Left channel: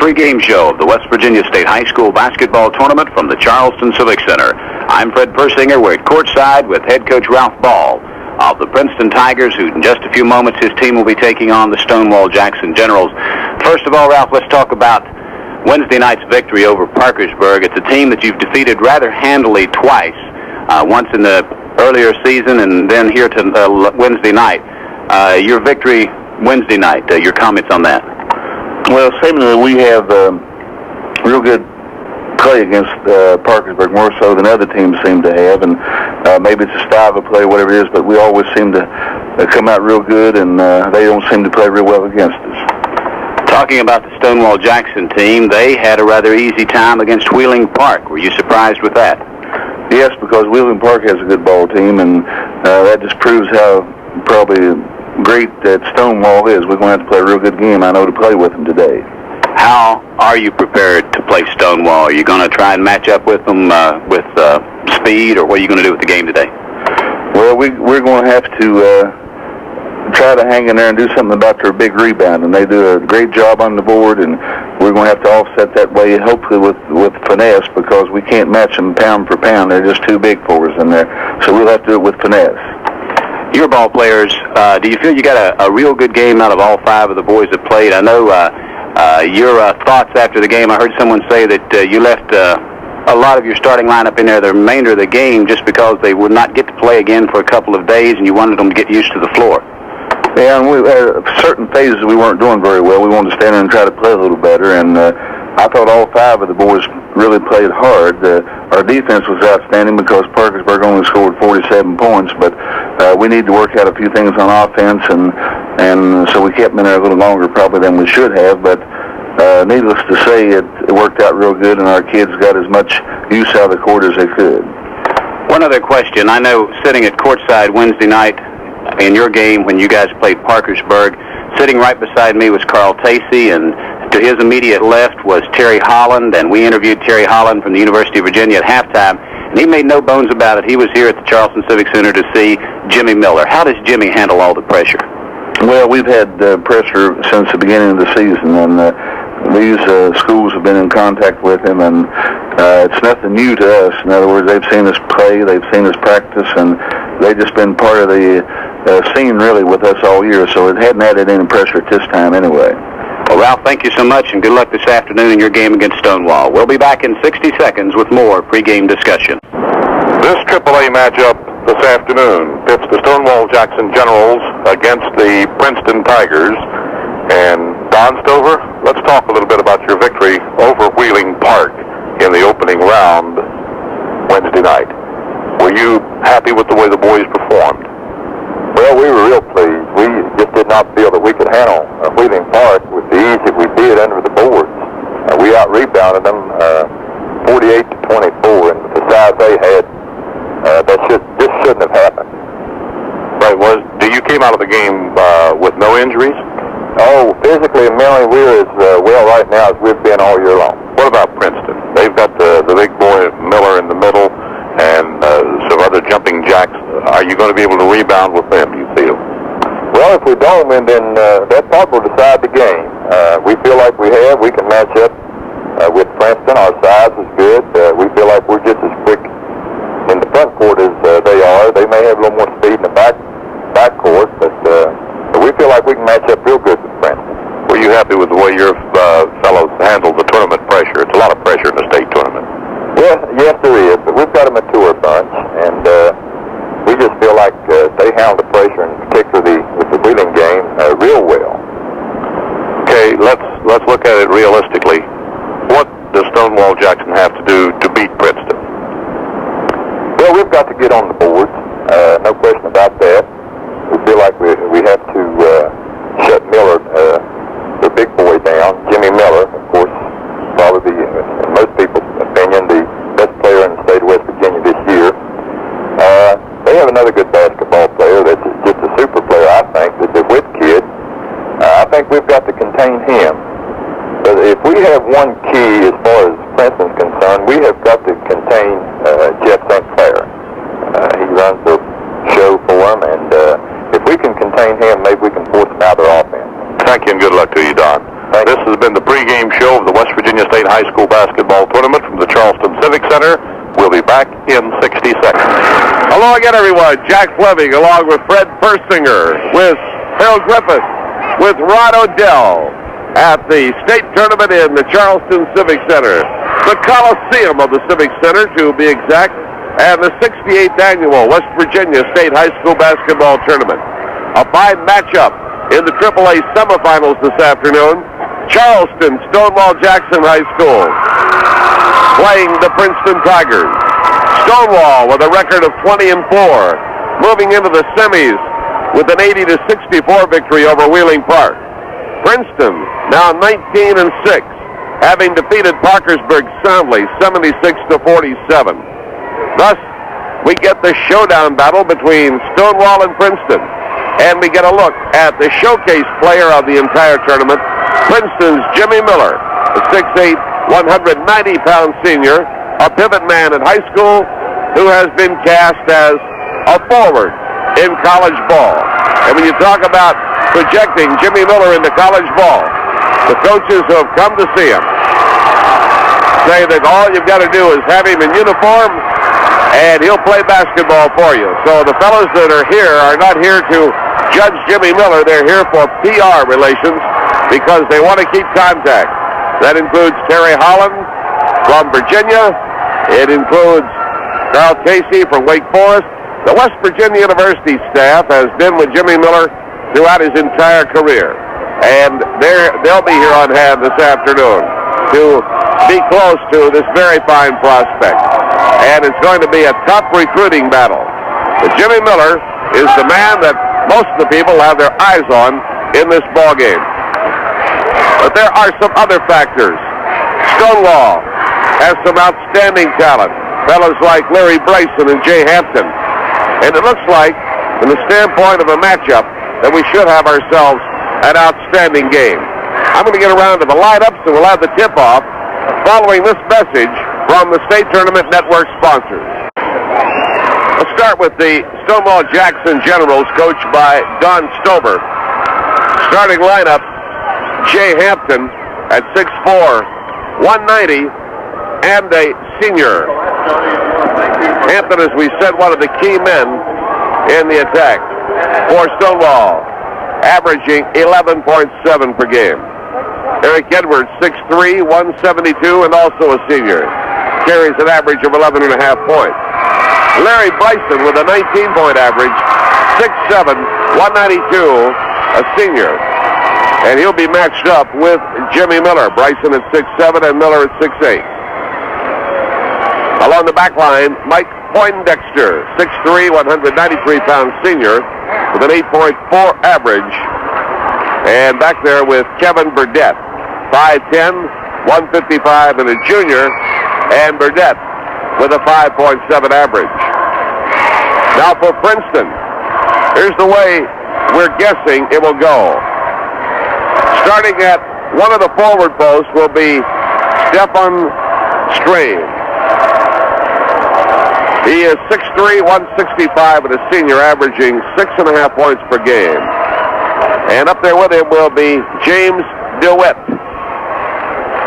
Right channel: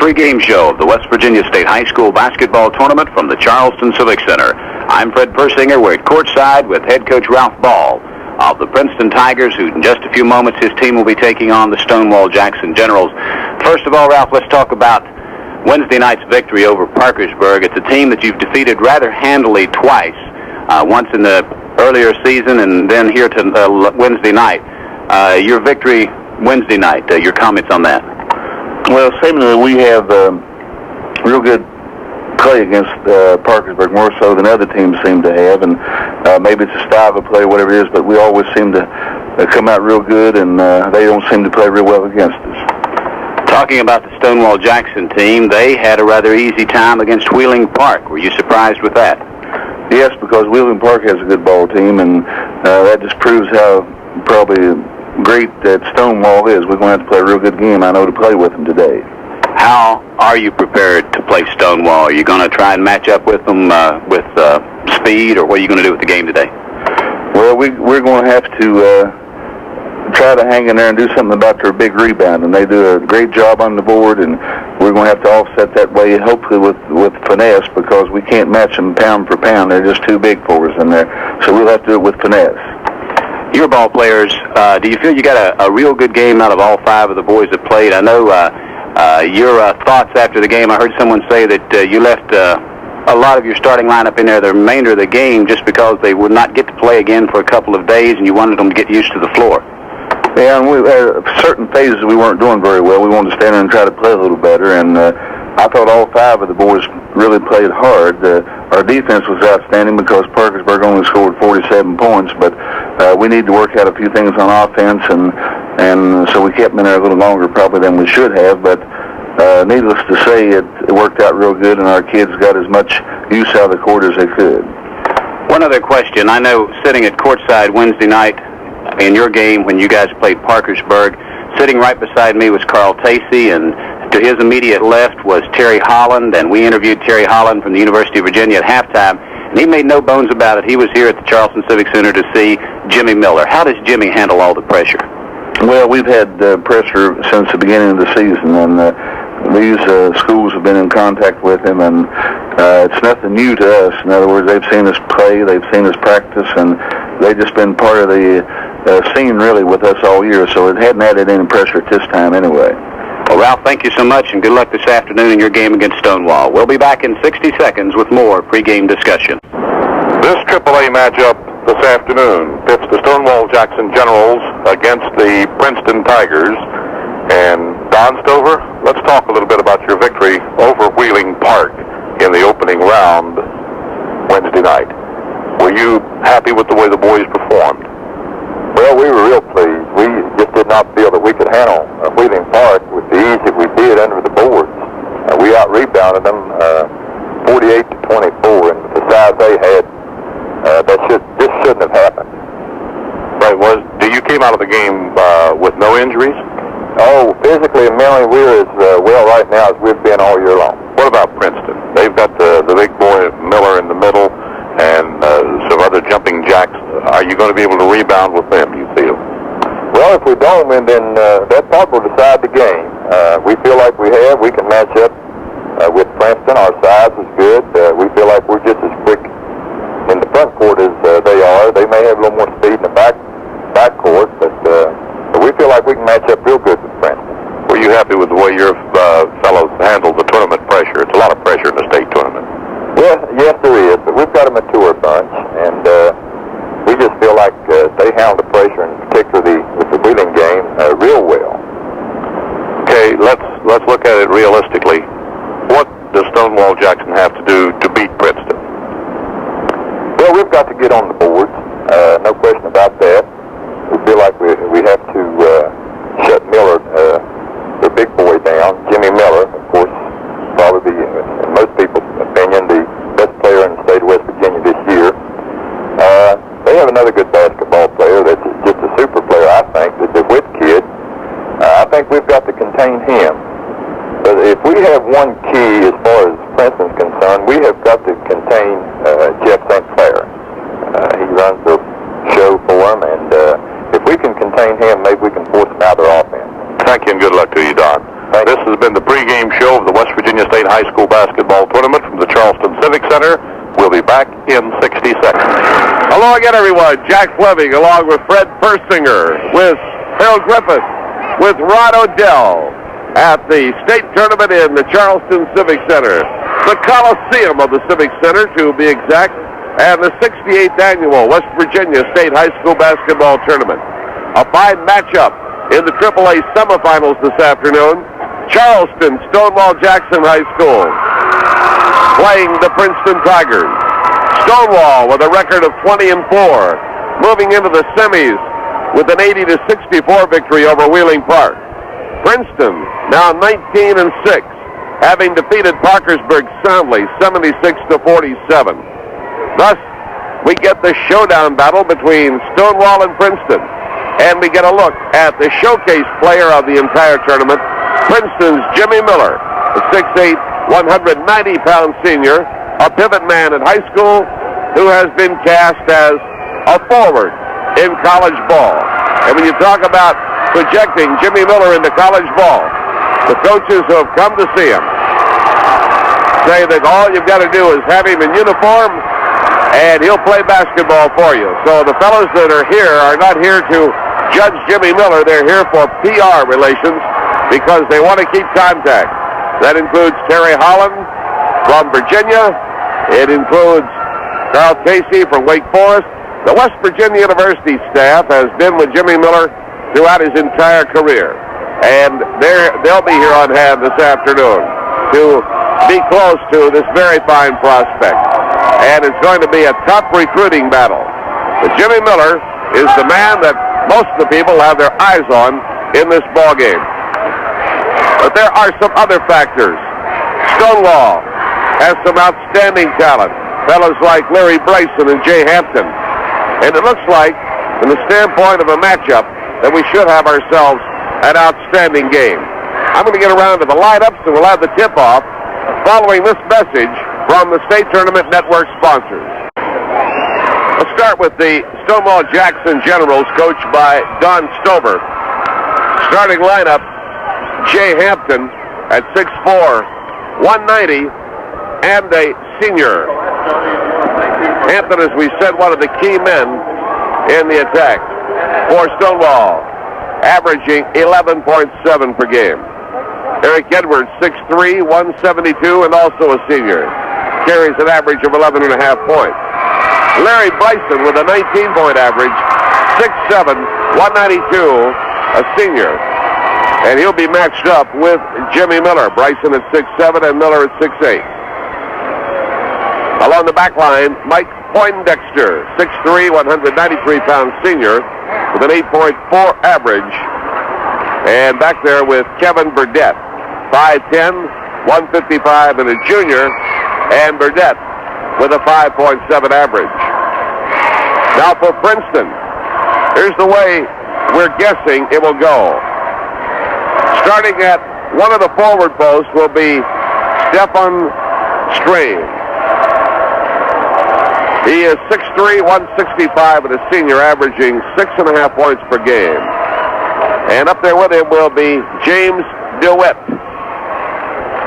pregame show of the West Virginia State High School basketball tournament from the Charleston Civic Center. I'm Fred Persinger. We're at courtside with head coach Ralph Ball of the Princeton Tigers, who in just a few moments his team will be taking on the Stonewall Jackson Generals. First of all, Ralph, let's talk about Wednesday night's victory over Parkersburg. It's a team that you've defeated rather handily twice, once in the earlier season and then here to Wednesday night. Your victory Wednesday night, your comments on that? Well, seemingly we have real good play against Parkersburg, more so than other teams seem to have, and maybe it's a style of play, whatever it is, but we always seem to come out real good, and they don't seem to play real well against us. Talking about the Stonewall Jackson team, they had a rather easy time against Wheeling Park. Were you surprised with that? Yes, because Wheeling Park has a good ball team, and that just proves how probably great that Stonewall is. We're going to have to play a real good game, I know, to play with them today. How are you prepared to play Stonewall? Are you going to try and match up with them with speed, or what are you going to do with the game today? Well, we're going to have to try to hang in there and do something about their big rebound, and they do a great job on the board, and we're going to have to offset that way, hopefully with finesse, because we can't match them pound for pound. They're just too big for us in there, so we'll have to do it with finesse. Your ball players, do you feel you got a real good game out of all five of the boys that played? I know your thoughts after the game, I heard someone say that you left a lot of your starting lineup in there the remainder of the game just because they would not get to play again for a couple of days, and you wanted them to get used to the floor. Yeah, and we certain phases we weren't doing very well. We wanted to stand there and try to play a little better, and I thought all five of the boys really played hard. Our defense was outstanding because Parkersburg only scored 47 points, but we need to work out a few things on offense, and so we kept them in there a little longer probably than we should have, but needless to say, it worked out real good, and our kids got as much use out of the court as they could. One other question. I know sitting at courtside Wednesday night in your game when you guys played Parkersburg, sitting right beside me was Carl Tacey, and to his immediate left was Terry Holland, and we interviewed Terry Holland from the University of Virginia at halftime, and he made no bones about it. He was here at the Charleston Civic Center to see Jimmy Miller. How does Jimmy handle all the pressure? Well, we've had pressure since the beginning of the season, and these schools have been in contact with him, and it's nothing new to us. In other words, they've seen us play, they've seen us practice, and they've just been part of the scene really with us all year, so it hadn't added any pressure at this time anyway. Well, Ralph, thank you so much, and good luck this afternoon in your game against Stonewall. We'll be back in 60 seconds with more pregame discussion. This AAA matchup this afternoon pits the Stonewall Jackson Generals against the Princeton Tigers. And Don Stover, let's talk a little bit about your victory over Wheeling Park in the opening round Wednesday night. Were you happy with the way the boys performed? Well, we were real pleased. We just did not feel that we could handle Wheeling Park with the ease that we did under the boards. We out-rebounded them 48-24, and with the size they had, this shouldn't have happened. Right. You came out of the game with no injuries? Oh, physically and mentally, we're as well right now as we've been all year long. What about Princeton? They've got the big boy Miller in the middle and some other jumping jacks. Are you going to be able to rebound with them, you feel? Well, if we don't, then that part will decide the game. We feel like we can match up with Princeton. Our size is good. We feel like we're just as quick in the front court as they are. They may have a little more speed in the back court, but we feel like we can match up real good with Princeton. Were you happy with the way your fellows handled the tournament pressure? It's a lot of pressure in the state tournament. Yes, there is, but we've got a mature bunch, and we just feel like they handle the pressure, in particular with the Wheeling game, real well. Okay, let's look at it realistically. What does Stonewall Jackson have to do to beat Princeton? Well, we've got to get on the boards, no question about that. We feel like we have to shut Miller, the big boy, down. Jimmy Miller, of course, probably in most people's opinion, the best player in the state of West Virginia this year. They have another good basketball player that's just a super player, I think, that's a Witt kid. I think we've got to contain him. But if we have one key as far as Princeton's concerned, we have got to contain Jeff St. Clair. He runs the show for him, and if we can contain him, maybe we can force him out of their offense. Thank you, and good luck to you, Don. This has been the pregame show of the West Virginia State High School Basketball Tournament from the Charleston Civic Center. We'll be back in 60 seconds. Hello again, everyone. Jack Fleming along with Fred Persinger, with Harold Griffith, with Rod Odell at the state tournament in the Charleston Civic Center. The Coliseum of the Civic Center, to be exact, and the 68th annual West Virginia State High School Basketball Tournament. A fine matchup in the AAA semifinals this afternoon. Charleston Stonewall Jackson High School playing the Princeton Tigers. Stonewall with a record of 20-4, moving into the semis with an 80-64 victory over Wheeling Park. Princeton now 19-6, having defeated Parkersburg soundly 76-47. Thus, we get the showdown battle between Stonewall and Princeton, and we get a look at the showcase player of the entire tournament, Princeton's Jimmy Miller, a 6'8", 190-pound senior, a pivot man in high school who has been cast as a forward in college ball. And when you talk about projecting Jimmy Miller into college ball, the coaches who have come to see him say that all you've got to do is have him in uniform and he'll play basketball for you. So the fellows that are here are not here to judge Jimmy Miller. They're here for PR relations because they want to keep contact. That includes Terry Holland from Virginia. It includes Carl Casey from Wake Forest. The West Virginia University staff has been with Jimmy Miller throughout his entire career. And they'll be here on hand this afternoon to be close to this very fine prospect. And it's going to be a tough recruiting battle. But Jimmy Miller is the man that most of the people have their eyes on in this ball game. But there are some other factors. Stonewall has some outstanding talent. Fellows like Larry Bryson and Jay Hampton. And it looks like, from the standpoint of a matchup, that we should have ourselves an outstanding game. I'm going to get around to the lineups, and we'll have the tip-off following this message from the State Tournament Network sponsors. Let's start with the Stonewall Jackson Generals, coached by Don Stover. Starting lineup, Jay Hampton at 6'4", 190, and a senior. Hampton, as we said, one of the key men in the attack for Stonewall, averaging 11.7 per game. Eric Edwards, 6'3", 172, and also a senior. Carries an average of 11.5 points. Larry Bryson with a 19-point average, 6'7", 192, a senior. And he'll be matched up with Jimmy Miller. Bryson at 6'7", and Miller at 6'8". Along the back line, Mike Poindexter, 6'3", 193-pound senior, with an 8.4 average. And back there with Kevin Burdett, 5'10", 155, and a junior. And Burdett with a 5.7 average. Now for Princeton, here's the way we're guessing it will go. Starting at one of the forward posts will be Stefan Strain. He is 6'3", 165, and a senior, averaging 6.5 points per game. And up there with him will be James DeWitt.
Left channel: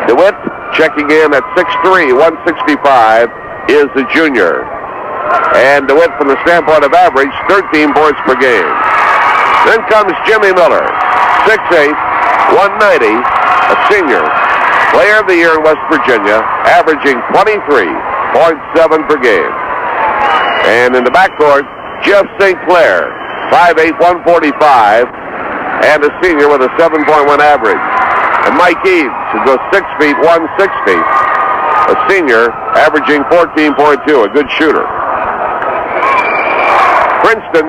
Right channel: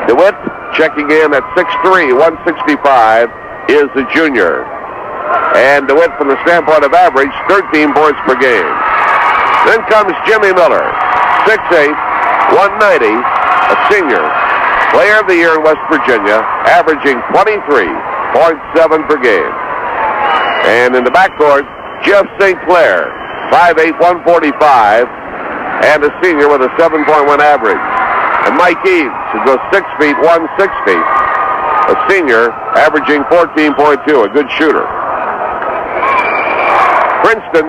DeWitt, checking in at 6'3", 165, is the junior. And DeWitt, from the standpoint of average, 13 points per game. Then comes Jimmy Miller, 6'8", 190, a senior, player of the year in West Virginia, averaging 23.7 per game. And in the backcourt, Jeff St. Clair, 5'8", 145, and a senior with a 7.1 average. And Mike Eads, who goes 6 feet, 160, a senior, averaging 14.2, a good shooter. Princeton,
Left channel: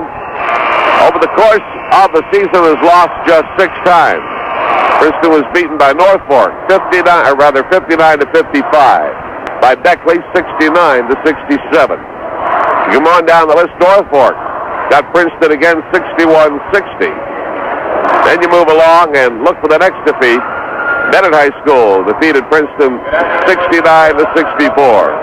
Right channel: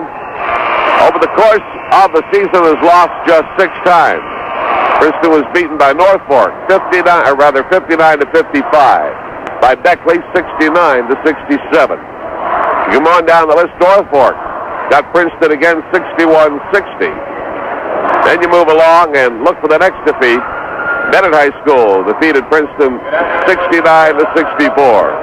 over the course of the season, has lost just 6 times. Princeton was beaten by Norfolk, 59 to 55. By Beckley, 69 to 67. You come on down the list, Norfolk got Princeton again, 61-60. Then you move along and look for the next defeat. Bennett High School defeated Princeton 69 to 64.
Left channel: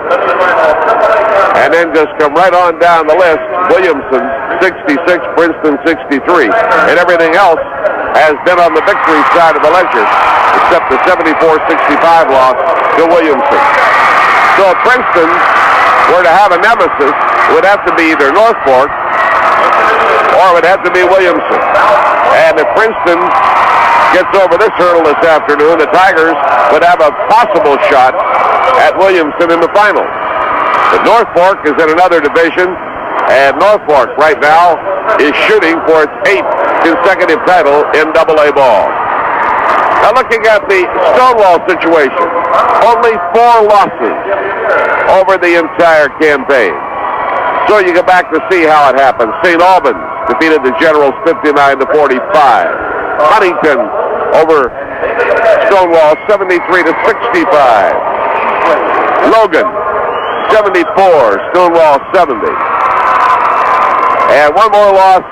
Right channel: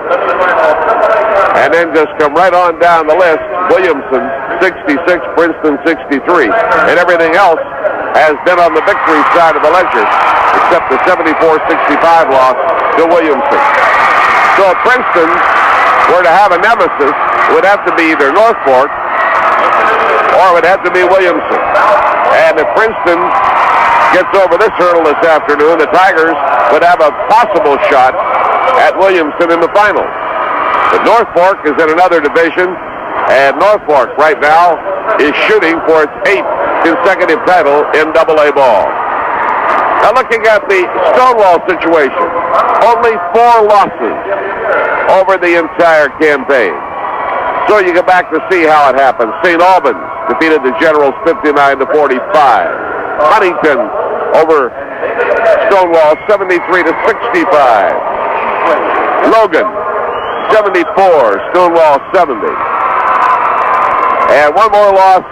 And then just come right on down the list. Williamson 66, Princeton 63. And everything else has been on the victory side of the ledger. The except the 74-65 loss to Williamson. So if Princeton were to have a nemesis, it would have to be either North Fork or it would have to be Williamson. And if Princeton gets over this hurdle this afternoon, the Tigers would have a possible shot at Williamson in the finals. But North Fork is in another division, and North Fork right now is shooting for its 8th consecutive title in AA ball. Now looking at the Stonewall situation, only 4 losses over the entire campaign. So you go back to see how it happened. St. Albans defeated the Generals 59-45. Huntington over Stonewall 73-65. Logan 74, Stonewall 70. And one more loss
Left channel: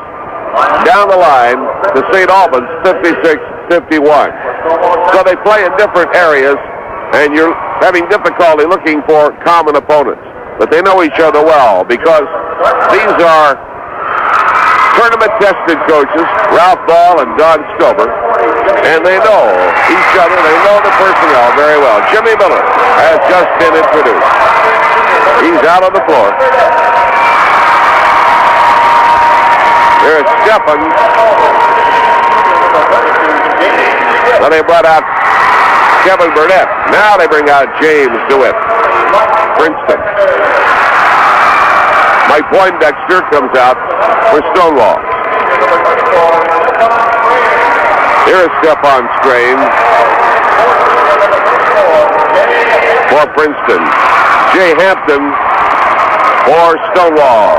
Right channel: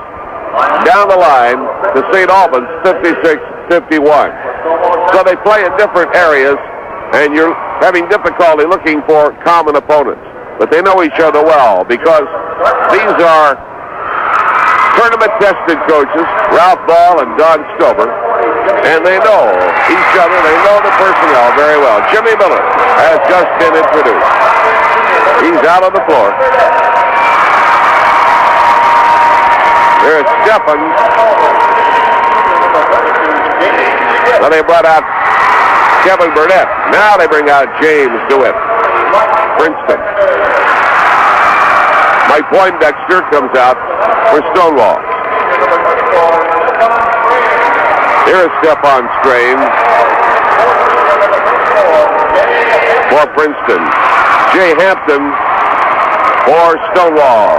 down the line to St. Albans 56-51. So they play in different areas, and you're having difficulty looking for common opponents. But they know each other well because these are tournament-tested coaches, Ralph Ball and Don Stover, and they know each other. They know the personnel very well. Jimmy Miller has just been introduced. He's out on the floor. There's Stephan. Well, they brought out Kevin Burnett. Now they bring out James DeWitt. Princeton. Mike Poindexter comes out for Stonewall. Here is Stephon Strain for Princeton. Jay Hampton for Stonewall.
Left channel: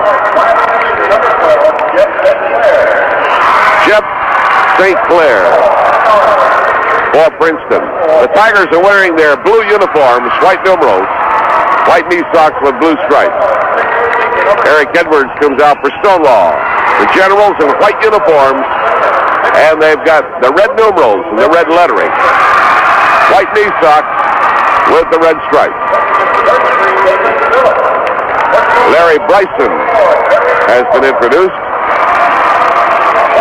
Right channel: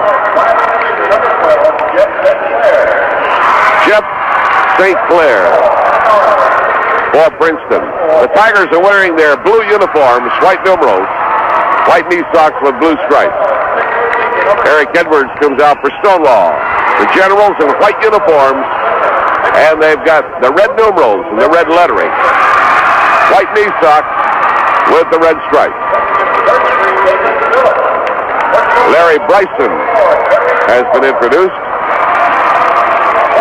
Jeff St. Clair for Princeton. The Tigers are wearing their blue uniforms, white numerals, white knee socks with blue stripes. Eric Edwards comes out for Stonewall. The Generals in white uniforms, and they've got the red numerals and the red lettering. White knee socks with the red stripes. Larry Bryson has been introduced.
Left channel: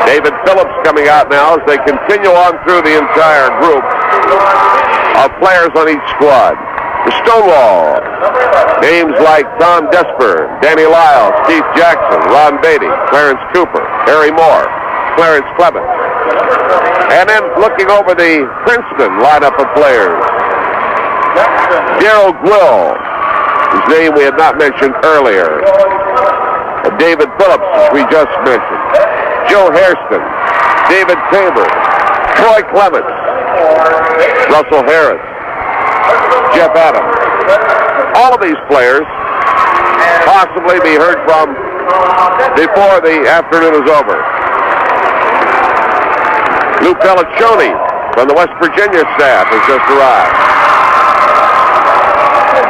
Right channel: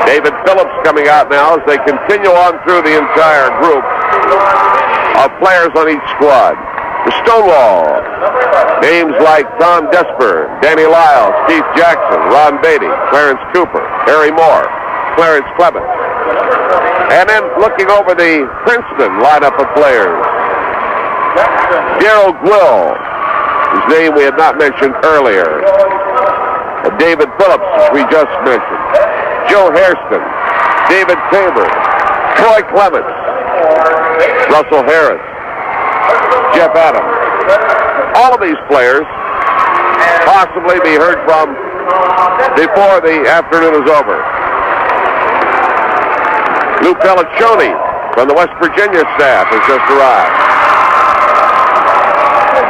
David Phillips coming out now as they continue on through the entire group of players on each squad. For Stonewall, names like Tom Desper, Danny Lyle, Steve Jackson, Ron Beatty, Clarence Cooper, Harry Moore, Clarence Clement. And then looking over the Princeton lineup of players, Darrell Gwill, whose name we had not mentioned earlier, David Phillips, which we just mentioned, Joe Hairston, David Tabor, Troy Clements, Russell Harris, Jeff Adams. All of these players possibly be heard from before the afternoon is over. Lou Pelliccioni from the West Virginia staff has just arrived.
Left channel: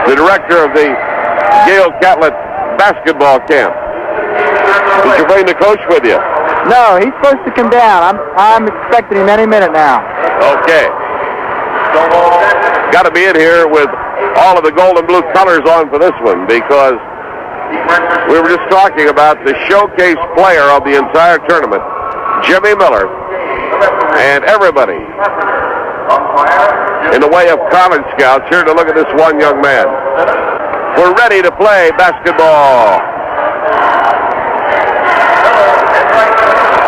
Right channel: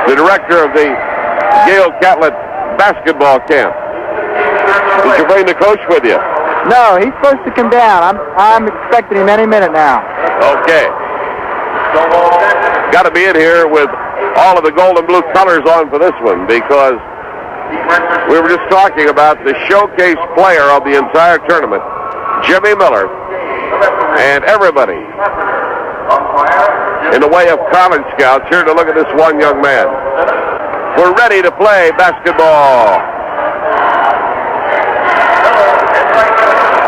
The director of the Gail Catlett basketball camp. Did you bring the coach with you? No, he's supposed to come down. I'm expecting him any minute now. Okay. Got to be in here with all of the gold and blue colors on for this one because we were just talking about the showcase player of the entire tournament, Jimmy Miller, and everybody in the way of college scouts here to look at this one young man. We're ready to play basketball.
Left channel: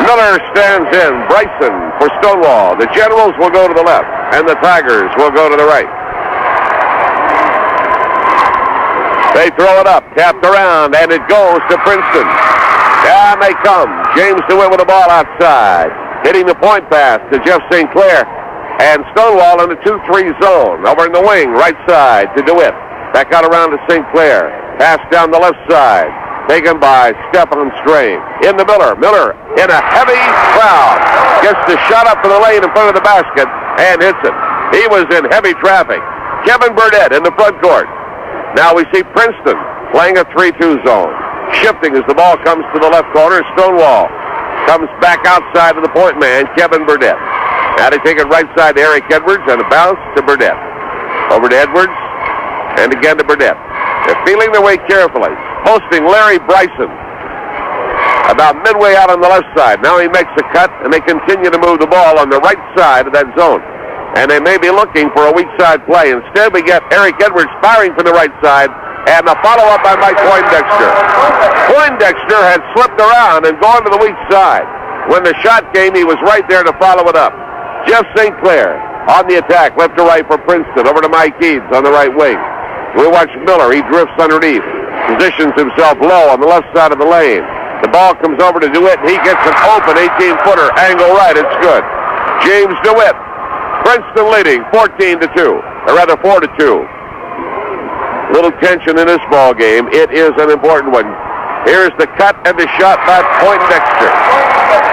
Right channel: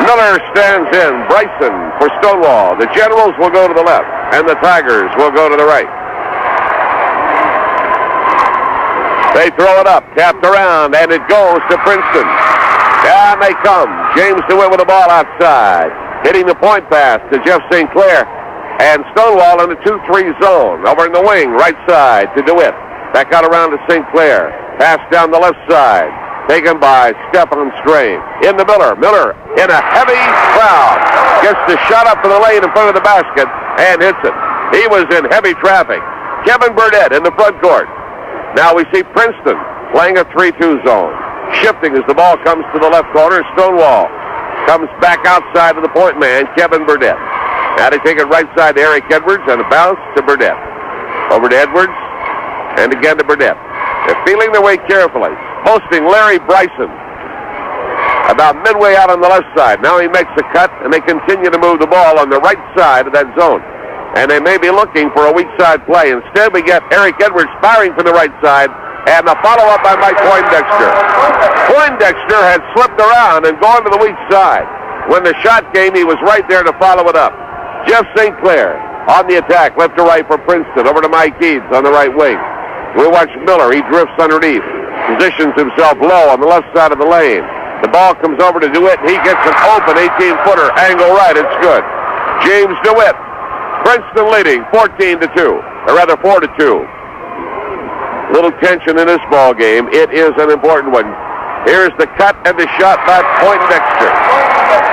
Miller stands in. Bryson for Stonewall. The Generals will go to the left, and the Tigers will go to the right. They throw it up, tapped around, and it goes to Princeton. Down they come. James DeWitt with the ball outside. Hitting the point pass to Jeff St. Clair. And Stonewall in the 2-3 zone. Over in the wing, right side to DeWitt. Back out around to St. Clair. Pass down the left side. Taken by Stephon Strain. In the Miller. Miller in a heavy crowd. Gets the shot up to the lane in front of the basket and hits it. He was in heavy traffic. Kevin Burnett in the front court. Now we see Princeton playing a 3-2 zone. Shifting as the ball comes to the left corner. Stonewall comes back outside of the point man, Kevin Burnett. Now they take it right side to Eric Edwards and a bounce to Burnett. Over to Edwards and again to Burnett. They're feeling their way carefully. Posting Larry Bryson about midway out on the left side. Now he makes a cut and they continue to move the ball on the right side of that zone. and they may be looking for a weak side play. Instead, we get Eric Edwards firing from the right side, and the follow-up by Mike Poindexter. Poindexter had slipped around and gone to the weak side. When the shot came, he was right there to follow it up. Jeff St. Clair on the attack, left to right for Princeton, over to Mike Eads on the right wing. We watch Miller. He drifts underneath, positions himself low on the left side of the lane. The ball comes over to DeWitt, and he gets an open 18-footer, angle right. It's good. James DeWitt. Princeton leading 14-2, or rather 4-2. Little tension in this ball game. It is an important one. Here's the cut and the shot by Poindexter.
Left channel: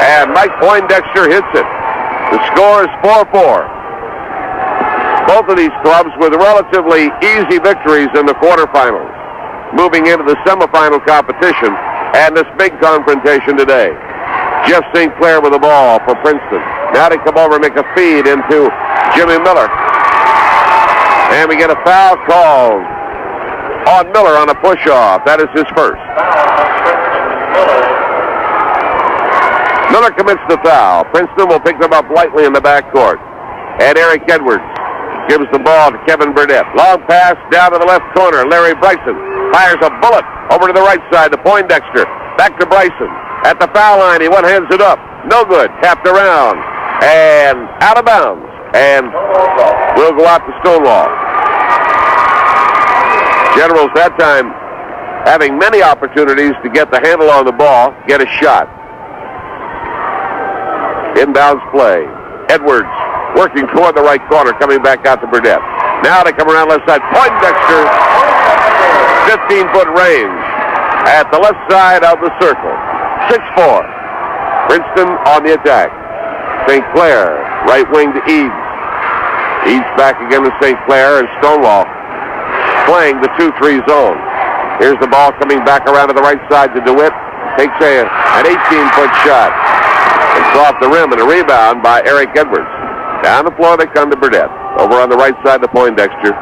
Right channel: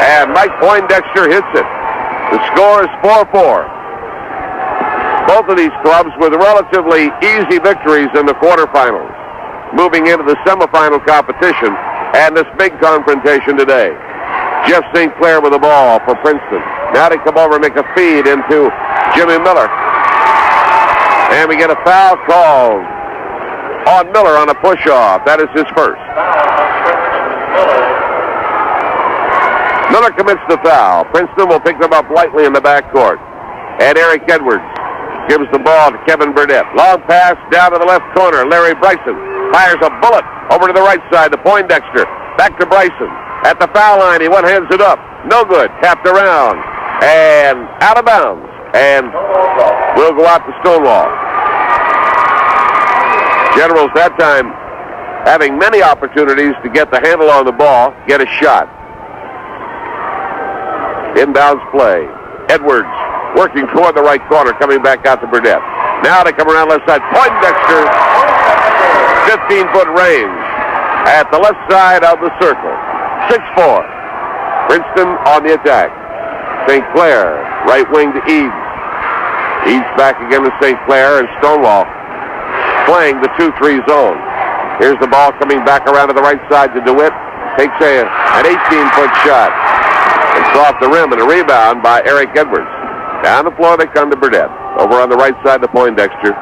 And Mike Poindexter hits it. The score is 4-4. Both of these clubs with relatively easy victories in the quarterfinals, moving into the semifinal competition and this big confrontation today. Jeff St. Clair with the ball for Princeton. Now they come over and make a feed into Jimmy Miller. And we get a foul called on Miller on a push-off. That is his first. Miller commits the foul. Princeton will pick them up lightly in the backcourt. And Eric Edwards gives the ball to Kevin Burnett. Long pass down to the left corner. Larry Bryson fires a bullet over to the right side to Poindexter. Back to Bryson. At the foul line, he one-hands it up. No good. Tapped around. And out of bounds. And will go out to Stonewall. Generals that time having many opportunities to get the handle on the ball, get a shot. Inbounds play. Edwards working toward the right corner, coming back out to Burnett. Now they come around left side. Poindexter, 15-foot range at the left side of the circle. 6-4. Princeton on the attack. St. Clair, right wing to Eads. Eads back again to St. Clair, and Stonewall playing the 2-3 zone. Here's the ball coming back around to the right side to DeWitt. Takes an 18-foot shot. It's off the rim and a rebound by Eric Edwards. Down the floor they come to Burnett. Over on the right side to Poindexter.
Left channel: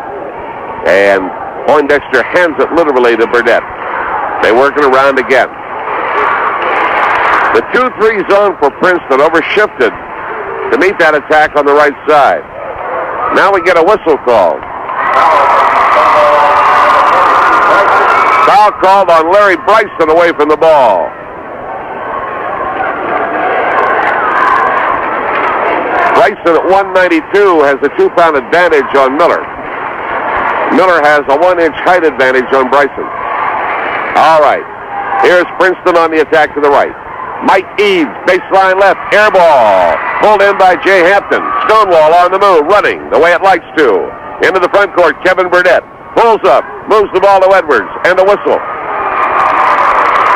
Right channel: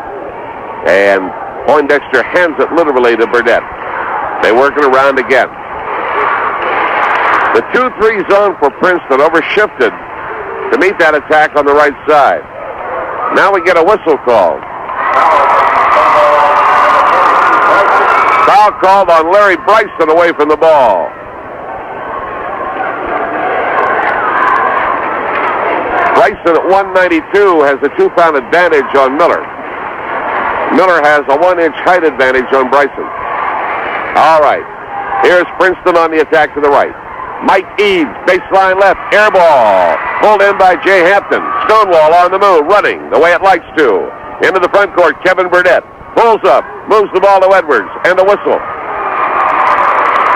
And Poindexter hands it literally to Burnett. They work it around again. The 2-3 zone for Princeton overshifted to meet that attack on the right side. Now we get a whistle called. Foul called on Larry Bryson away from the ball. Bryson at 192 has a 2-pound advantage on Miller. Miller has a 1-inch height advantage on Bryson. All right. Here's Princeton on the attack to the right. Mike Eads, baseline left, air ball. Pulled in by Jay Hampton. Stonewall on the move, running the way it likes to. Into the front court, Kevin Burnett. Pulls up, moves the ball to Edwards, and the whistle.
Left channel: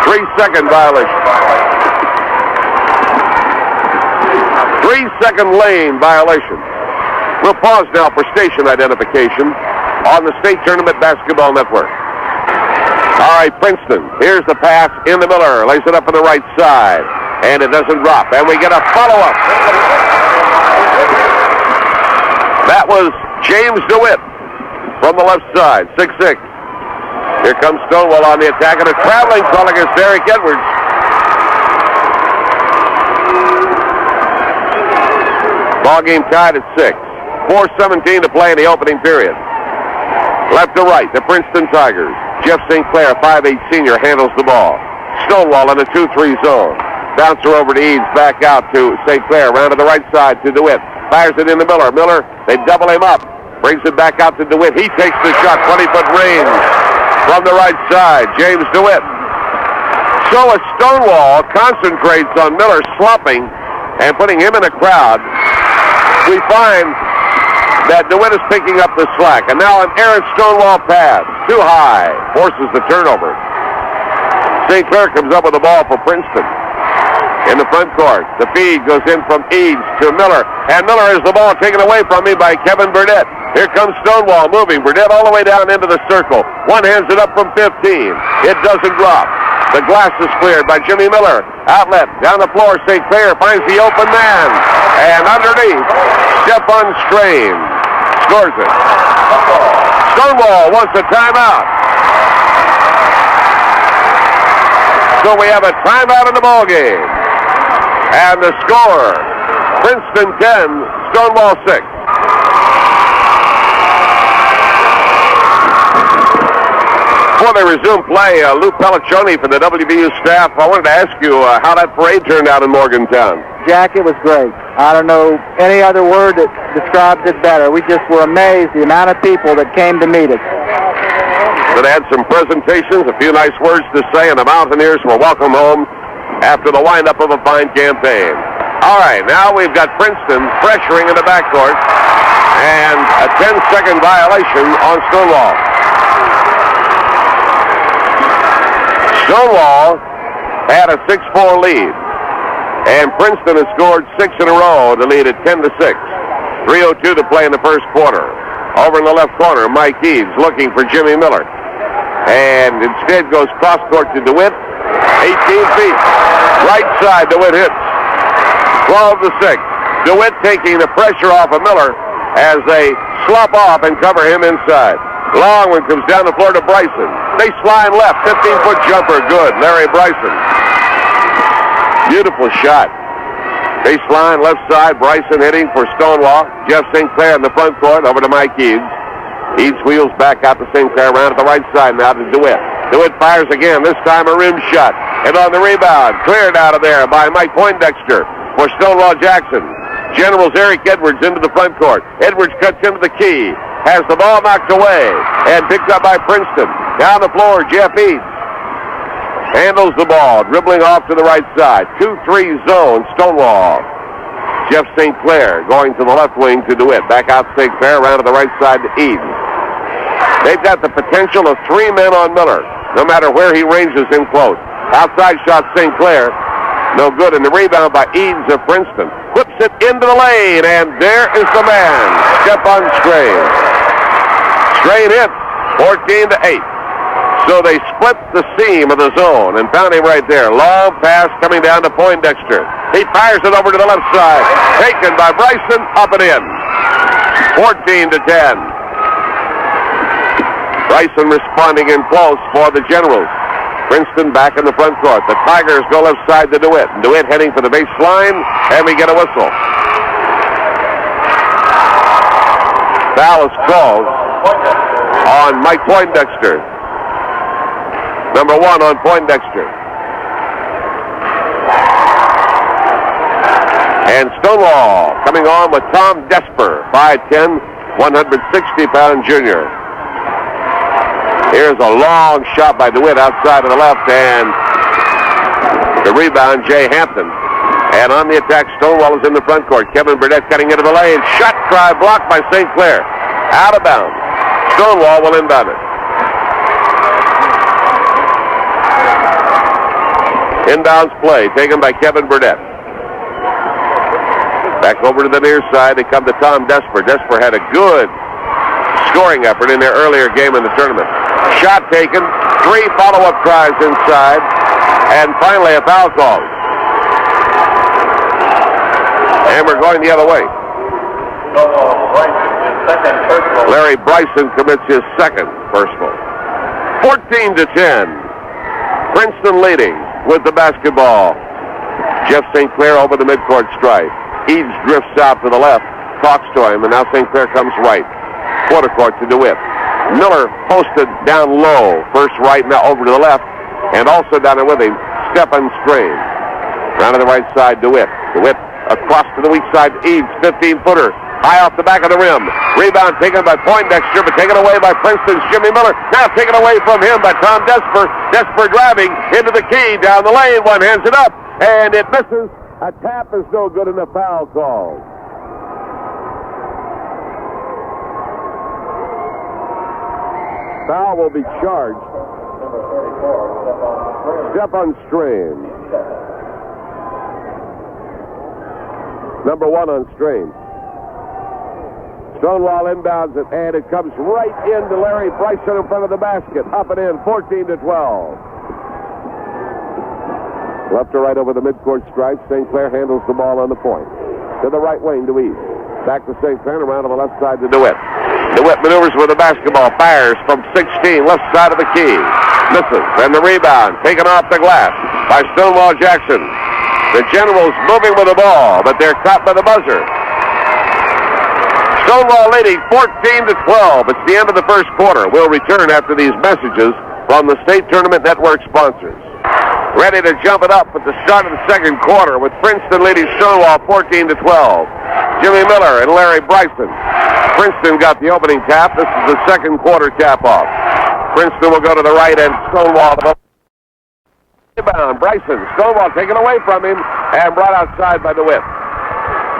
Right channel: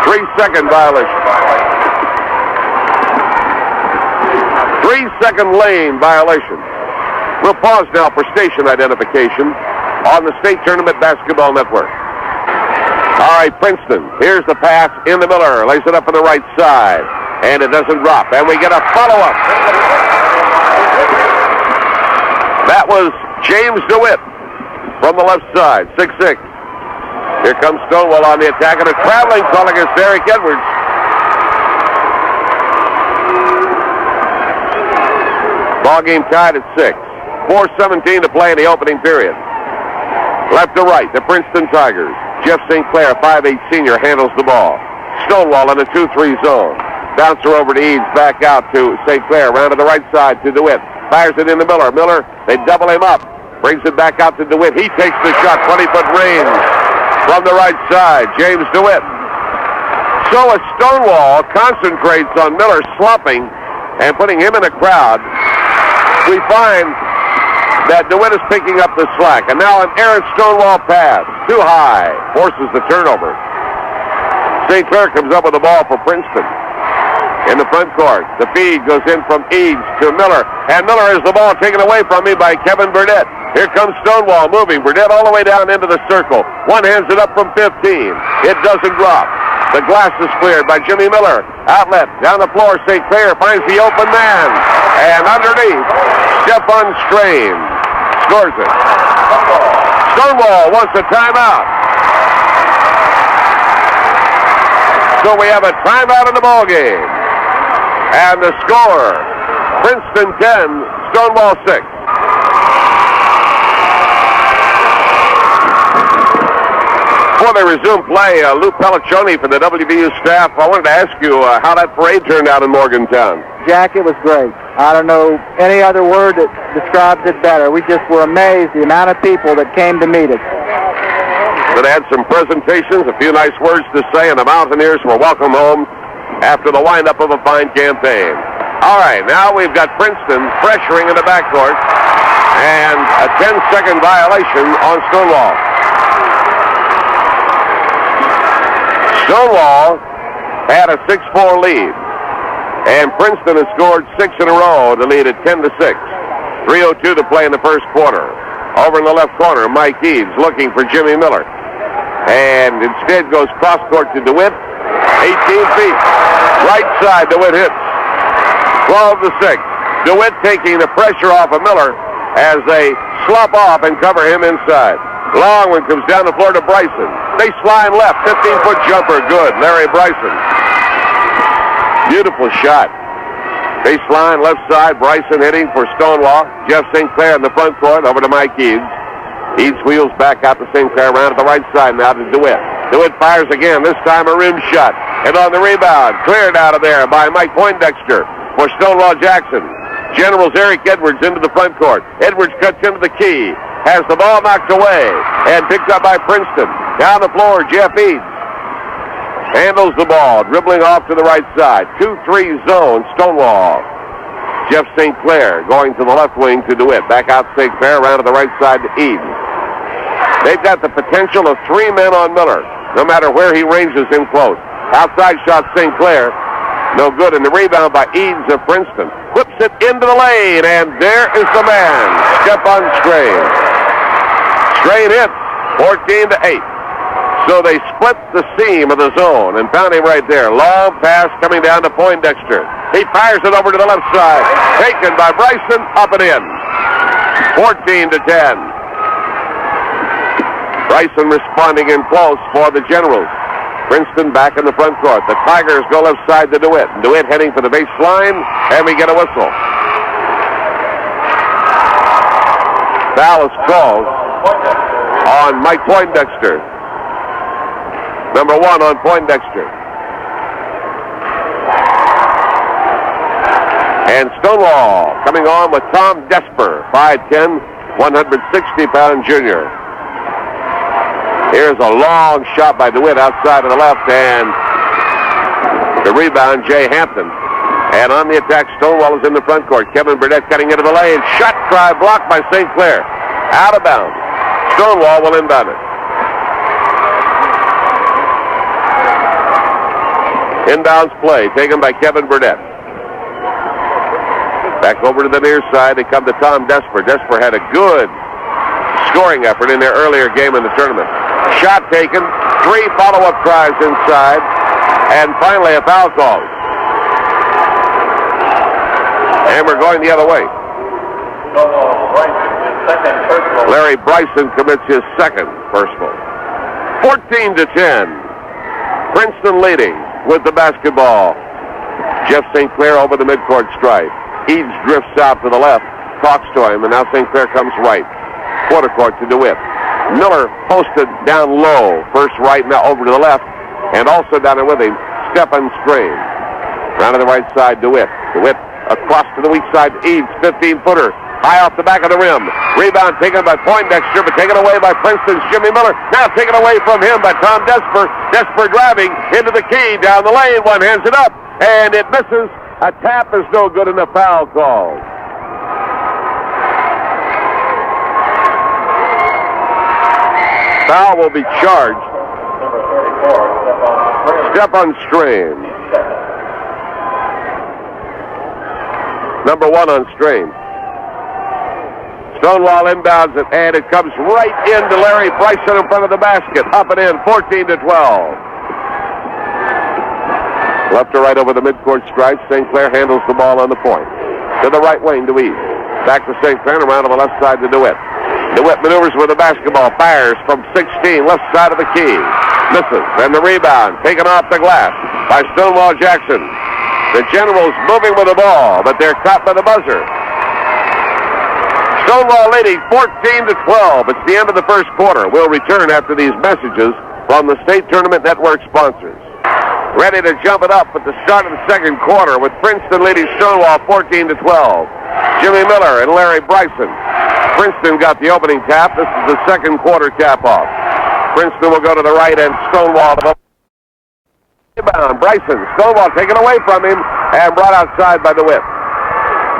3-second violation. 3-second lane violation. We'll pause now for station identification on the State Tournament Basketball Network. All right, Princeton. Here's the pass in the Miller. Lays it up on the right side. And it doesn't drop. And we get a follow-up. That was James DeWitt from the left side, 6'6". Here comes Stonewall on the attack, and a traveling call against Eric Edwards. Ball game tied at 6. 4:17 to play in the opening period. Left to right, the Princeton Tigers. Jeff St. Clair, 5'8" senior, handles the ball. Stonewall in a 2-3 zone. Bouncer over to Eads, back out to St. Clair. Round to the right side to DeWitt. Fires it into Miller. Miller, they double him up. Brings it back out to DeWitt. He takes the shot, 20-foot range from the right side. James DeWitt. So as Stonewall concentrates on Miller slumping and putting him in a crowd, we find that DeWitt is picking up the slack. And now an errant Stonewall pass. Too high. Forces the turnover. St. Clair comes up with the ball for Princeton. In the front court, the feed goes in from Eads to Miller. And Miller has the ball taken away from him by Kevin Burnett. Here comes Stonewall moving. Burnett all the way down into the circle. One hands it up from 15. It doesn't drop. The glass is cleared by Jimmy Miller. Outlet down the floor. St. Clair finds the open man. And underneath, Stefan Strain scores it. Stonewall wants a timeout. So we have a timeout in the ball game. And the score, Princeton 10, Stonewall 6. Before they resume play, Lou Pelliccioni from the WVU staff, I wanted to ask you how that parade turned out in Morgantown. Jack, it was great. I don't know any other word that describes it better. We just were amazed the amount of people that came to meet us. They had some presentations, a few nice words to say, and the Mountaineers were welcome home after the windup of a fine campaign. All right, now we've got Princeton pressuring in the backcourt, and a 10-second violation on Stonewall. Stonewall had a 6-4 lead, and Princeton has scored 6 in a row to lead at 10-6. 3:02 to play in the first quarter. Over in the left corner, Mike Eads looking for Jimmy Miller, and instead goes cross-court to DeWitt, 18 feet. Right side, DeWitt hits. 12-6. DeWitt taking the pressure off of Miller as they slop off and cover him inside. Long one comes down the floor to Bryson. Baseline left, 15-foot jumper, good. Larry Bryson. Beautiful shot. Baseline left side, Bryson hitting for Stonewall. Jeff St. Clair in the front court, over to Mike Eads. Eads wheels back out to St. Clair, around to the right side now to DeWitt. DeWitt fires again, this time a rim shot. And on the rebound, cleared out of there by Mike Poindexter for Stonewall Jackson. Generals Eric Edwards into the front court. Edwards cuts into the key. Has the ball knocked away and picked up by Princeton. Down the floor, Jeff Eads handles the ball, dribbling off to the right side. 2-3 zone, Stonewall. Jeff St. Clair going to the left wing to DeWitt. Back out St. Clair, around to the right side to Eads. They've got the potential of 3 men on Miller, no matter where he ranges in close. Outside shot, St. Clair. No good, and the rebound by Eads of Princeton. Whips it into the lane, and there is the man. Step on Strain. Strain hits, 14-8. So they split the seam of the zone and found him right there. Long pass coming down to Poindexter. He fires it over to the left side. Taken by Bryson, up and in. 14-10. Bryson responding in close for the Generals. Princeton back in the front court. The Tigers go left side to DeWitt. DeWitt heading for the baseline, and we get a whistle. Foul is called on Mike Poindexter. Number 1 on Poindexter. And Stonewall coming on with Tom Desper, 5'10", 160-pound junior. Here's a long shot by DeWitt outside of the left, and the rebound, Jay Hampton. And on the attack, Stonewall is in the front court. Kevin Burdett cutting into the lane. Shot try blocked by St. Clair. Out of bounds. Stonewall will inbound it. Inbounds play taken by Kevin Burdett. Back over to the near side. They come to Tom Desper. Desper had a good scoring effort in their earlier game in the tournament. Shot taken, 3 follow-up tries inside, and finally a foul call. And we're going the other way. Larry Bryson commits his second personal. 14-10. Princeton leading with the basketball. Jeff St. Clair over the midcourt stripe. Eads drifts out to the left, talks to him, and now St. Clair comes right. Quarter court to DeWitt. Miller posted down low. First right, now over to the left. And also down there with him, Stephen Strain. Down to the right side, DeWitt. DeWitt across to the weak side, Eads, 15-footer. High off the back of the rim. Rebound taken by Poindexter, but taken away by Princeton's Jimmy Miller. Now taken away from him by Tom Desper. Desper driving into the key, down the lane. One hands it up, and it misses. A tap is no good, and a foul call. Foul will be charged. Step on Strain. Number 1 on Strain. Stonewall inbounds it, and it comes right into Larry Bryson in front of the basket. Up and in, 14-12. Left to right over the midcourt stripe. St. Clair handles the ball on the point. To the right wing to East. Back to St. Clair, around to the left side to DeWitt. DeWitt maneuvers with the basketball. Fires from 16, left side of the key. Misses, and the rebound taken off the glass by Stonewall Jackson. The Generals moving with the ball, but they're caught by the buzzer. Stonewall leading 14-12. It's the end of the first quarter. We'll return after these messages from the State Tournament Network sponsors. Ready to jump it up at the start of the second quarter with Princeton leading Stonewall 14-12. Jimmy Miller and Larry Bryson. Princeton got the opening tap. This is the second quarter tap-off. Princeton will go to the right and Stonewall to the rebound. Bryson, Stonewall taken away from him and brought outside by DeWitt.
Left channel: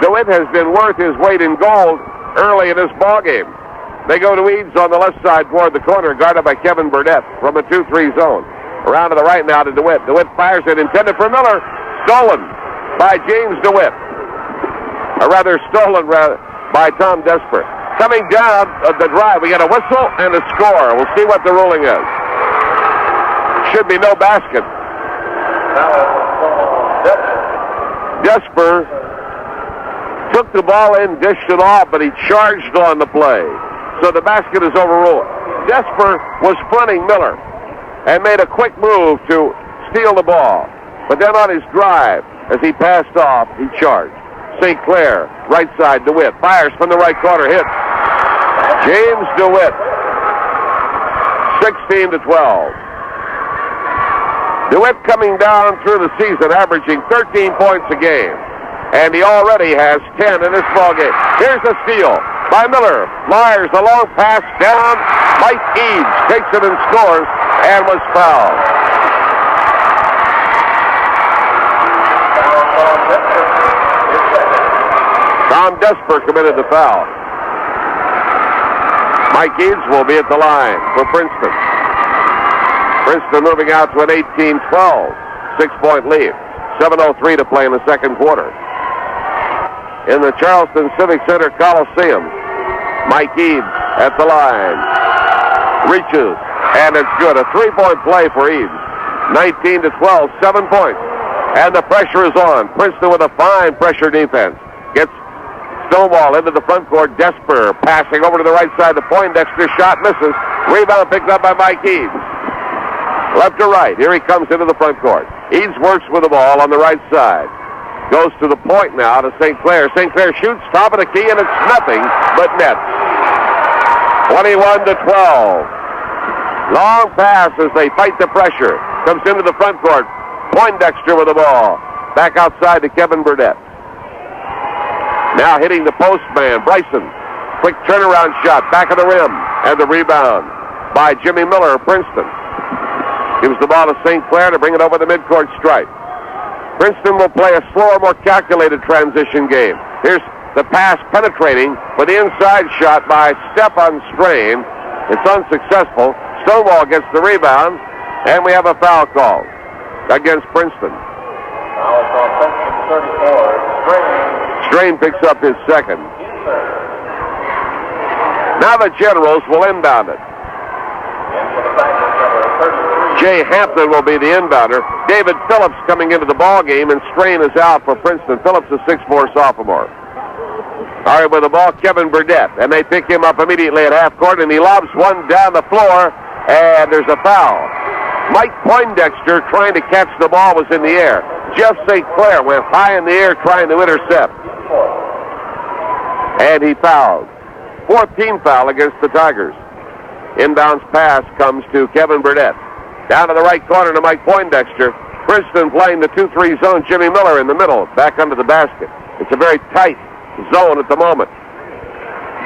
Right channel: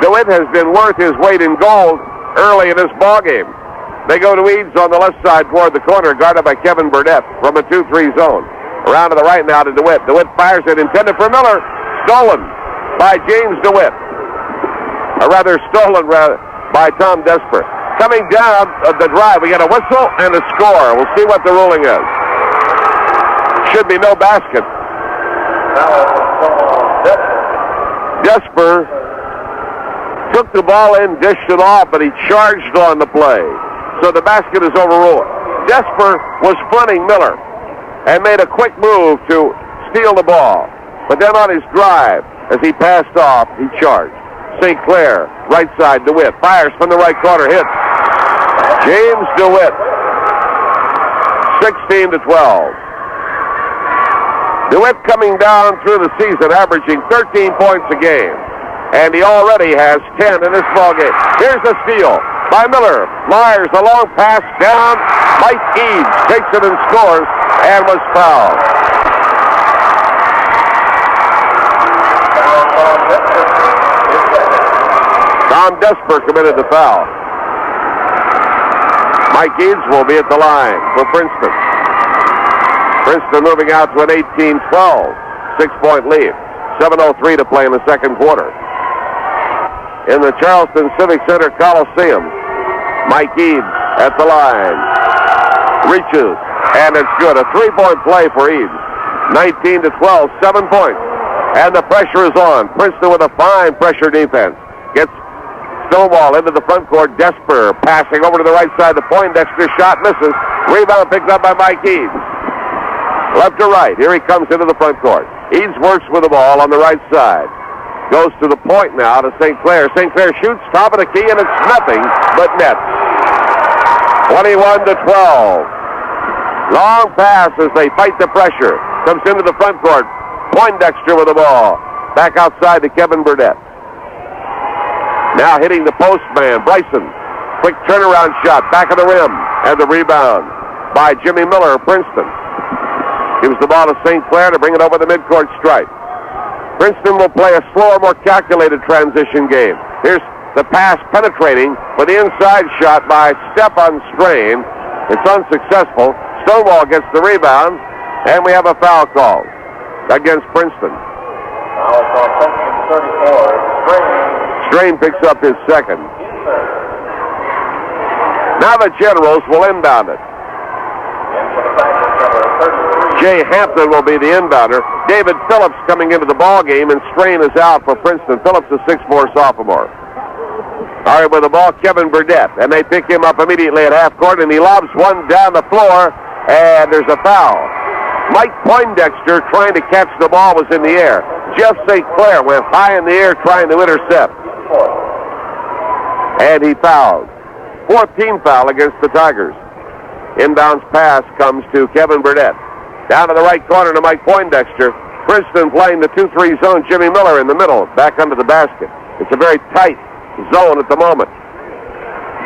DeWitt has been worth his weight in gold early in this ballgame. They go to Eads on the left side toward the corner, guarded by Kevin Burdett from a 2-3 zone. Around to the right now to DeWitt. DeWitt fires it, intended for Miller. Stolen by James DeWitt. Or rather, stolen by Tom Desper. Coming down the drive, we get a whistle and a score. We'll see what the ruling is. Should be no basket. Desper took the ball in, dished it off, but he charged on the play. So the basket is overruled. Desper was fronting Miller and made a quick move to steal the ball. But then on his drive, as he passed off, he charged. St. Clair, right side, DeWitt. Fires from the right corner, hit. James DeWitt, 16-12. DeWitt coming down through the season, averaging 13 points a game. And he already has 10 in this ballgame. Here's a steal by Miller. Myers, a long pass down. Mike Eads takes it and scores and was fouled. Tom Desper committed the foul. Mike Eads will be at the line for Princeton. Princeton moving out to an 18-12 6-point lead. 7:03 to play in the second quarter. In the Charleston Civic Center Coliseum, Mike Eads at the line. Reaches, and it's good. A 3-point play for Eads. 19-12, 7 points. And the pressure is on. Princeton with a fine pressure defense. Gets Stonewall into the front court. Desper passing over to the right side. The Poindexter shot misses. Rebound picked up by Mike Eads. Left to right. Here he comes into the front court. Eads works with the ball on the right side. Goes to the point now to St. Clair. St. Clair shoots, top of the key, and it's nothing but net. 21-12. Long pass as they fight the pressure. Comes into the front court. Poindexter with the ball. Back outside to Kevin Burdett. Now hitting the post man, Bryson. Quick turnaround shot, back of the rim. And the rebound by Jimmy Miller of Princeton. Gives the ball to St. Clair to bring it over the midcourt stripe. Princeton will play a slower, more calculated transition game. Here's the pass penetrating for the inside shot by Stefan Strain. It's unsuccessful. Stonewall gets the rebound, and we have a foul call against Princeton. Strain picks up his second. Now the Generals will inbound it. Jay Hampton will be the inbounder. David Phillips coming into the ball game, and Strain is out for Princeton. Phillips is 6'4" sophomore. All right, with the ball, Kevin Burdett, and they pick him up immediately at half court, and he lobs one down the floor, and there's a foul. Mike Poindexter trying to catch the ball was in the air. Jeff St. Clair went high in the air trying to intercept, and he fouled. 4th team foul against the Tigers. Inbounds pass comes to Kevin Burdett. Down to the right corner to Mike Poindexter. Princeton playing the 2-3 zone. Jimmy Miller in the middle, back under the basket. It's a very tight zone at the moment.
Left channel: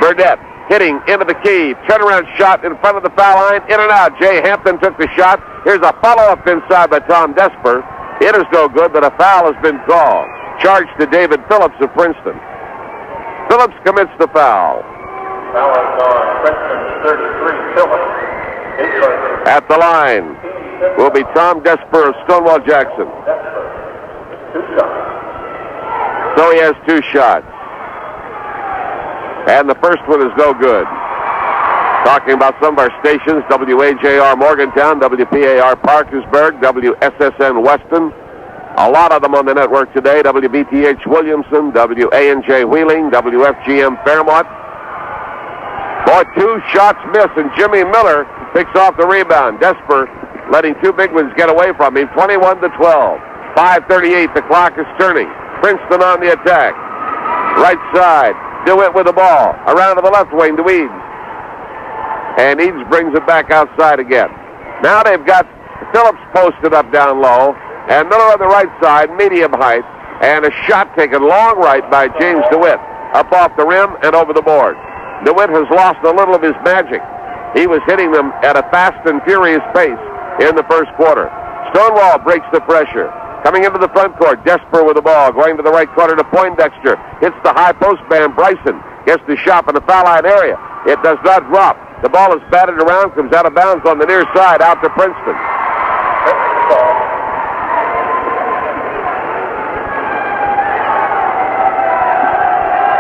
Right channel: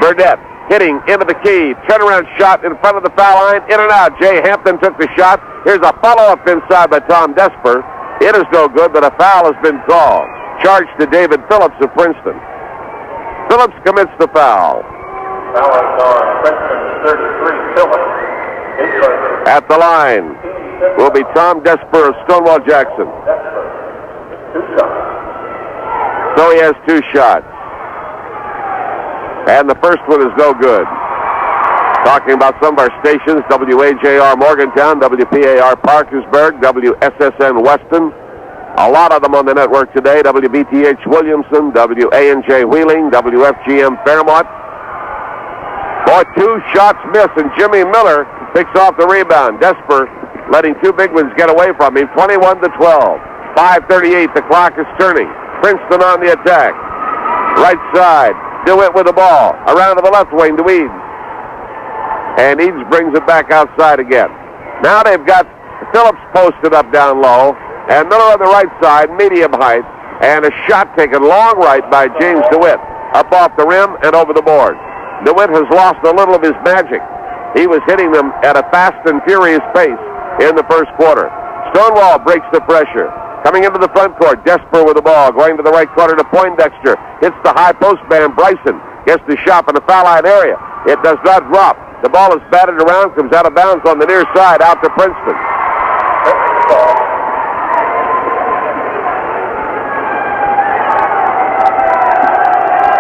Burdett hitting into the key. Turnaround shot in front of the foul line. In and out. Jay Hampton took the shot. Here's a follow-up inside by Tom Desper. It is no good, but a foul has been called. Charged to David Phillips of Princeton. Phillips commits the foul. At the line will be Tom Desper of Stonewall Jackson. So he has 2 shots. And the first one is no good. Talking about some of our stations, WAJR Morgantown, WPAR Parkersburg, WSSN Weston. A lot of them on the network today. WBTH Williamson, WANJ Wheeling, WFGM Fairmont. Boy, 2 shots missed, and Jimmy Miller picks off the rebound. Desper letting 2 big ones get away from him. 21-12. 5:38. The clock is turning. Princeton on the attack. Right side. DeWitt with the ball. Around to the left wing to Eads. And Eads brings it back outside again. Now they've got Phillips posted up down low, and Miller on the right side, medium height, and a shot taken long right by James DeWitt, up off the rim and over the board. DeWitt has lost a little of his magic. He was hitting them at a fast and furious pace in the first quarter. Stonewall breaks the pressure. Coming into the front court, Desper with the ball, going to the right corner to Poindexter. Hits the high post man, Bryson. Gets the shot in the foul line area. It does not drop. The ball is batted around, comes out of bounds on the near side, out to Princeton.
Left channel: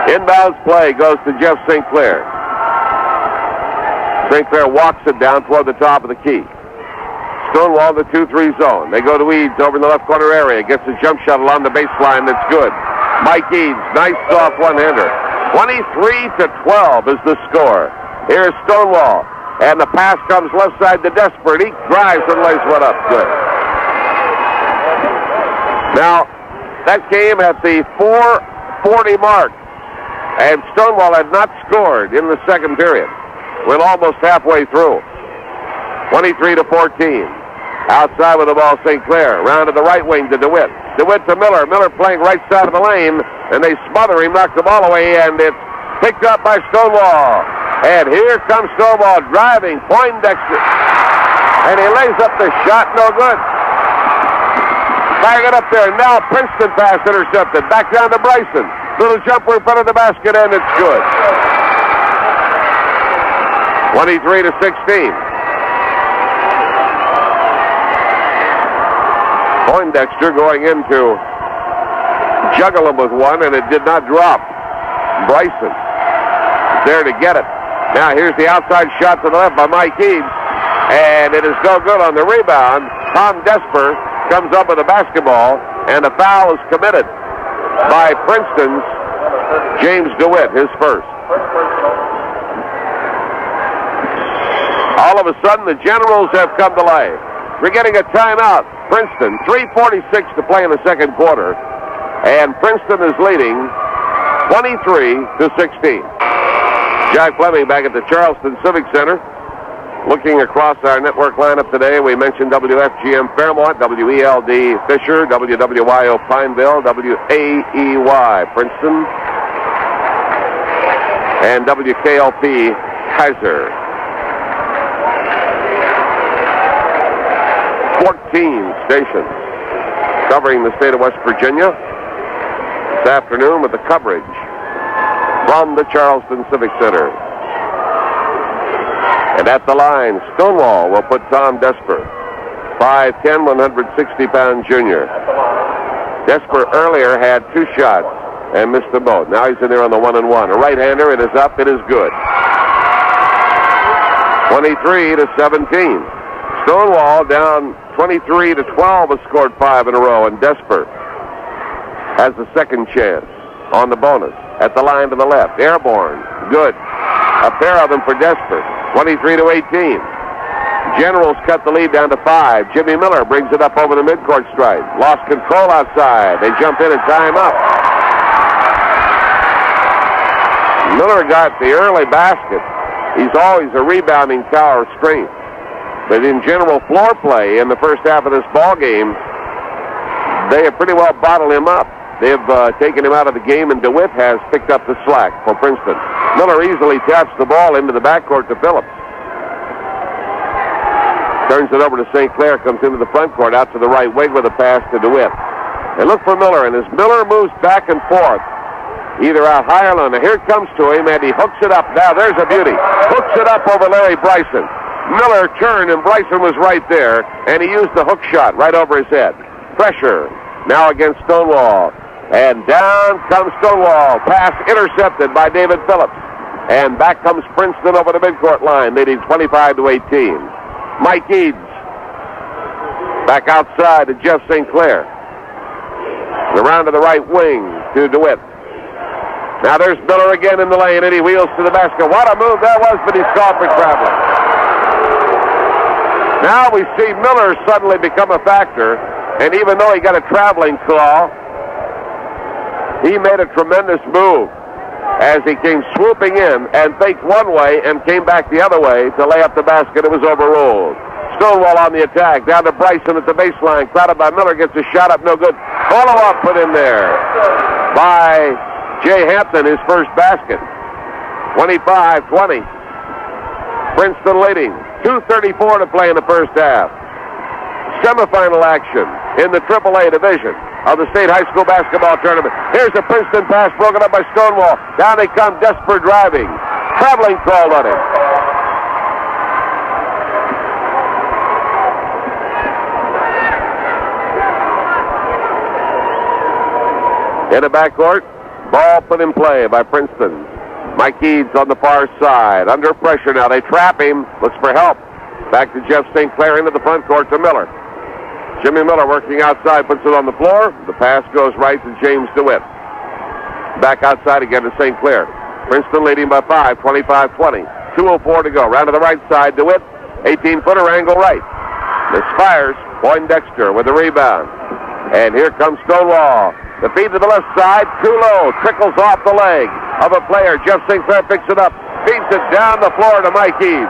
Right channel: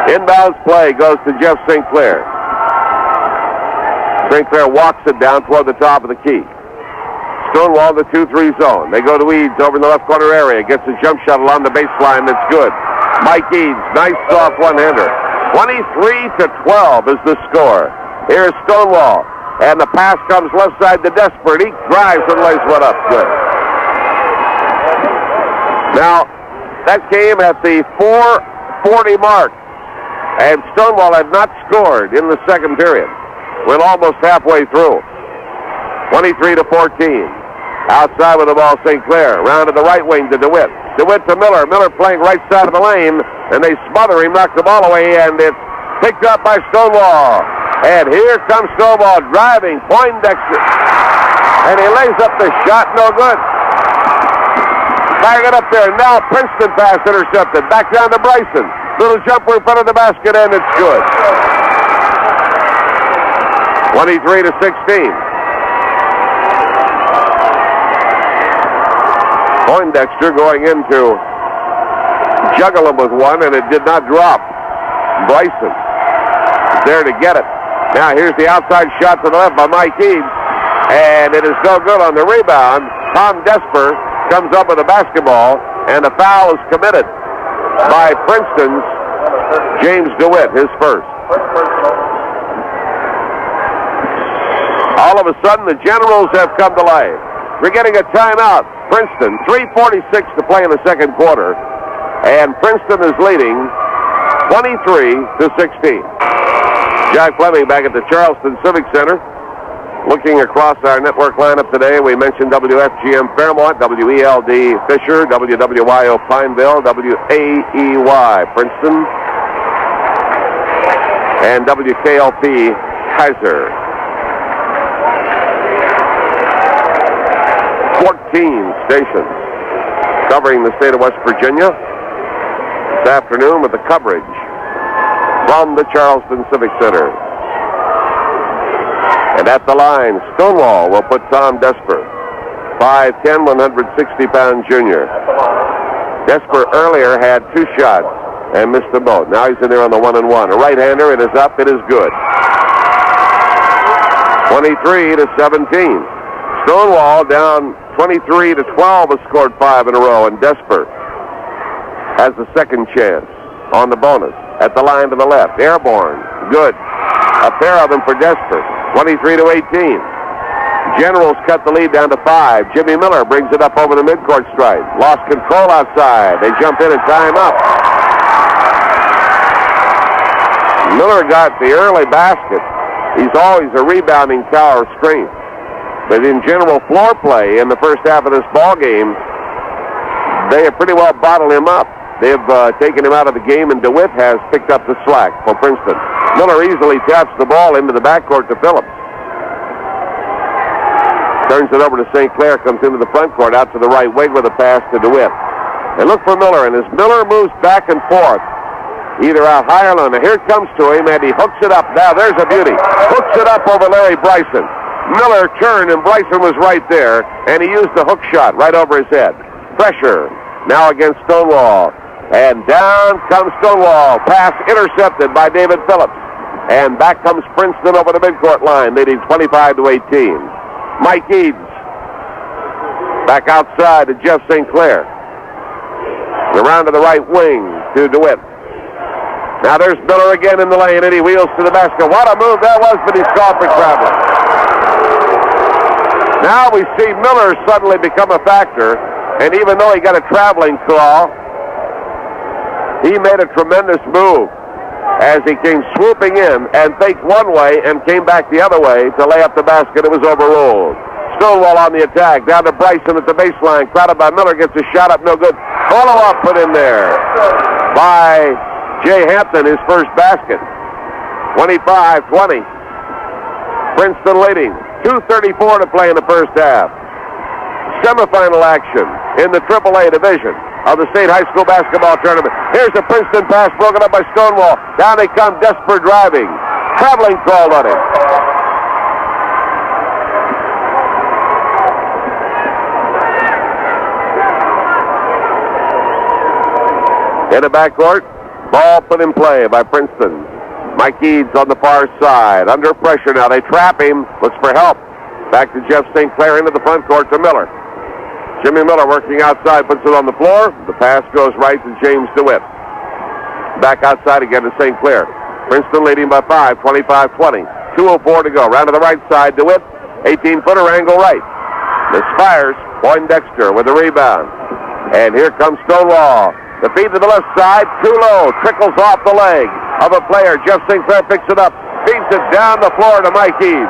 Inbounds play goes to Jeff St. Clair. St. Clair walks it down toward the top of the key. Stonewall in the 2-3 zone. They go to Eads over in the left corner area. Gets a jump shot along the baseline. That's good. Mike Eads, nice soft one-hander. 23-12 is the score. Here's Stonewall. And the pass comes left side to Desper. He drives and lays one up. Good. Now, that came at the 4:40 mark. And Stonewall had not scored in the second period. We're almost halfway through. 23-14. Outside with the ball, St. Clair. Round to the right wing to DeWitt. DeWitt to Miller. Miller playing right side of the lane. And they smother him, knock the ball away, and it's picked up by Stonewall. And here comes Stonewall driving. Poindexter. And he lays up the shot. No good. Firing it up there. Now Princeton pass intercepted. Back down to Bryson. Little jumper in front of the basket, and it's good. 23-16. Poindexter going into juggle him with one, and it did not drop. Bryson there to get it. Now here's the outside shot to the left by Mike Eads, and it is no good on the rebound. Tom Desper comes up with the basketball, and a foul is committed by Princeton's James DeWitt, his first. All of a sudden, the Generals have come to life. We're getting a timeout. Princeton, 3:46 to play in the second quarter, and Princeton is leading 23-16. Jack Fleming back at the Charleston Civic Center. Looking across our network lineup today, we mentioned WFGM Fairmont, WELD Fisher, WWYO Pineville, WAEY Princeton, and WKLP Kaiser. 14 stations covering the state of West Virginia this afternoon with the coverage from the Charleston Civic Center. And at the line, Stonewall will put Tom Desper, 5'10", 160-pound junior. Desper earlier had 2 shots and missed them both. Now he's in there on the 1-and-1. A right-hander, it is up, it is good. 23-17. Stonewall down 23-12 has scored 5 in a row, and Desper has the second chance on the bonus. At the line to the left, airborne, good. A pair of them for Desper, 23-18. Generals cut the lead down to 5. Jimmy Miller brings it up over the midcourt stripe. Lost control outside. They jump in and tie him up. Miller got the early basket. He's always a rebounding tower of strength. But in general floor play in the first half of this ball game, they have pretty well bottled him up. They've taken him out of the game, and DeWitt has picked up the slack for Princeton. Miller easily taps the ball into the backcourt to Phillips. Turns it over to St. Clair, comes into the front court, out to the right wing with a pass to DeWitt. They look for Miller, and as Miller moves back and forth, either out high or low, and here it comes to him, and he hooks it up. Now there's a beauty. Hooks it up over Larry Bryson. Miller turned, and Bryson was right there, and he used the hook shot right over his head. Pressure now against Stonewall. And down comes Stonewall. Pass intercepted by David Phillips. And back comes Princeton over the midcourt line, leading 25-18. Mike Eads back outside to Jeff St. Clair. Around to the right wing to DeWitt. Now there's Miller again in the lane, and he wheels to the basket. What a move that was, but he's caught for traveling. Now we see Miller suddenly become a factor, and even though he got a traveling call, he made a tremendous move as he came swooping in and faked one way and came back the other way to lay up the basket. It was overruled. Stonewall on the attack. Down to Bryson at the baseline. Crowded by Miller. Gets a shot up. No good. Follow-up put in there by Jay Hampton, his first basket. 25-20. Princeton leading. 2:34 to play in the first half. Semifinal action in the AAA division of the state high school basketball tournament. Here's the Princeton pass broken up by Stonewall. Down they come, Desper driving. Traveling called on him. In the backcourt, ball put in play by Princeton. Mike Eads on the far side. Under pressure now. They trap him. Looks for help. Back to Jeff St. Clair into the front court to Miller. Jimmy Miller working outside, puts it on the floor. The pass goes right to James DeWitt. Back outside again to St. Clair. Princeton leading by 5, 25-20. 2:04 to go. Round to the right side, DeWitt. 18-footer angle right. Misfires. Poindexter with the rebound. And here comes Stonewall. The feed to the left side, too low. Trickles off the leg of a player. Jeff St. Clair picks it up. Feeds it down the floor to Mike Eads.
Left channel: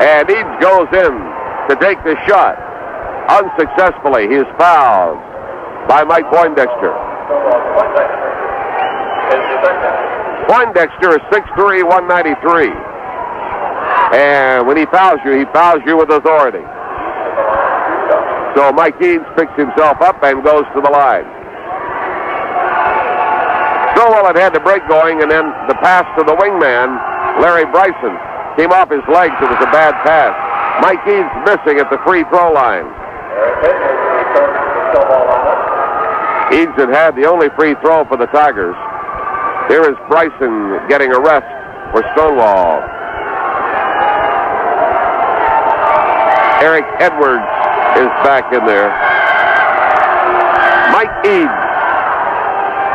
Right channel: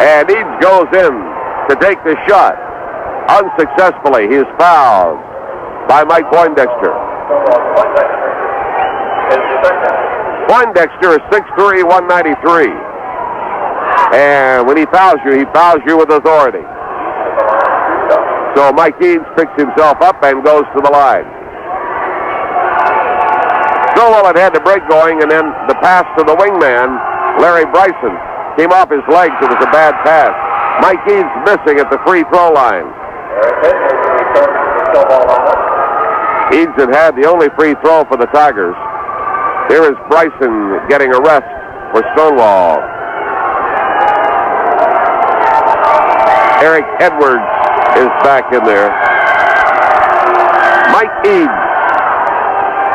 And Eads goes in to take the shot. Unsuccessfully, he is fouled by Mike Poindexter. Poindexter is 6'3", 193. And when he fouls you with authority. So Mike Eads picks himself up and goes to the line. Stonewall had the break going, and then the pass to the wingman, Larry Bryson, came off his legs. It was a bad pass. Mike Eads missing at the free throw line. Eads had the only free throw for the Tigers. Here is Bryson getting a rest for Stonewall. Eric Edwards is back in there. Mike Eads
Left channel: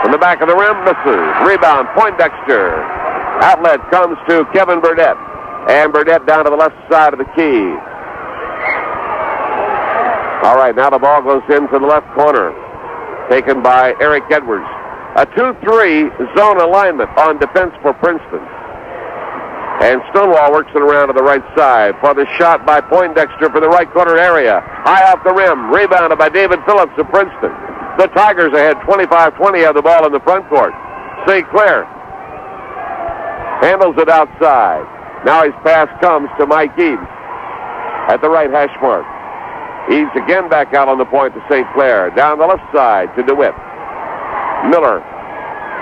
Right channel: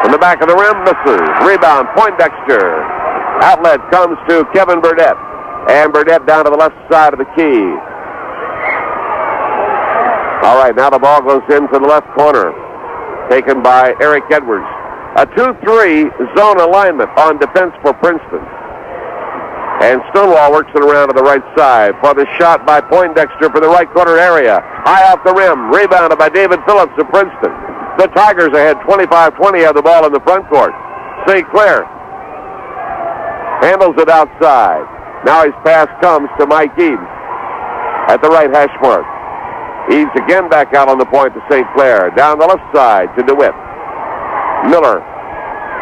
in the back of the rim, misses. Rebound, Poindexter. Outlet comes to Kevin Burdett. And Burdett down to the left side of the key. All right, now the ball goes into the left corner. Taken by Eric Edwards. A 2-3 zone alignment on defense for Princeton. And Stonewall works it around to the right side for the shot by Poindexter for the right corner area. High off the rim. Rebounded by David Phillips of Princeton. The Tigers ahead 25-20, have the ball in the front court. St. Clair handles it outside. Now his pass comes to Mike Eads at the right hash mark. Eads again back out on the point to St. Clair. Down the left side to DeWitt. Miller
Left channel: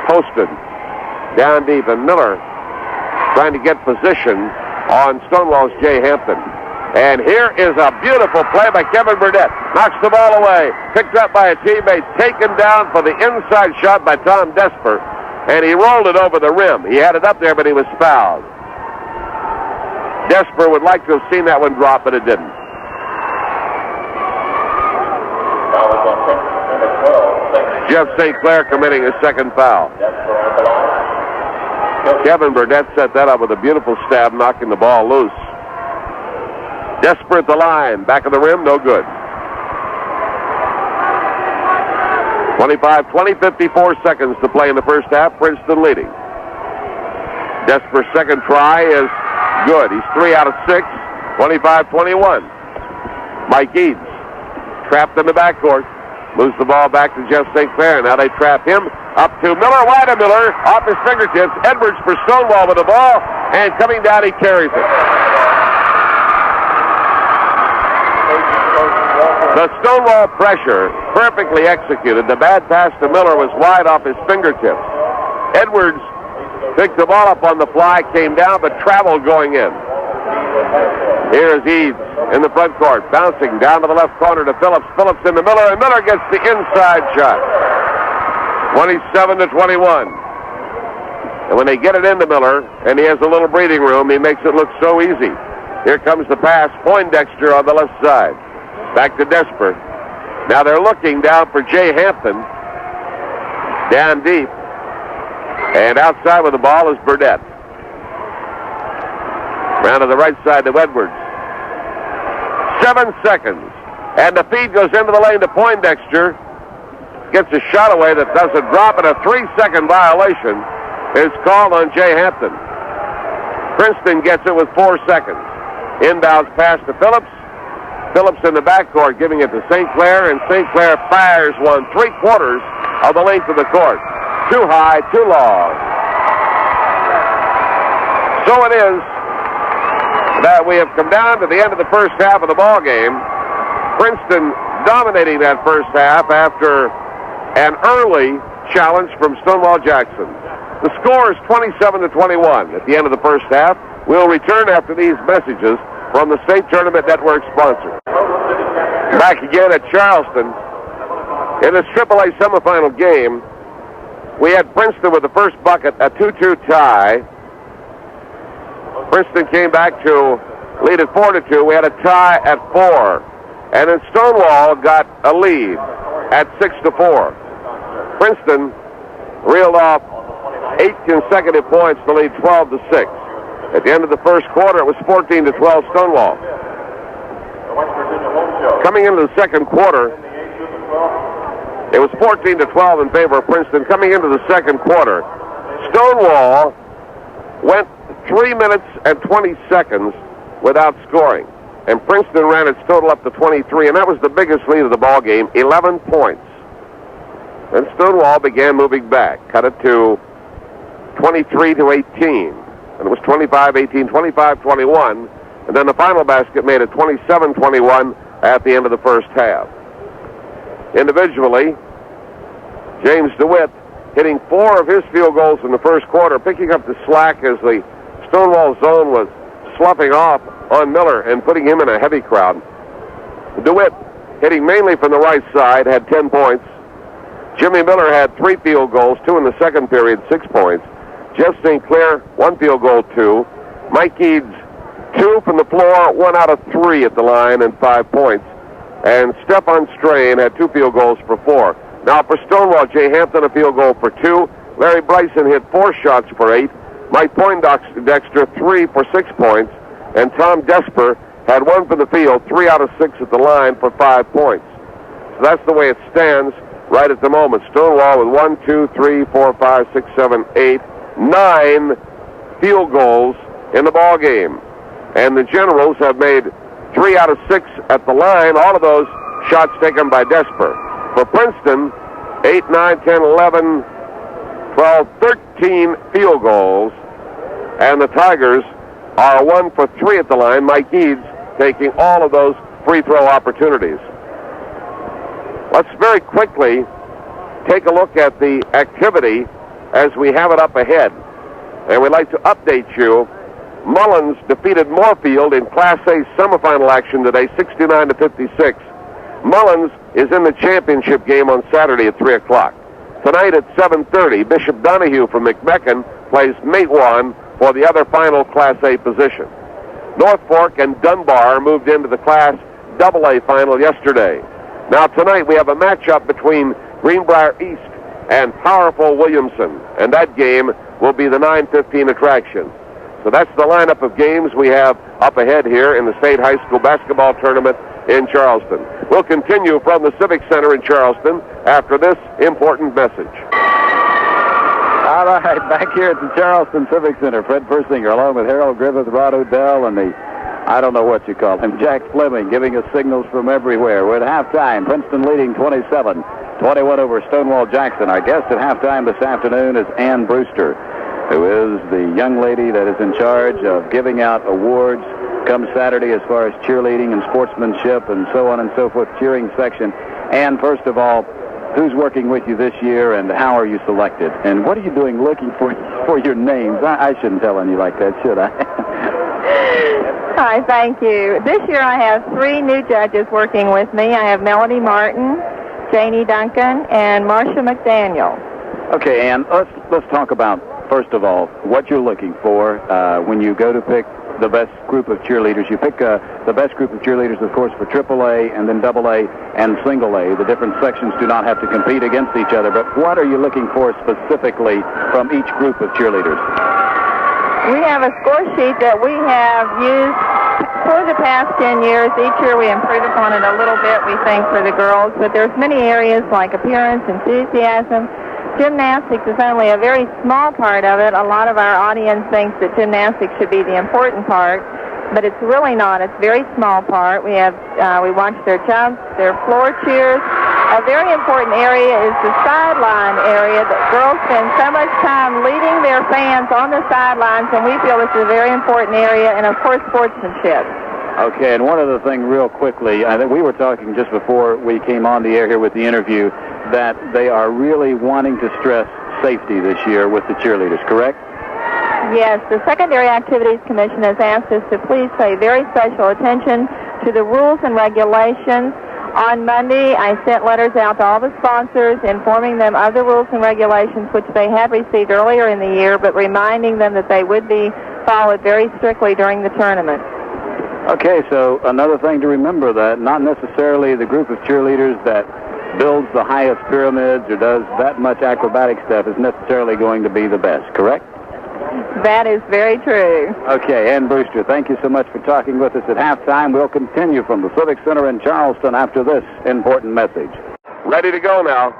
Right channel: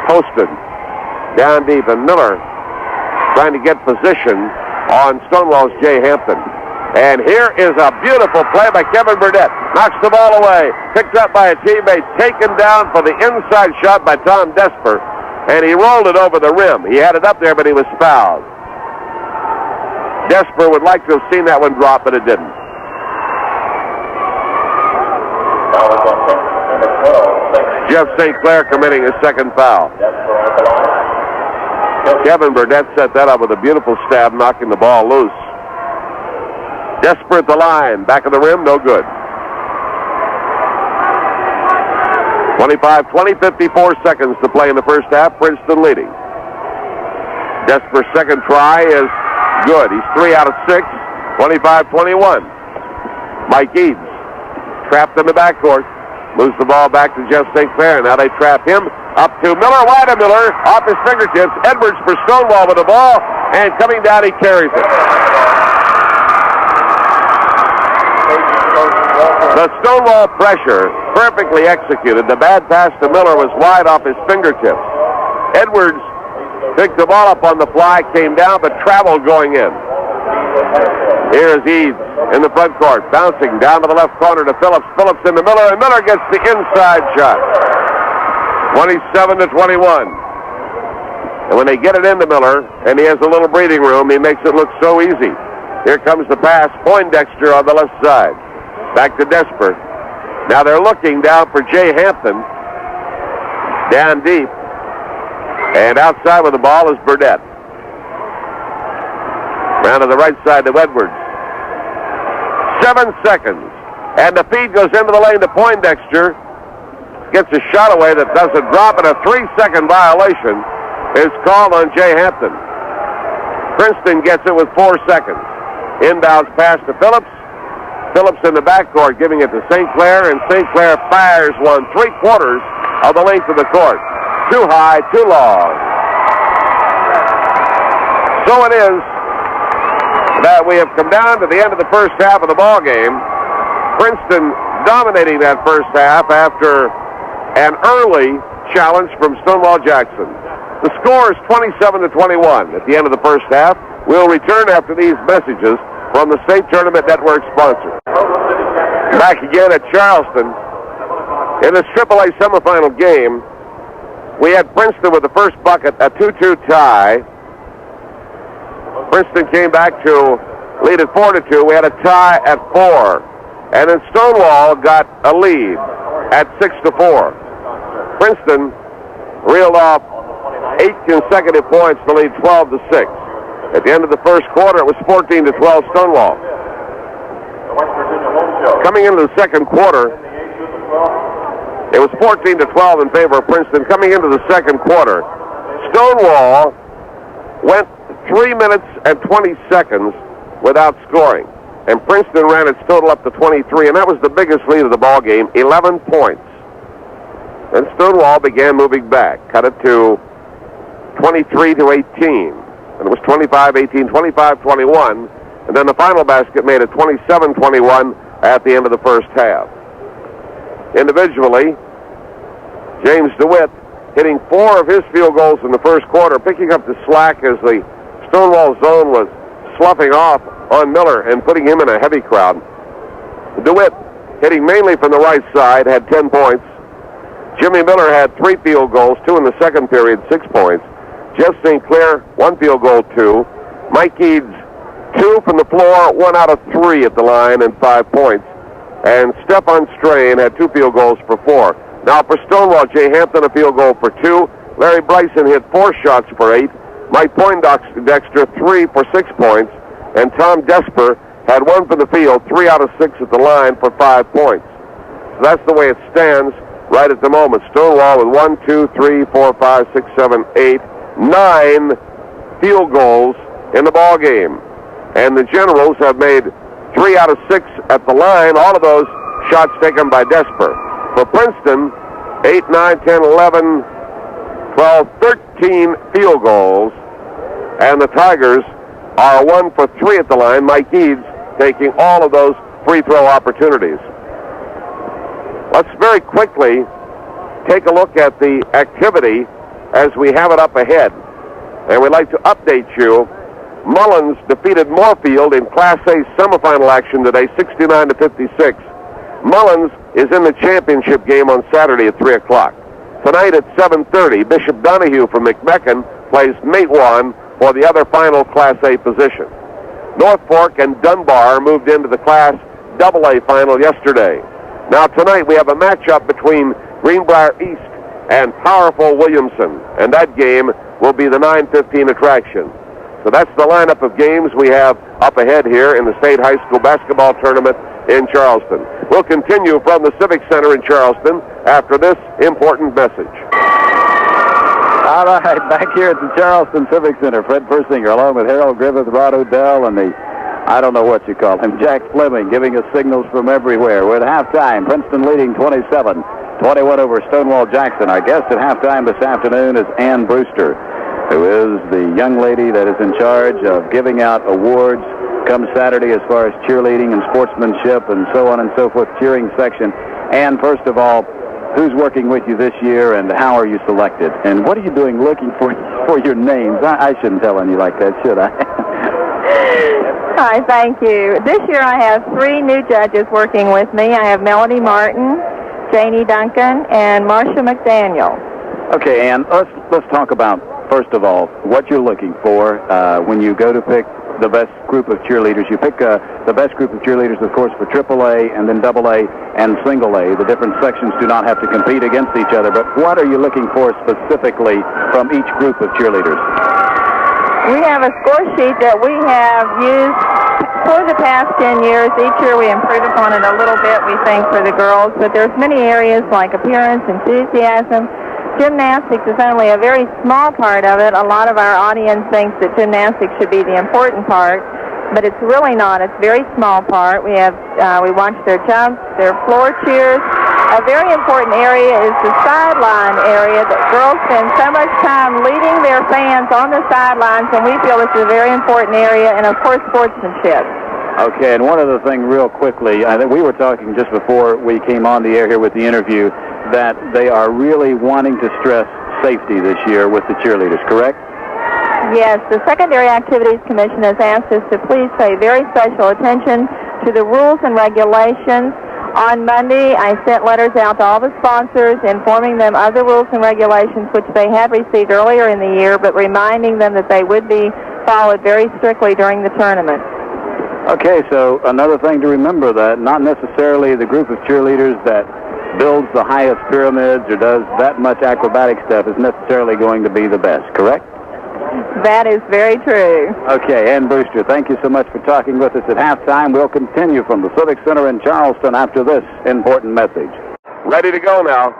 posted down deep, and Miller trying to get position on Stonewall's Jay Hampton. And here is a beautiful play by Kevin Burdett. Knocks the ball away. Picked up by a teammate. Taken down for the inside shot by Tom Desper. And he rolled it over the rim. He had it up there, but he was fouled. Desper would like to have seen that one drop, but it didn't. Jeff St. Clair committing his second foul. Kevin Burdett set that up with a beautiful stab, knocking the ball loose. Desper at the line. Back of the rim, no good. 25-20, 54 seconds to play in the first half. Princeton leading. Desper's second try is good. He's 3 out of 6. 25-21. Mike Eads trapped in the backcourt. Moves the ball back to Jeff St. Clair. Now they trap him. Up to Miller. Wide of Miller. Off his fingertips. Edwards for Stonewall with the ball. And coming down, he carries it. The Stonewall pressure, perfectly executed. The bad pass to Miller was wide off his fingertips. Edwards picked the ball up on the fly, came down, but traveled going in. Here is Eads in the front court, bouncing down to the left corner to Phillips. Phillips into Miller, and Miller gets the inside shot. 27-21. And when they get it into Miller, and he has a little breathing room, he makes it look so easy. Here comes the pass, Poindexter on the left side. Back to Desper. Now they're looking down for Jay Hampton. Down deep. And outside with the ball is Burdett. Round to the right side to Edwards. 7 seconds. And the feed goes into the lane to Poindexter. Gets a shot away that doesn't drop, and a 3-second violation is called on Jay Hampton. Princeton gets it with 4 seconds. Inbounds pass to Phillips. Phillips in the backcourt giving it to St. Clair, and St. Clair fires one 3/4 of the length of the court. Too high, too long. So it is that we have come down to the end of the first half of the ball game. Princeton dominating that first half after an early challenge from Stonewall Jackson. The score is 27-21 at the end of the first half. We'll return after these messages from the State Tournament Network sponsor. Back again at Charleston. In this AAA semifinal game, we had Princeton with the first bucket, a 2-2 tie. Princeton came back to lead at 4-2. We had a tie at 4. And then Stonewall got a lead at 6-4. Princeton reeled off 8 consecutive points to lead 12-6. At the end of the first quarter, it was 14-12 Stonewall. Coming into the second quarter, it was 14-12 in favor of Princeton. Coming into the second quarter, Stonewall went 3 minutes and 20 seconds without scoring. And Princeton ran its total up to 23, and that was the biggest lead of the ball game, 11 points. And Stonewall began moving back, cut it to 23-18. And it was 25-18, 25-21. And then the final basket made it 27-21 at the end of the first half. Individually, James DeWitt hitting 4 of his field goals in the first quarter, picking up the slack as the Stonewall zone was sloughing off on Miller and putting him in a heavy crowd. DeWitt, hitting mainly from the right side, had 10 points. Jimmy Miller had 3 field goals, 2 in the second period, 6 points. Jeff St. Clair, 1 field goal, 2. Mike Eads, 2 from the floor, 1 out of 3 at the line, and 5 points. And Stefan Strain had 2 field goals for 4. Now for Stonewall, Jay Hampton, a field goal for 2. Larry Bryson hit 4 shots for 8. Mike Poindexter, 3 for 6 points. And Tom Desper had 1 from the field, 3 out of 6 at the line for 5 points. So that's the way it stands right at the moment. Stonewall with 1, 2, 3, 4, 5, 6, 7, 8, 9 field goals in the ball game. And the Generals have made 3 out of 6 at the line, all of those shots taken by Desper. For Princeton, 8, 9, 10, 11, 12, 13 field goals. And the Tigers are 1 for 3 at the line. Mike Eads taking all of those free throw opportunities. Let's very quickly take a look at the activity as we have it up ahead. And we'd like to update you. Mullins defeated Moorfield in Class A semifinal action today, 69-56. Mullins is in the championship game on Saturday at 3 o'clock. Tonight at 7:30, Bishop Donahue from McMecken plays Matewan for the other final Class A position. North Fork and Dunbar moved into the Class AA final yesterday. Now tonight we have a matchup between Greenbrier East and Powerful Williamson, and that game will be the 9:15 attraction. So that's the lineup of games we have up ahead here in the State High School Basketball Tournament in Charleston. We'll continue from the Civic Center in Charleston after this important message. All right, back here at the Charleston Civic Center, Fred Persinger along with Harold Griffith, Rod Odell, and the, I don't know what you call him, Jack Fleming, giving us signals from everywhere. We're at halftime. Princeton leading 27-21 over Stonewall Jackson. Our guest at halftime this afternoon is Ann Brewster, who is the young lady that is in charge of giving out awards come Saturday as far as cheerleading and sportsmanship and so on and so forth, cheering section. And first of all, who's working with you this year and how are you selected? And what are you doing looking for your names? I shouldn't tell any like that, should I? Hi, thank you. This year I have 3 new judges working with me. I have Melody Martin, Janie Duncan, and Marcia McDaniel. Okay, Ann, let's talk about, first of all, what you're looking for when you go to pick the best group of cheerleaders. You pick the best group of cheerleaders, of course, for AAA and then AA and single A. The different sections do not have to compete against each other, but what are you looking for specifically from each group of cheerleaders? We have a score sheet that we have used for the past 10 years. Each year we improve upon it a little bit, we think, for the girls, but there's many areas like appearance, enthusiasm. Gymnastics is only a very small part of it. A lot of our audience thinks that gymnastics should be the important part. but it's really not. It's a very small part. We watch their jumps, their floor cheers. A very important area is the sideline area. The girls spend so much time leading their fans on the sidelines, and we feel it's a very important area, and of course sportsmanship. Okay, and one other thing real quickly. I think we were talking just before we came on the air here with the interview that they are really wanting to stress safety this year with the cheerleaders, correct? Yes, the Secondary Activities Commission has asked us to please pay very special attention to the rules and regulations. On Monday, I sent letters out to all the sponsors informing them of the rules and regulations which they had received earlier in the year, but reminding them that they would be followed very strictly during the tournament. Okay, so another thing to remember, that not necessarily the group of cheerleaders that builds the highest pyramids or does that much acrobatic stuff is necessarily going to be the best, correct? That is very true. Okay, Ann Brewster, thank you so much for talking with us at halftime. We'll continue from the Civic Center in Charleston after this important message. Ready to go now.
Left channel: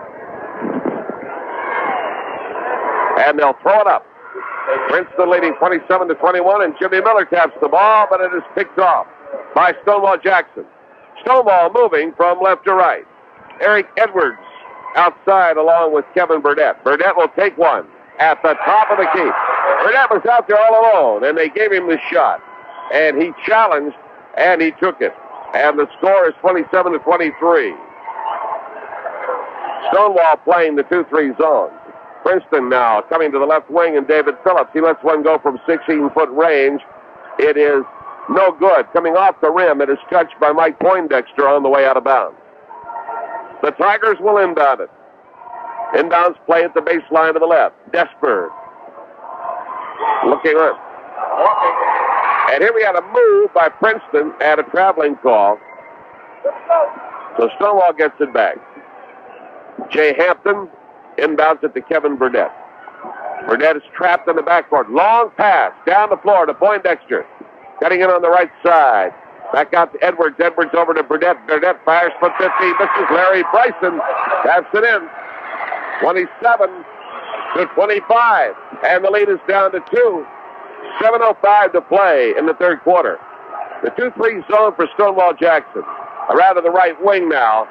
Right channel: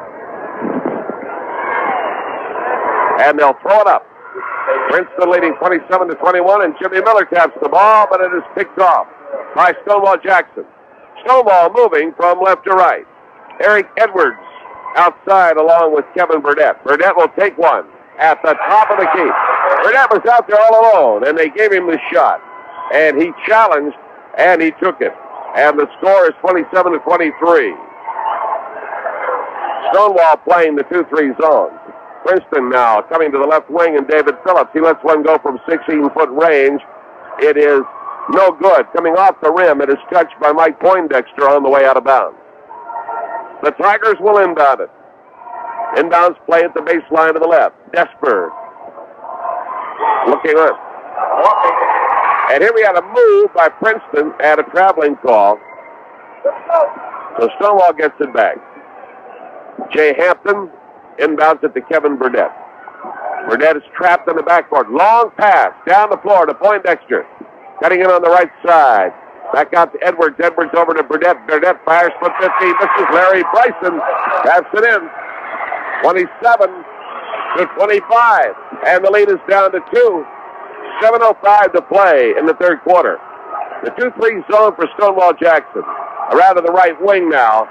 And they'll throw it up. Princeton leading 27-21, and Jimmy Miller taps the ball, but it is picked off by Stonewall Jackson. Stonewall moving from left to right. Eric Edwards outside along with Kevin Burdett. Burdett will take one at the top of the key. Burdett was out there all alone, and they gave him the shot. And he challenged, and he took it. And the score is 27-23. Stonewall playing the 2-3 zone. Princeton now coming to the left wing, and David Phillips. He lets one go from 16-foot range. It is no good. Coming off the rim, it is touched by Mike Poindexter on the way out of bounds. The Tigers will inbound it. Inbounds play at the baseline to the left. Desper looking up. And here we had a move by Princeton at a traveling call. So Stonewall gets it back. Jay Hampton inbounds it to Kevin Burdett. Burdett is trapped in the backcourt. Long pass down the floor to Poindexter. Cutting in on the right side. Back out to Edwards. Edwards over to Burdett. Burdett fires for 50. Misses. Larry Bryson taps it in. 27-25. And the lead is down to 2. 7:05 to play in the third quarter. The 2-3 zone for Stonewall Jackson. Around to the right wing now.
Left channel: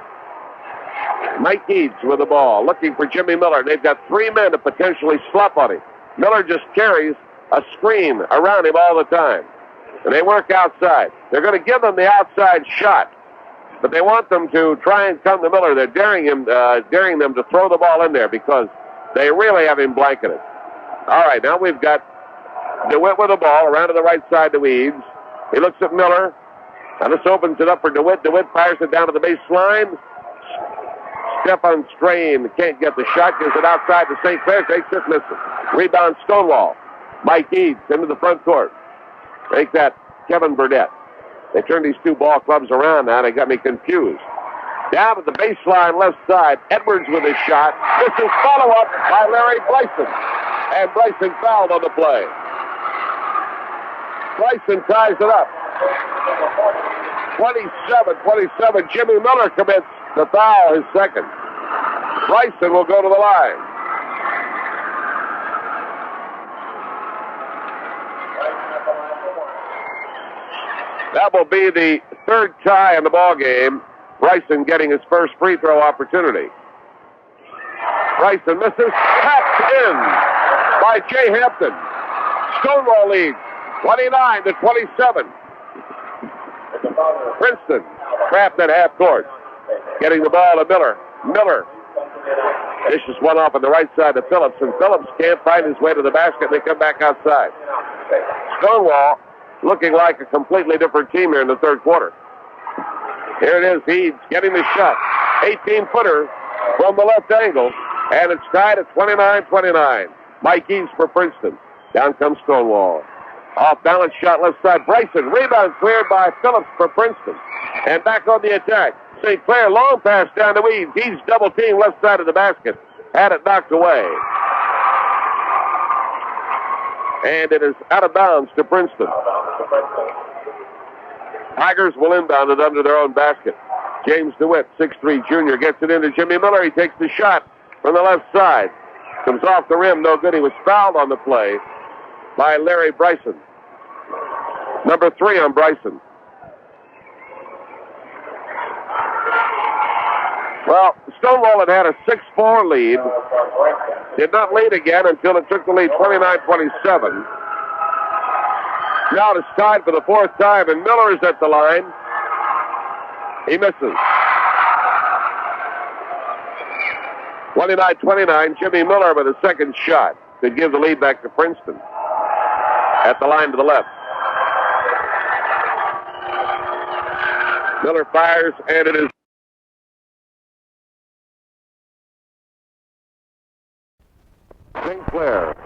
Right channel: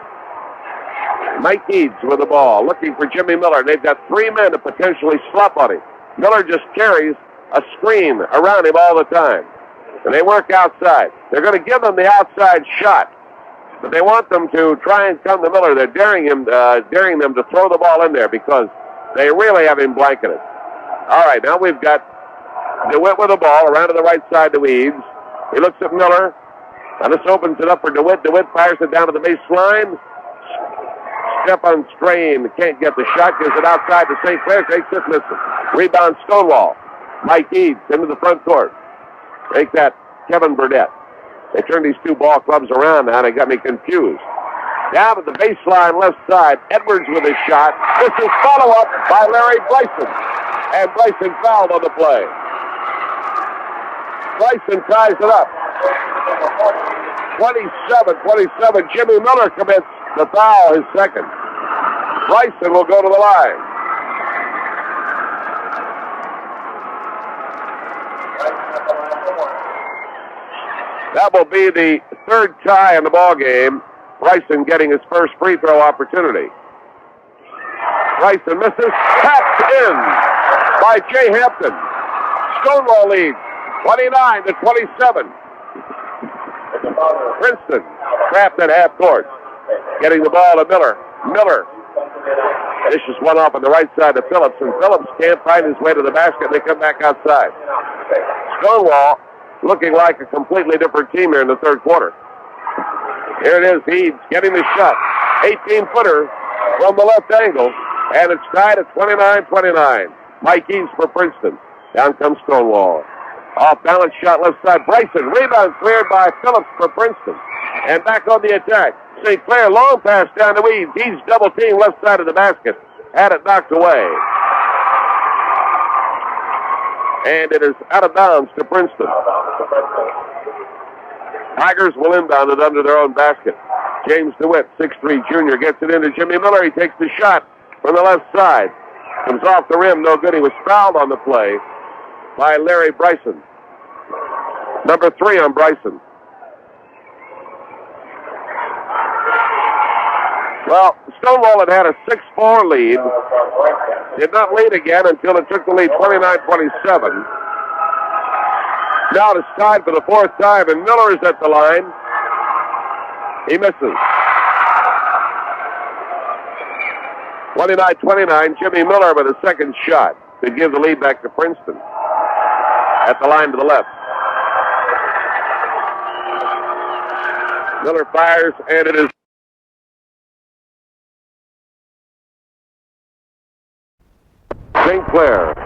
Mike Eads with the ball, looking for Jimmy Miller. They've got 3 men to potentially slop on him. Miller just carries a screen around him all the time. And they work outside. They're going to give them the outside shot. But they want them to try and come to Miller. They're daring them to throw the ball in there because they really have him blanketed. All right, now we've got DeWitt with the ball around to the right side to Eads. He looks at Miller. Now this opens it up for DeWitt. DeWitt fires it down to the baseline. Stefan Strain can't get the shot. Gives it outside to St. Clair. Takes it, misses. Rebound Stonewall. Mike Eads into the front court. Make that Kevin Burdett. They turn these two ball clubs around now. They got me confused. Down at the baseline left side. Edwards with a shot. This is follow-up by Larry Bryson. And Bryson fouled on the play. Bryson ties it up. 27-27. Jimmy Miller commits the foul, his second. Bryson will go to the line. That will be the third tie in the ball game. Bryson getting his first free throw opportunity. Bryson misses. Tapped in by Jay Hampton. Stonewall leads 29-27. Princeton trapped at half court. Getting the ball to Miller. Miller dishes one off on the right side to Phillips, and Phillips can't find his way to the basket. They come back outside. Stonewall looking like a completely different team here in the third quarter. Here it is. Eads getting the shot. 18-footer from the left angle, and it's tied at 29-29. Mike Eads for Princeton. Down comes Stonewall. Off balance shot left side. Bryson. Rebound cleared by Phillips for Princeton. And back on the attack. St. Clair, long pass down to Eads. Eads double team left side of the basket. Had it knocked away. And it is out of bounds to Princeton. Tigers will inbound it under their own basket. James DeWitt, 6'3" junior, gets it into Jimmy Miller. He takes the shot from the left side. Comes off the rim, no good. He was fouled on the play by Larry Bryson. Number 3 on Bryson. Well, Stonewall had a 6-4 lead. Did not lead again until it took the lead 29-27. Now it's tied for the 4th time, and Miller is at the line. He misses. 29-29, Jimmy Miller with a second shot to give the lead back to Princeton. At the line to the left. Miller fires, and it is St. Clair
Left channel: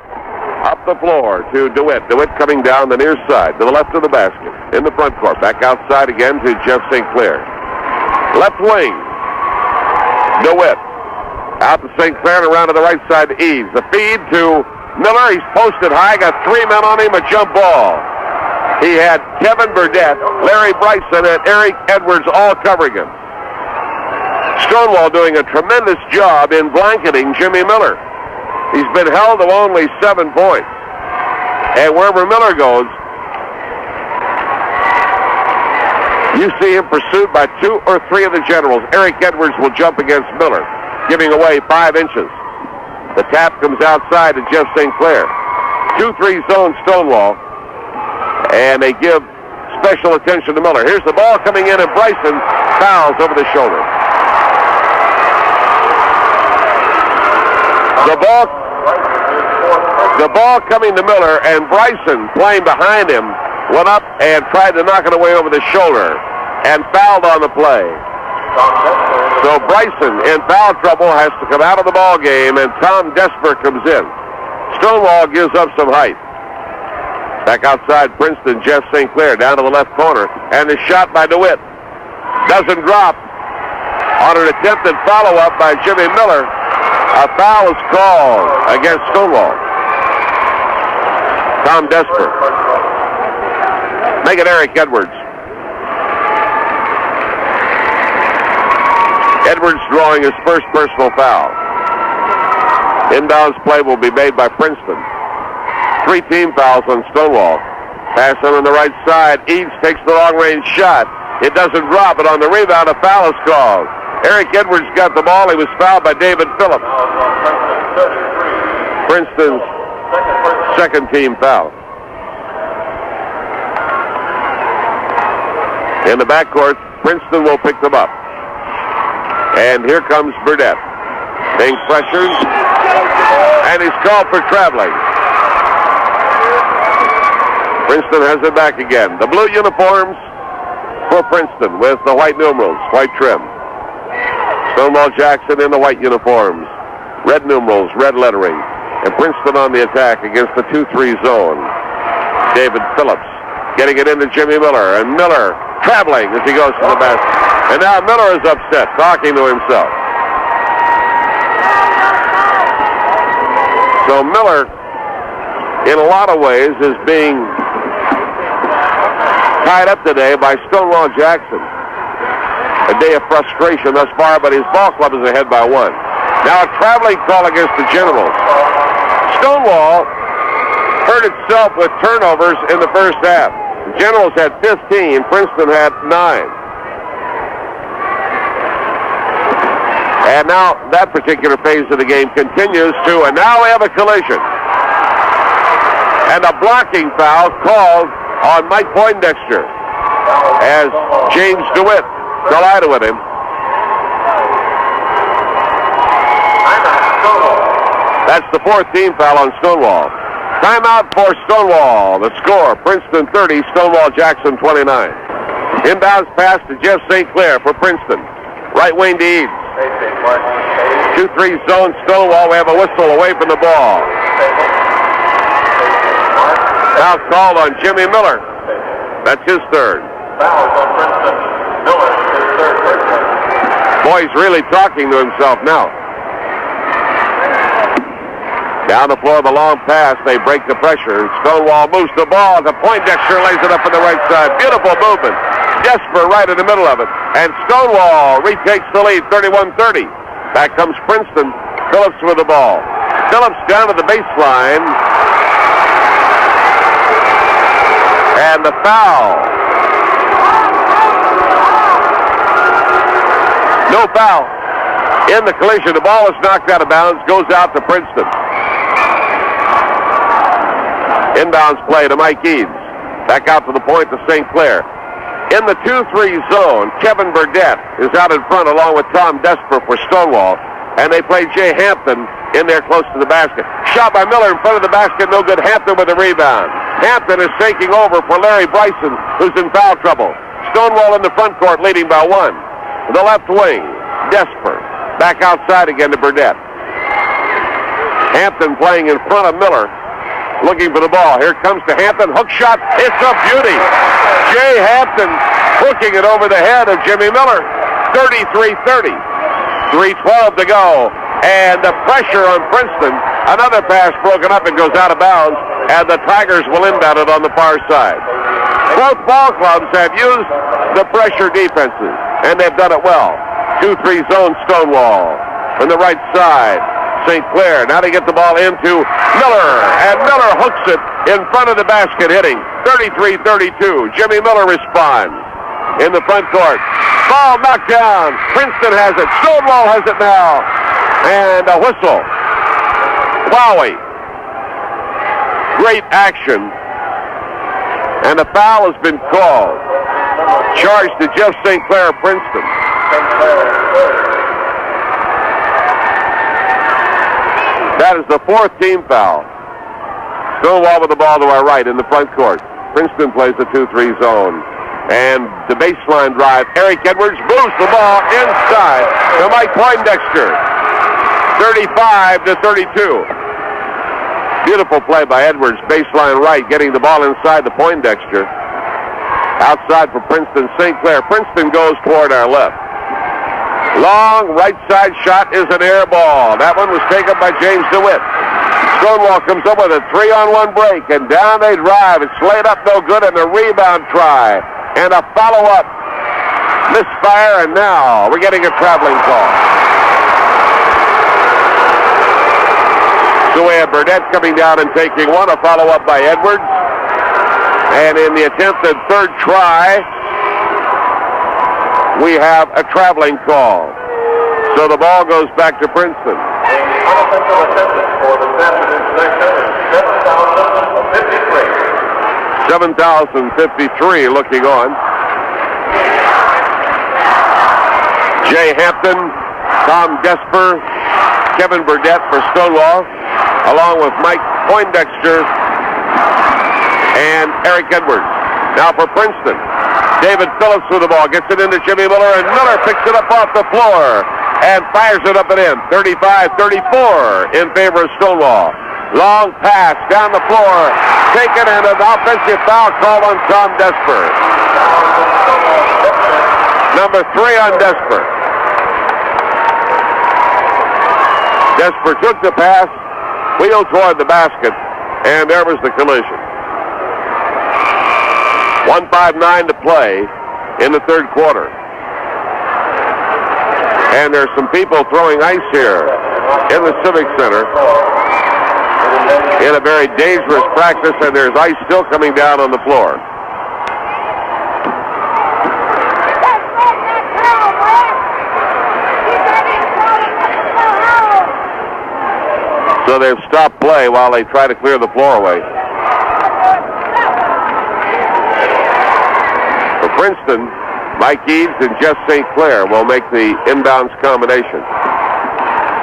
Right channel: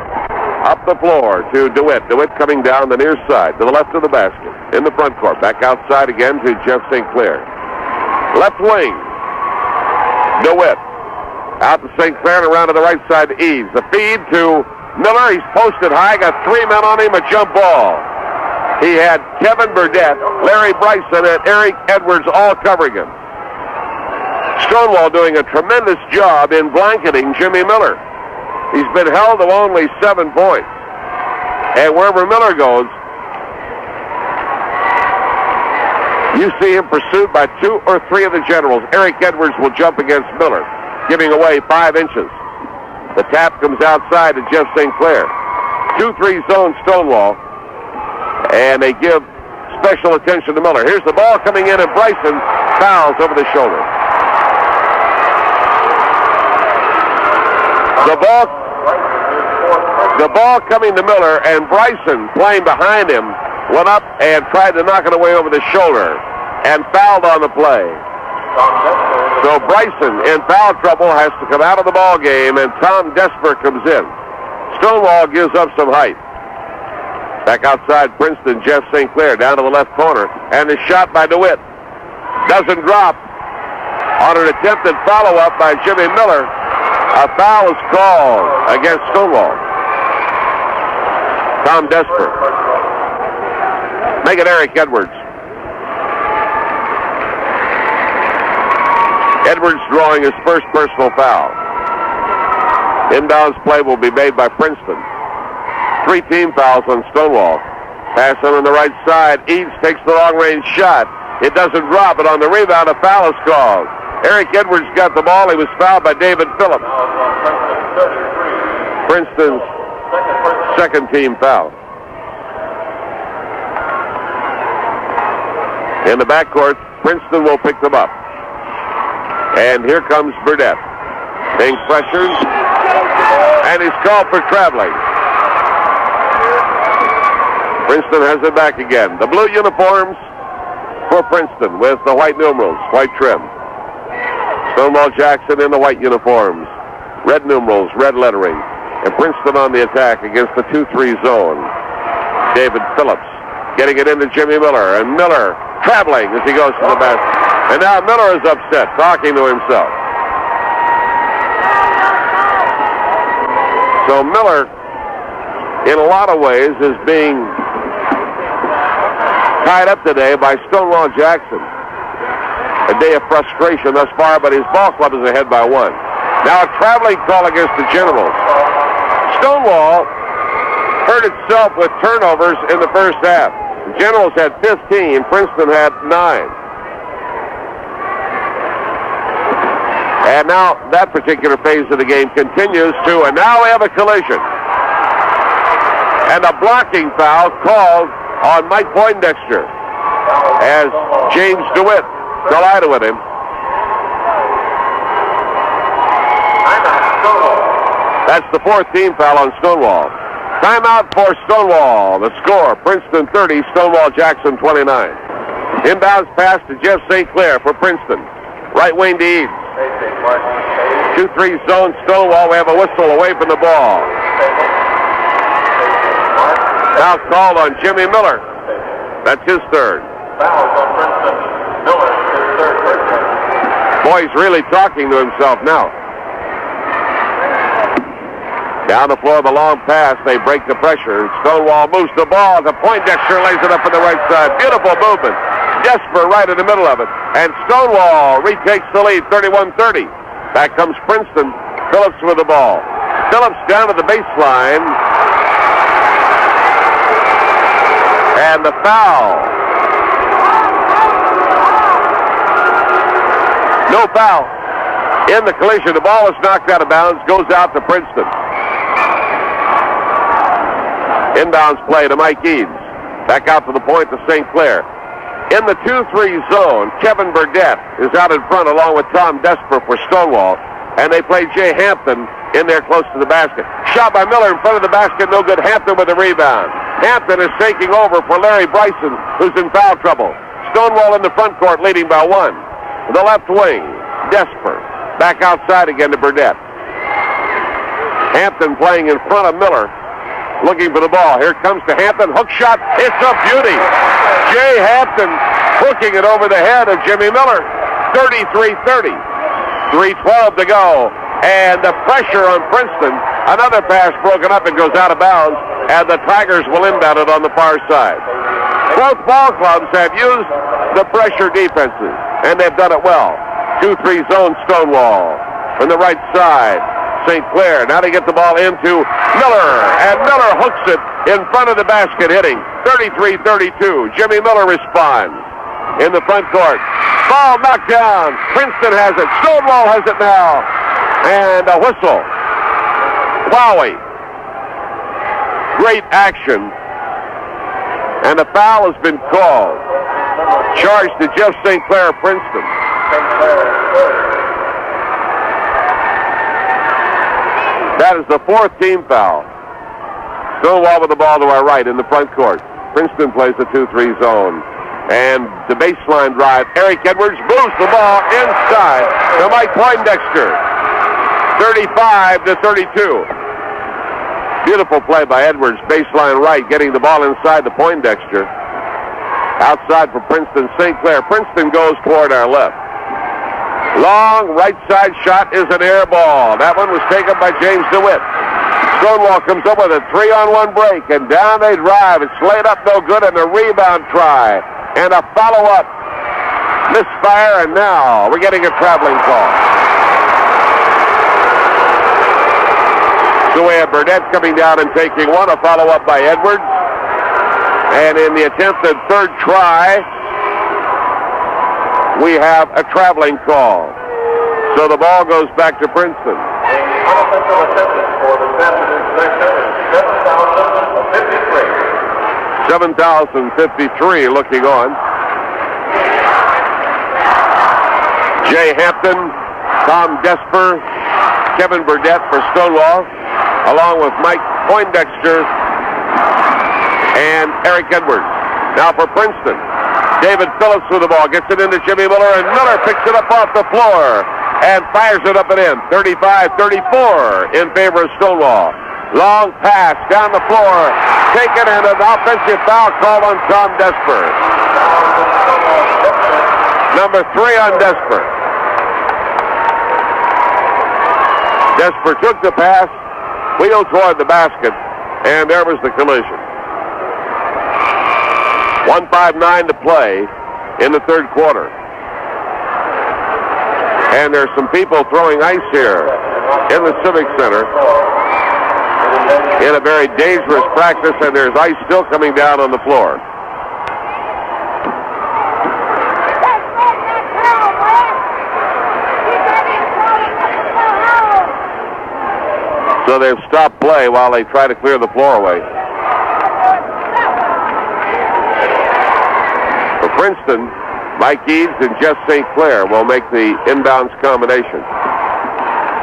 up the floor to DeWitt. DeWitt coming down the near side to the left of the basket. In the front court. Back outside again to Jeff St. Clair. Left wing. DeWitt. Out to St. Clair and around to the right side to Eaves. The feed to Miller. He's posted high. Got 3 men on him. A jump ball. He had Kevin Burdett, Larry Bryson, and Eric Edwards all covering him. Stonewall doing a tremendous job in blanketing Jimmy Miller. He's been held to only 7 points. And wherever Miller goes, you see him pursued by 2 or 3 of the generals. Eric Edwards will jump against Miller, giving away 5 inches. The tap comes outside to Jeff St. Clair. 2-3 zone Stonewall. And they give special attention to Miller. Here's the ball coming in, and Bryson fouls over the shoulder. The ball coming to Miller, and Bryson, playing behind him, went up and tried to knock it away over the shoulder and fouled on the play. So Bryson, in foul trouble, has to come out of the ball game, and Tom Desper comes in. Stonewall gives up some height. Back outside Princeton, Jeff St. Clair down to the left corner, and the shot by DeWitt doesn't drop. On an attempted follow-up by Jimmy Miller, a foul is called against Stonewall. Tom Desper. Make it Eric Edwards. Edwards drawing his first personal foul. Inbounds play will be made by Princeton. 3 team fouls on Stonewall. Pass on the right side. Eaves takes the long-range shot. It doesn't drop, but on the rebound, a foul is called. Eric Edwards got the ball. He was fouled by David Phillips. Princeton's second team foul. In the backcourt, Princeton will pick them up. And here comes Burdett. Being pressured. And he's called for traveling. Princeton has it back again. The blue uniforms for Princeton with the white numerals, white trim. Stonewall Jackson in the white uniforms. Red numerals, red lettering. And Princeton on the attack against the 2-3 zone. David Phillips getting it into Jimmy Miller. And Miller traveling as he goes to the basket. And now Miller is upset, talking to himself. So Miller, in a lot of ways, is being tied up today by Stonewall Jackson. A day of frustration thus far, but his ball club is ahead by 1. Now a traveling call against the Generals. Stonewall hurt itself with turnovers in the first half. The Generals had 15, Princeton had 9. And now that particular phase of the game continues to, and now we have a collision. And a blocking foul called on Mike Poindexter as James DeWitt collided with him. That's the 4th team foul on Stonewall. Timeout for Stonewall. The score, Princeton 30, Stonewall Jackson 29. Inbounds pass to Jeff St. Clair for Princeton. Right wing to Eaves. 2-3 zone Stonewall. We have a whistle away from the ball. Now called on Jimmy Miller. That's his 3rd. Boy, he's really talking to himself now. Down the floor, the long pass. They break the pressure. Stonewall moves the ball. The Poindexter lays it up on the right side. Beautiful movement. Desper right in the middle of it. And Stonewall retakes the lead, 31-30. Back comes Princeton. Phillips with the ball. Phillips down to the baseline. And And the foul. No foul. In the collision, the ball is knocked out of bounds, goes out to Princeton. Inbounds play to Mike Eads. Back out to the point to St. Clair. In the 2-3 zone, Kevin Burdett is out in front along with Tom Desper for Stonewall. And they play Jay Hampton in there close to the basket. Shot by Miller in front of the basket, no good. Hampton with a rebound. Hampton is taking over for Larry Bryson, who's in foul trouble. Stonewall in the front court, leading by 1. The left wing, Desper. Back outside again to Burdett. Hampton playing in front of Miller, looking for the ball. Here comes to Hampton. Hook shot. It's a beauty. Jay Hampton hooking it over the head of Jimmy Miller. 33-30. 3:12 to go. And the pressure on Princeton. Another pass broken up and goes out of bounds. And the Tigers will inbound it on the far side. Both ball clubs have used the pressure defenses, and they've done it well. 2-3 zone Stonewall from the right side. St. Clair. Now they get the ball into Miller, and Miller hooks it in front of the basket, hitting 33-32. Jimmy Miller responds in the front court. Ball knocked down. Princeton has it. Stonewall has it now. And a whistle. Wowie. Great action. And a foul has been called. Charged to Jeff St. Clair of Princeton. That is the 4th team foul. Stonewall with the ball to our right in the front court. Princeton plays the 2-3 zone. And the baseline drive. Eric Edwards moves the ball inside to Mike Poindexter. 35-32. Beautiful play by Edwards. Baseline right, getting the ball inside to Poindexter. Outside for Princeton, St. Clair. Princeton goes toward our left. Long right side shot is an air ball. That one was taken by James DeWitt. Stonewall comes up with a 3-on-1 break, and down they drive. It's laid up no good, and a rebound try. And a follow-up misfire, and now we're getting a traveling call. So we have Burdett coming down and taking one, a follow-up by Edwards. And in the attempted third try, we have a traveling call. So the ball goes back to Princeton. Unoffensive attendance for this afternoon's section is 7,053. 7,053 looking on. Jay Hampton, Tom Desper, Kevin Burdett for Stonewall, along with Mike Poindexter and Eric Edwards. Now for Princeton, David Phillips with the ball, gets it into Jimmy Miller, and Miller picks it up off the floor and fires it up and in. 35-34 in favor of Stonewall. Long pass down the floor, taken, and an offensive foul called on Tom Desper. Number 3 on Desper. Desper took the pass, wheeled toward the basket, and there was the collision. 1:59 to play in the third quarter. And there's some people throwing ice here in the Civic Center in a very dangerous practice, and there's ice still coming down on the floor. So they've stopped play while they try to clear the floor away. For Princeton, Mike Eads and Jeff St. Clair will make the inbounds combination.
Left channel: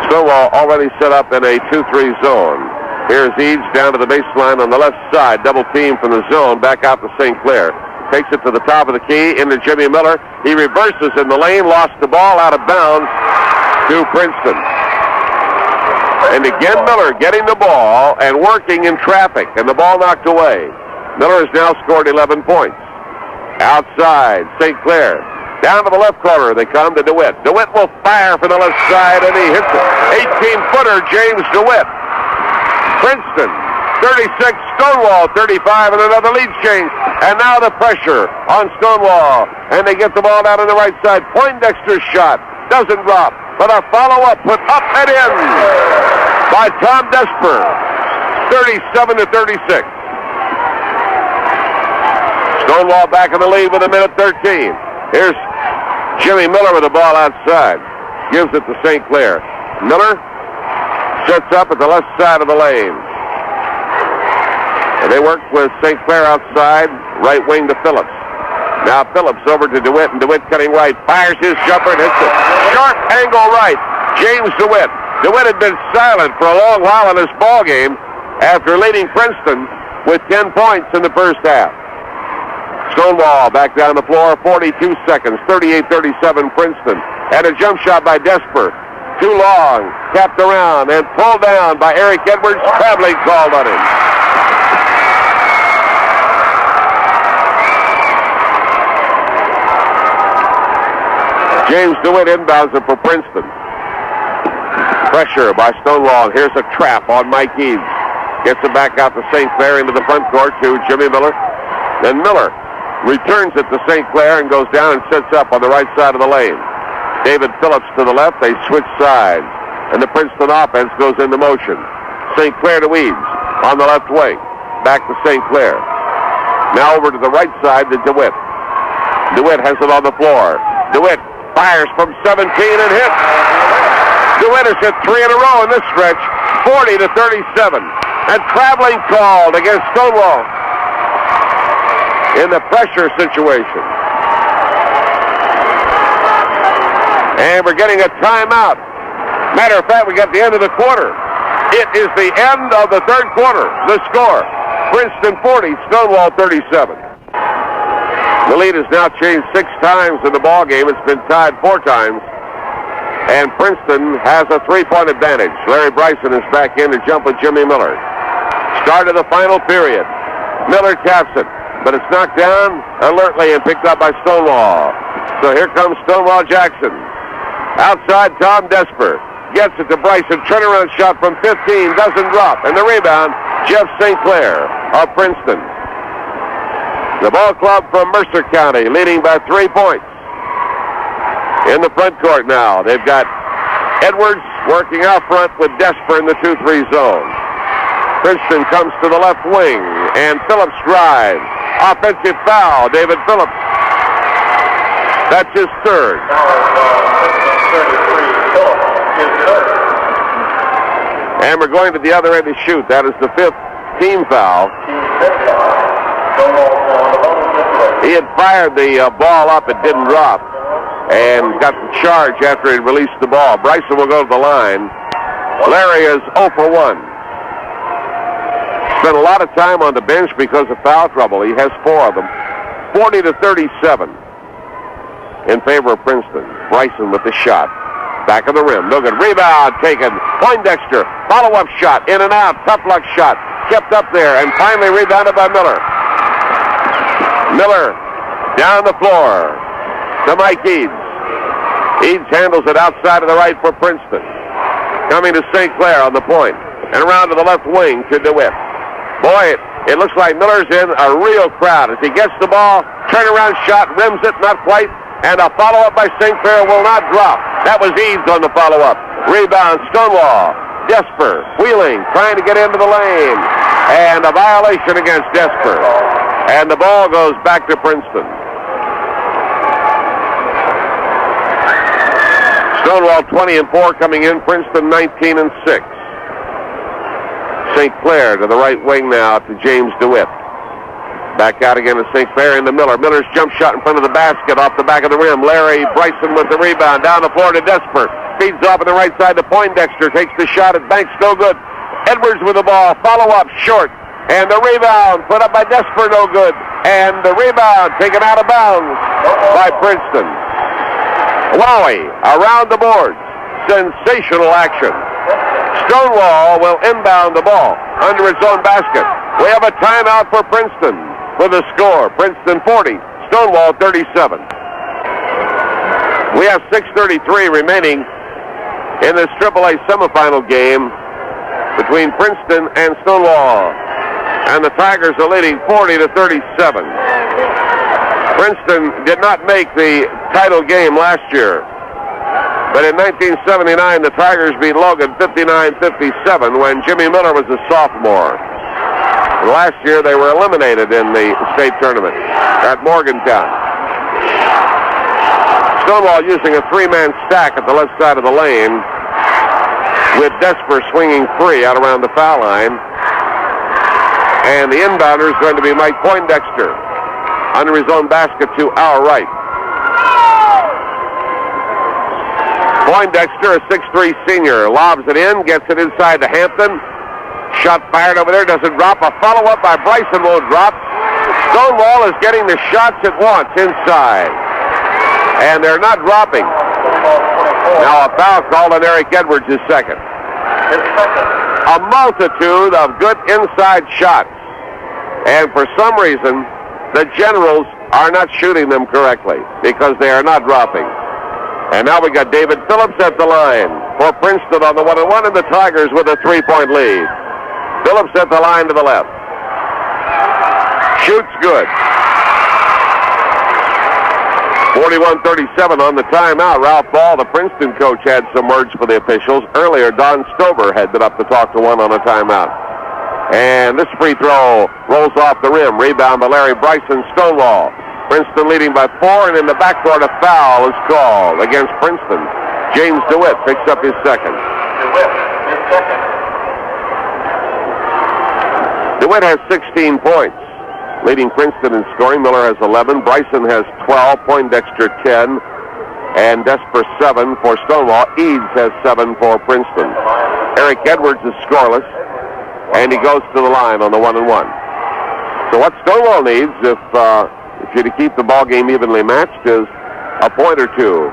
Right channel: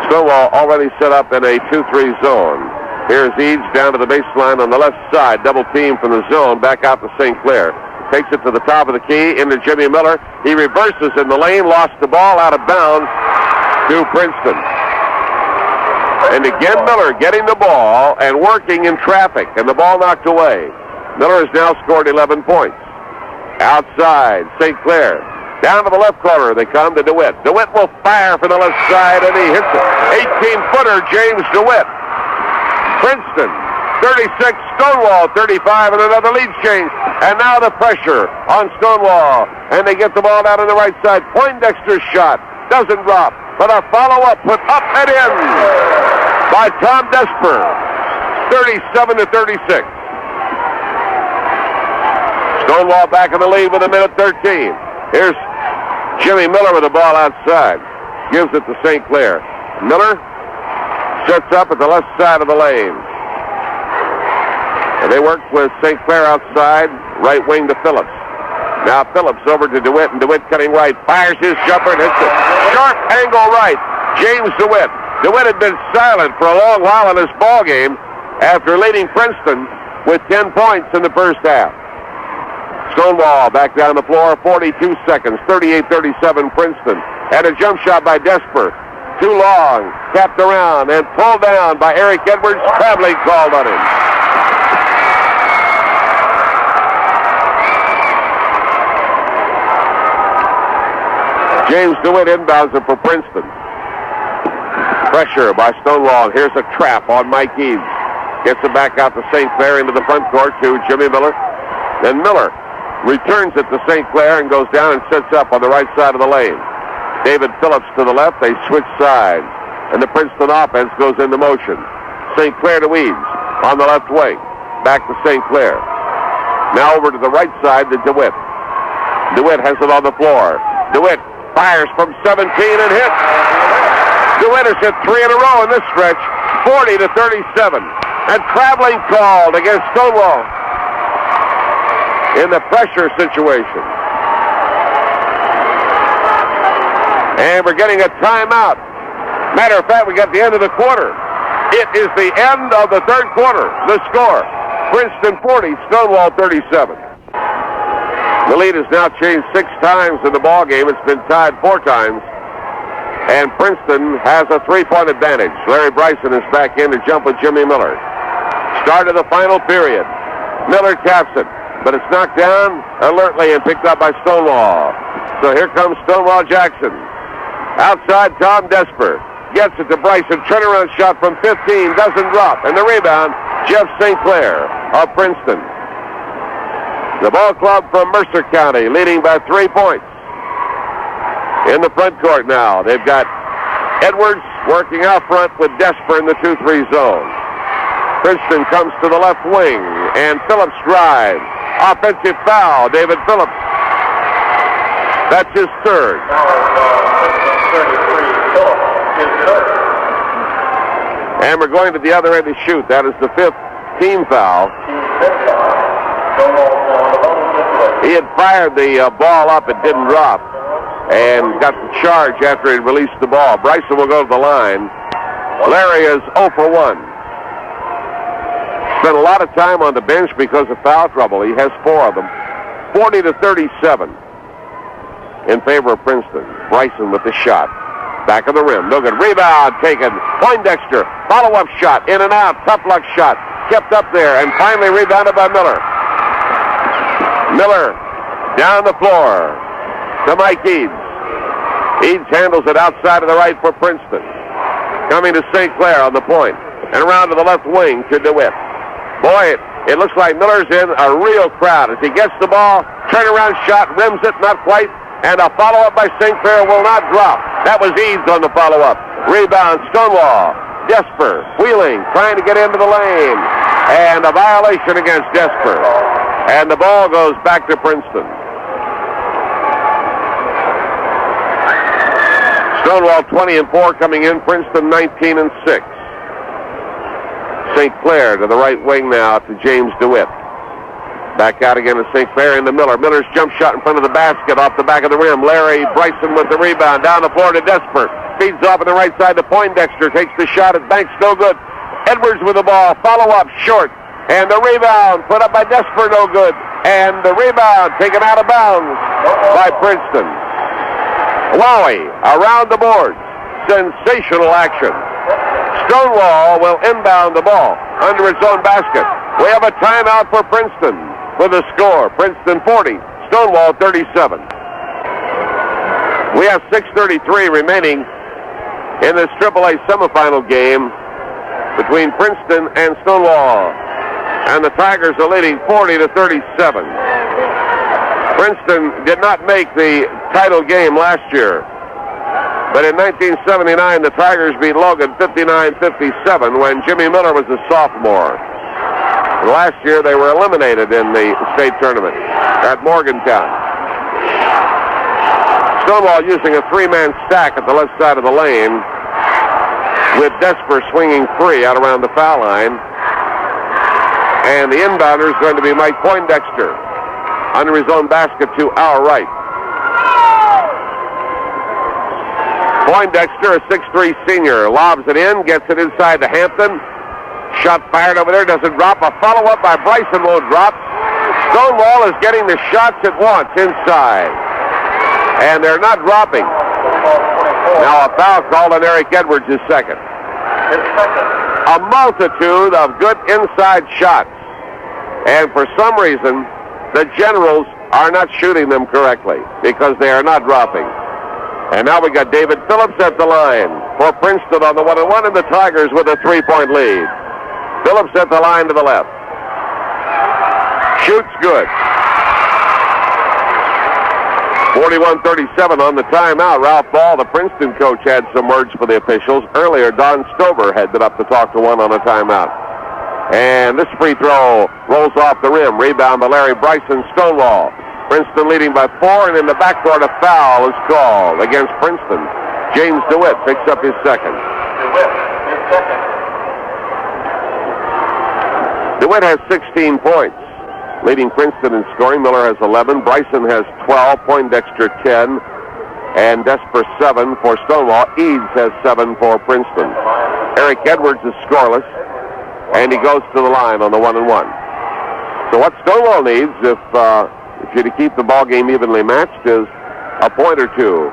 Stonewall already set up in a 2-3 zone. Here's Eads down to the baseline on the left side. Double team from the zone. Back out to St. Clair. Takes it to the top of the key into Jimmy Miller. He reverses in the lane. Lost the ball out of bounds to Princeton. And again, Miller getting the ball and working in traffic. And the ball knocked away. Miller has now scored 11 points. Outside, St. Clair. Down to the left corner, they come to DeWitt. DeWitt will fire from the left side, and he hits it. 18-footer, James DeWitt. Princeton, 36, Stonewall, 35, and another lead change. And now the pressure on Stonewall. And they get the ball down on the right side. Poindexter's shot doesn't drop, but a follow-up put up and in by Tom Desper. 37-36. Stonewall back in the lead with 1:13. Here's Jimmy Miller with the ball outside. Gives it to St. Clair. Miller sets up at the left side of the lane. And they work with St. Clair outside, right wing to Phillips. Now Phillips over to DeWitt, and DeWitt cutting right, fires his jumper and hits it. Sharp angle right, James DeWitt. DeWitt had been silent for a long while in this ball game after leading Princeton with 10 points in the first half. Stonewall back down the floor, 42 seconds, 38-37 Princeton. And a jump shot by Desper. Too long, tapped around and pulled down by Eric Edwards. Traveling called on him. James DeWitt inbounds it for Princeton. Pressure by Stonewall. Here's a trap on Mike Eads. Gets it back out to St. Clair into the front court to Jimmy Miller. Then Miller returns it to St. Clair and goes down and sets up on the right side of the lane. David Phillips to the left. They switch sides. And the Princeton offense goes into motion. St. Clair to Eads on the left wing. Back to St. Clair. Now over to the right side to DeWitt. DeWitt has it on the floor. DeWitt fires from 17 and hits. DeWitt has hit 3 in a row in this stretch, 40-37. And traveling called against Stonewall in the pressure situation. And we're getting a timeout. Matter of fact, we got the end of the quarter. It is the end of the third quarter. The score, Princeton 40, Stonewall 37. The lead has now changed 6 times in the ball game. It's been tied 4 times. And Princeton has a 3-point advantage. Larry Bryson is back in to jump with Jimmy Miller. Start of the final period. Miller taps it, but it's knocked down alertly and picked up by Stonewall. So here comes Stonewall Jackson. Outside, Tom Desper gets it to Bryson. Turnaround shot from 15, doesn't drop. And the rebound, Jeff St. Clair of Princeton. The ball club from Mercer County leading by 3 points. In the front court now, they've got Edwards working out front with Desper in the 2-3 zone. Princeton comes to the left wing, and Phillips drives. Offensive foul, David Phillips. That's his third. And we're going to the other end to shoot. That is the 5th team foul. He had fired the ball up. It didn't drop. And got the charge after he released the ball. Bryson will go to the line. Larry is 0 for 1. Spent a lot of time on the bench because of foul trouble. He has 4 of them. 40-37 in favor of Princeton. Bryson with the shot. Back of the rim. No good. Rebound taken. Poindexter. Follow-up shot. In and out. Tough luck shot. Kept up there. And finally rebounded by Miller. Miller down the floor to Mike Eads. Eads handles it outside of the right for Princeton. Coming to St. Clair on the point. And around to the left wing to DeWitt. Boy, it looks like Miller's in a real crowd. As he gets the ball, turnaround shot, rims it, not quite. And a follow-up by St. Clair will not drop. That was Eads on the follow-up. Rebound, Stonewall. Desper, wheeling, trying to get into the lane. And a violation against Desper. And the ball goes back to Princeton. Stonewall 20-4 coming in. Princeton 19-6. St. Clair to the right wing now to James DeWitt. Back out again to St. Clair into Miller. Miller's jump shot in front of the basket off the back of the rim. Larry Bryson with the rebound. Down the floor to Desper. Feeds off on the right side to Poindexter. Takes the shot at Banks. No good. Edwards with the ball. Follow up short. And the rebound put up by Desper. No good. And the rebound taken out of bounds by Princeton. Wowie around the boards. Sensational action. Stonewall will inbound the ball under its own basket. We have a timeout for Princeton for the score. Princeton 40, Stonewall 37. We have 6:33 remaining in this AAA semifinal game between Princeton and Stonewall. And the Tigers are leading 40-37. Princeton did not make the title game last year. But in 1979, the Tigers beat Logan 59-57 when Jimmy Miller was a sophomore. Last year, they were eliminated in the state tournament at Morgantown. Stonewall using a three-man stack at the left side of the lane, with Desper swinging free out around the foul line. And the inbounder is going to be Mike Poindexter under his own basket to our right. Poindexter, a 6'3 senior, lobs it in, gets it inside to Hampton. Shot fired over there, doesn't drop. A follow-up by Bryson won't drop. Stonewall is getting the shots it wants inside. And they're not dropping. Now a foul called on Eric Edwards, his second. A multitude of good inside shots. And for some reason, the Generals are not shooting them correctly because they are not dropping. And now we got David Phillips at the line for Princeton on the 1-1, and the Tigers with a 3-point lead. Phillips at the line to the left. Shoots good. 41-37 on the timeout. Ralph Ball, the Princeton coach, had some words for the officials. Earlier, Don Stover had been up to talk to one on a timeout. And this free throw rolls off the rim. Rebound by Larry Bryson. Stonewall. Princeton leading by 4, and in the backcourt a foul is called against Princeton. James DeWitt picks up his second. DeWitt has 16 points, leading Princeton in scoring. Miller has 11. Bryson has 12. Poindexter 10. And Desper 7 for Stonewall. Eads has 7 for Princeton. Eric Edwards is scoreless, and he goes to the line on the 1-1. So what Stonewall needs, if you're to keep the ball game evenly matched, is a point or two.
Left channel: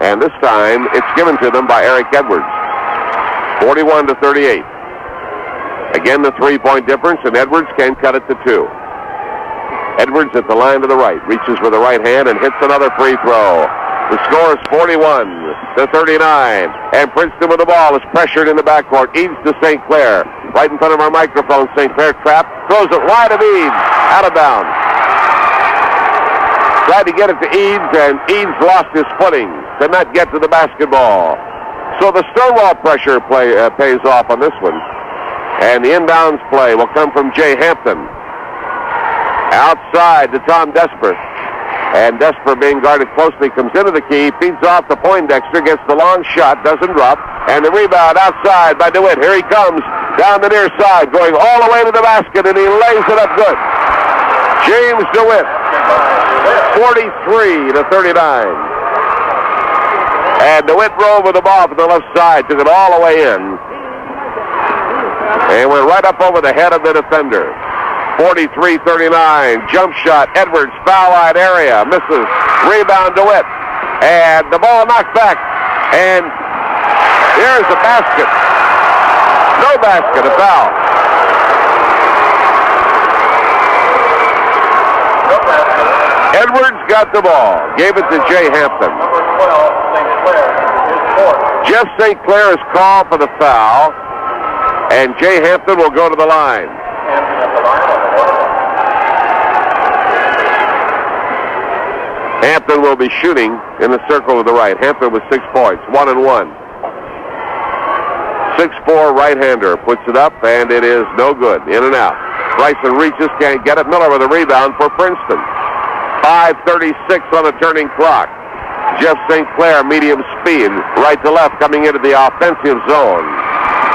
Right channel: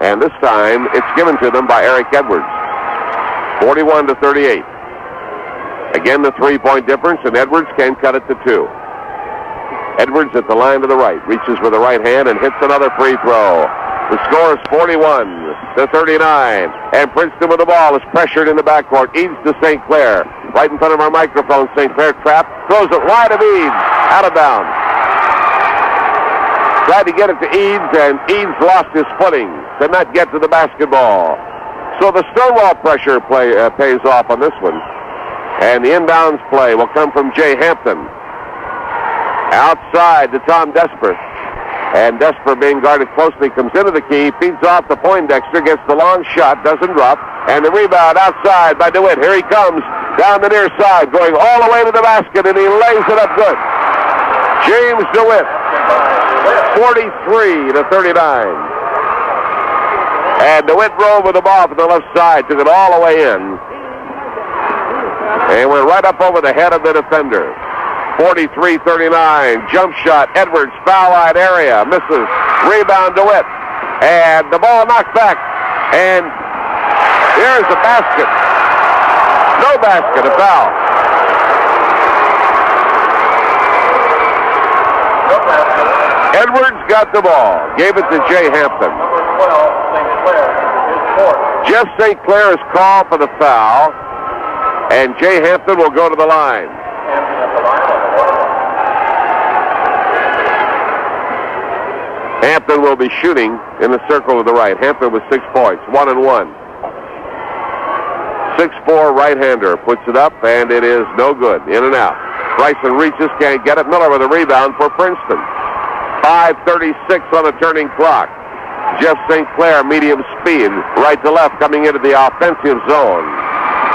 And this time, it's given to them by Eric Edwards. 41-38. Again, the 3-point difference, and Edwards can cut it to 2. Edwards at the line to the right, reaches with the right hand and hits another free throw. The score is 41-39, and Princeton with the ball is pressured in the backcourt. Eads to St. Clair, right in front of our microphone. St. Clair trapped, throws it wide of Eads, out of bounds. Tried to get it to Eads, and Eads lost his footing, did not get to the basketball. So the Stonewall pressure pays off on this one. And the inbounds play will come from Jay Hampton. Outside to Tom Desper. And Desper, being guarded closely, comes into the key, feeds off to Poindexter, gets the long shot, doesn't drop. And the rebound outside by DeWitt. Here he comes down the near side, going all the way to the basket, and he lays it up good. James DeWitt, 43-39. And DeWitt drove with the ball from the left side, took it all the way in, and went right up over the head of the defender. 43-39, jump shot, Edwards, foul line area, misses, rebound DeWitt, and the ball knocked back, and here's the basket. No basket, a foul. Edwards got the ball, gave it to Jay Hampton. Jeff St. Clair is called for the foul, and Jay Hampton will go to the line. Hampton will be shooting in the circle to the right. Hampton with 6 points, 1-1. 6'4" right-hander puts it up, and it is no good. In and out. Bryson reaches, can't get it. Miller with a rebound for Princeton. 5:36 on the turning clock. Jeff St. Clair, medium speed, right to left, coming into the offensive zone.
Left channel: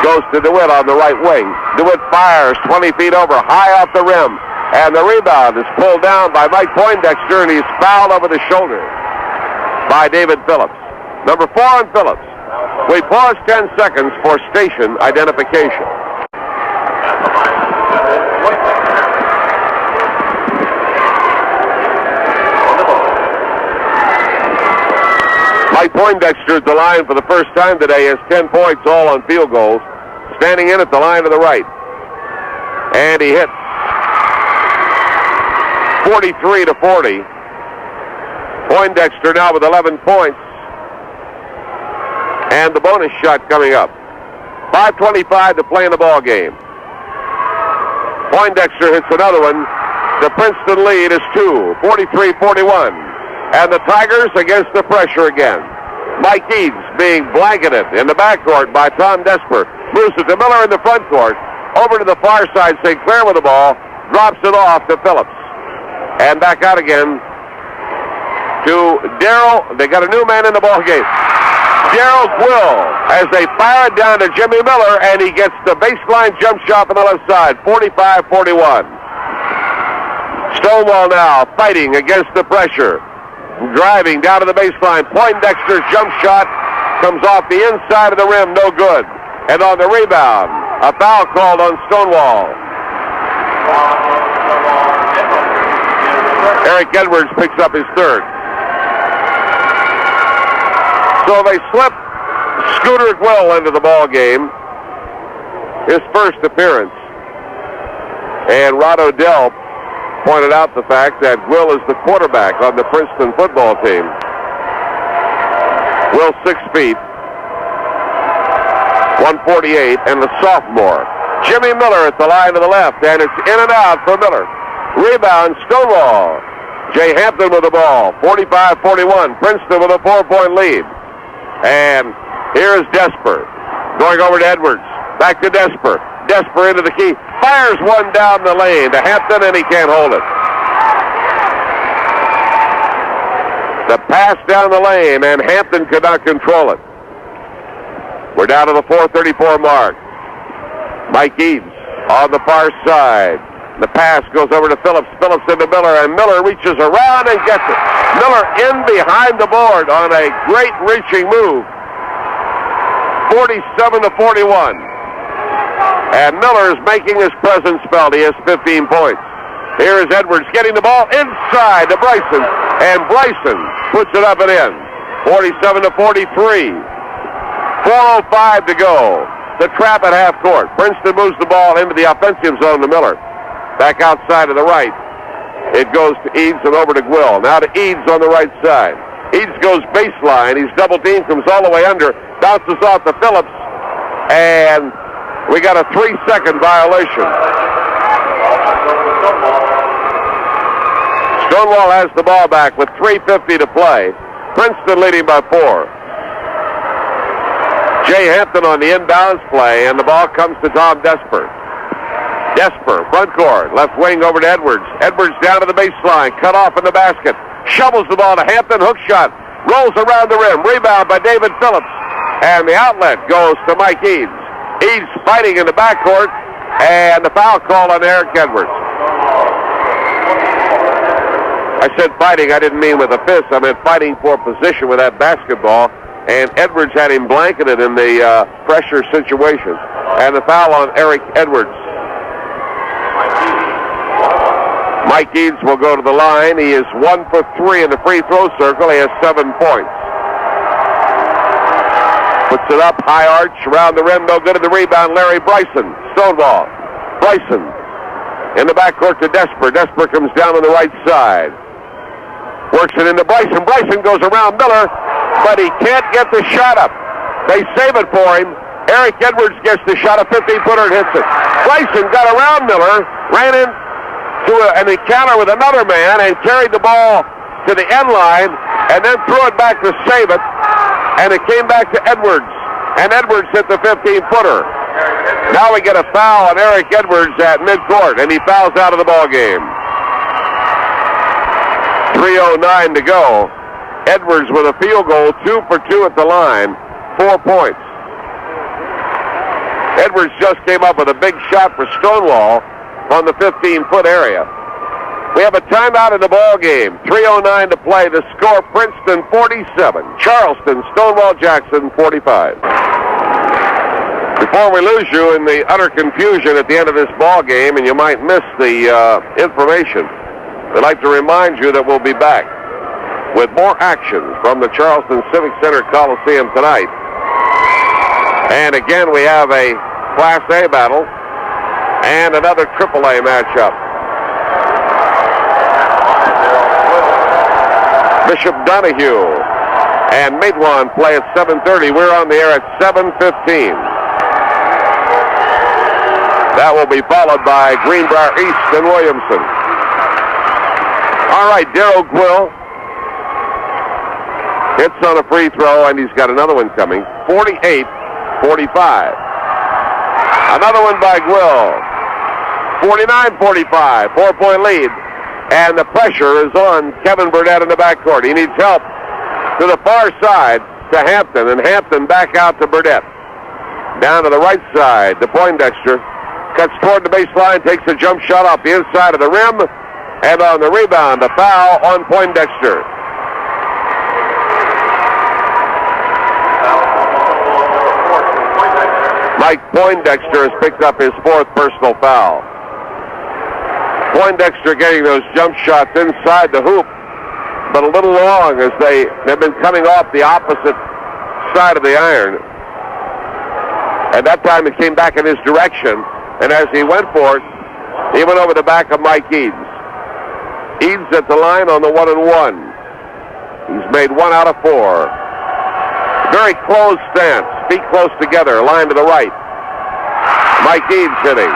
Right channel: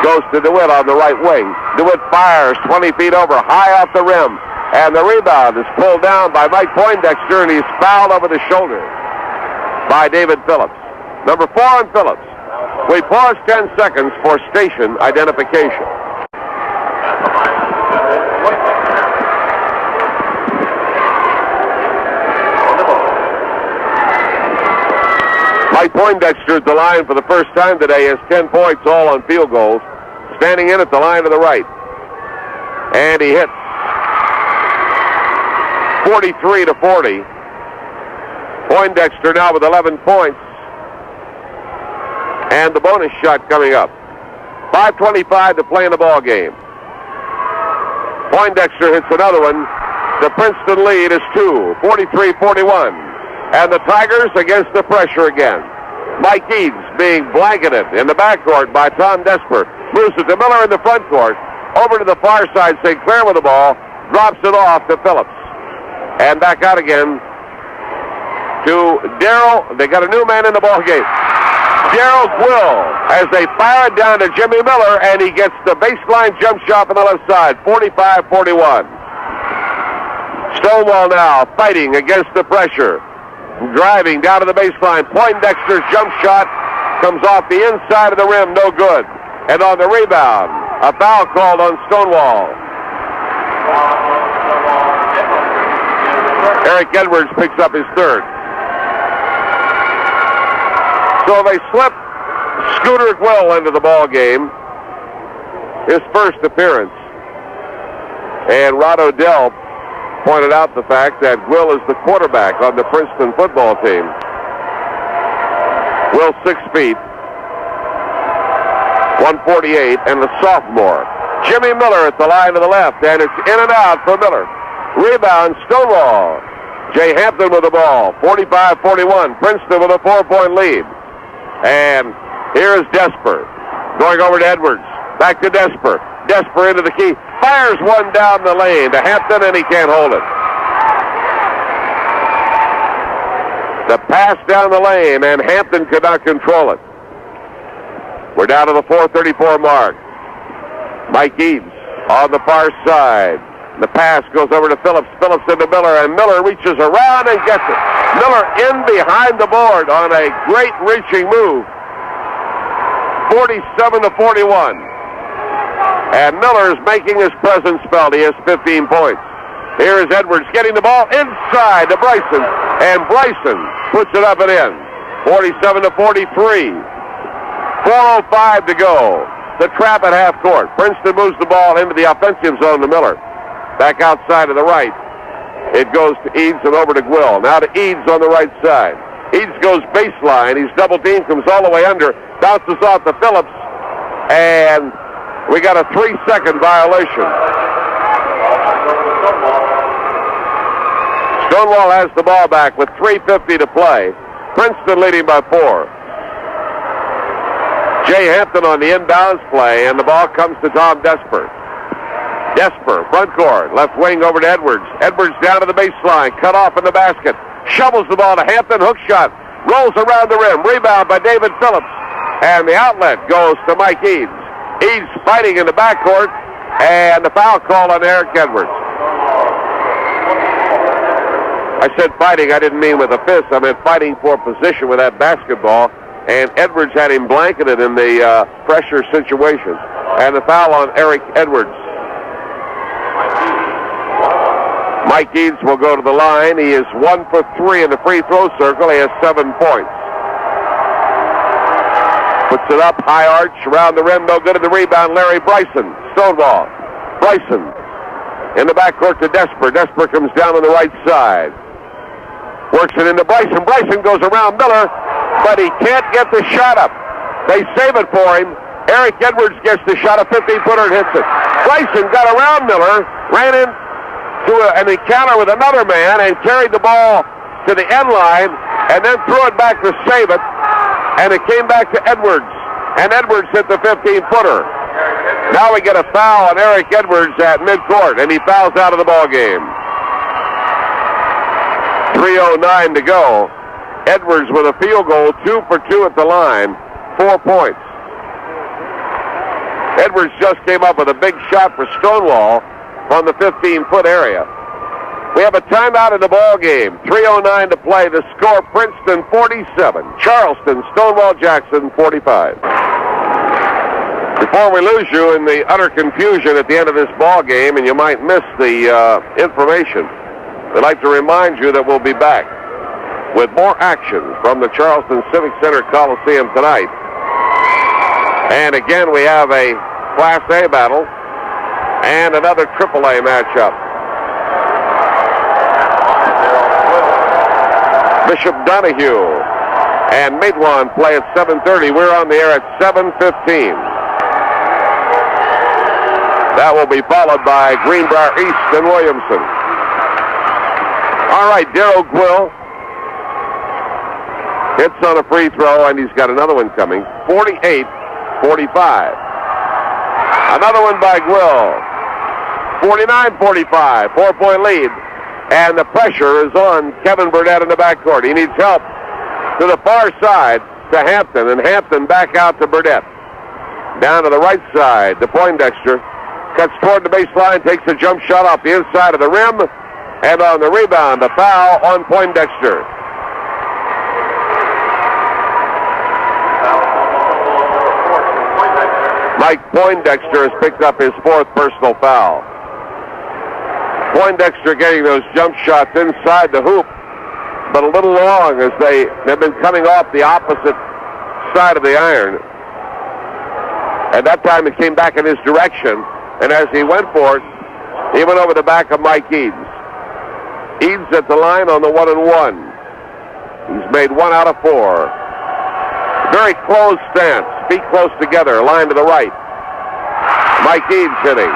Goes to DeWitt on the right wing. DeWitt fires 20 feet over, high off the rim. And the rebound is pulled down by Mike Poindexter, and he's fouled over the shoulder by David Phillips. Number 4 on Phillips. We pause 10 seconds for station identification. Mike Poindexter at the line for the first time today has 10 points, all on field goals. Standing in at the line to the right. And he hits 43-40. Poindexter now with 11 points. And the bonus shot coming up. 5:25 to play in the ball game. Poindexter hits another one. The Princeton lead is 2, 43-41. And the Tigers against the pressure again. Mike Eads being blanketed in the backcourt by Tom Desper. Moves it to Miller in the front court. Over to the far side, St. Clair with the ball. Drops it off to Phillips. And back out again to Darrell. They got a new man in the ball game. Darrell Quill, as they fire it down to Jimmy Miller, and he gets the baseline jump shot on the left side, 45-41. Stonewall now fighting against the pressure. Driving down to the baseline. Poindexter's jump shot comes off the inside of the rim, no good. And on the rebound, a foul called on Stonewall. Eric Edwards picks up his third. So they slip Scooter Quill into the ball game. His first appearance. And Rod Odell pointed out the fact that Will is the quarterback on the Princeton football team. Will 6 feet, 148, and the sophomore. Jimmy Miller at the line to the left, and it's in and out for Miller. Rebound, Stonewall. Jay Hampton with the ball, 45-41. Princeton with a 4-point lead. And here's Desper going over to Edwards. Back to Desper. Desper into the key. Fires one down the lane to Hampton, and he can't hold it. The pass down the lane, and Hampton could not control it. We're down to the 4:34 mark. Mike Eads on the far side. The pass goes over to Phillips. Phillips into Miller, and Miller reaches around and gets it. Miller in behind the board on a great reaching move. 47-41. And Miller is making his presence felt. He has 15 points. Here is Edwards getting the ball inside to Bryson, and Bryson puts it up and in. 47-43. 4:05 to go. The trap at half court. Princeton moves the ball into the offensive zone to Miller. Back outside to the right. It goes to Eads and over to Quill. Now to Eads on the right side. Eads goes baseline. He's double teamed, comes all the way under, bounces off to Phillips, and we got a 3-second violation. Stonewall has the ball back with 3:50 to play. Princeton leading by 4. Jay Hampton on the inbounds play, and the ball comes to Tom Desper. Desper, front court, left wing over to Edwards. Edwards down to the baseline, cut off in the basket. Shovels the ball to Hampton, hook shot. Rolls around the rim, rebound by David Phillips. And the outlet goes to Mike Eads. Eads fighting in the backcourt, and the foul call on Eric Edwards. I said fighting, I didn't mean with a fist. I meant fighting for position with that basketball. And Edwards had him blanketed in the pressure situation. And the foul on Eric Edwards. Mike Eads will go to the line. He is 1 for 3 in the free throw circle. He has 7 points. Puts it up, high arch, around the rim, no good at the rebound. Larry Bryson, Stonewall. Bryson in the backcourt to Desper. Desper comes down on the right side. Works it into Bryson. Bryson goes around Miller, but he can't get the shot up. They save it for him. Eric Edwards gets the shot, a 15-footer, and hits it. Bryson got around Miller, ran in to an encounter with another man, and carried the ball to the end line, and then threw it back to save it, and it came back to Edwards, and Edwards hit the 15-footer. Now we get a foul on Eric Edwards at midcourt, and he fouls out of the ball game. 3:09 to go. Edwards with a field goal, 2 for 2 at the line, 4 points. Edwards just came up with a big shot for Stonewall on the 15-foot area. We have a timeout in the ball game. 3:09 to play. The score: Princeton 47, Charleston, Stonewall Jackson 45. Before we lose you in the utter confusion at the end of this ball game, and you might miss the information, we'd like to remind you that we'll be back with more action from the Charleston Civic Center Coliseum tonight. And again, we have a Class A battle and another AAA matchup. Bishop Donahue and Matewan play at 7:30. We're on the air at 7:15. That will be followed by Greenbrier East and Williamson. All right, Darrell Quill hits on a free throw, and he's got another one coming. 48-45. Another one by Gwill. 49-45, 4-point lead. And the pressure is on Kevin Burnett in the backcourt. He needs help to the far side to Hampton, and Hampton back out to Burnett. Down to the right side to Poindexter. Cuts toward the baseline, takes a jump shot off the inside of the rim, and on the rebound, a foul on Poindexter. Mike Poindexter has picked up his 4th personal foul. Poindexter getting those jump shots inside the hoop, but a little long as they have been coming off the opposite side of the iron. At that time, it came back in his direction, and as he went for it, he went over the back of Mike Eads. Eads at the line on the 1-and-1. He's made 1 out of 4. Very close stance, feet close together, line to the right. Mike Eads hitting.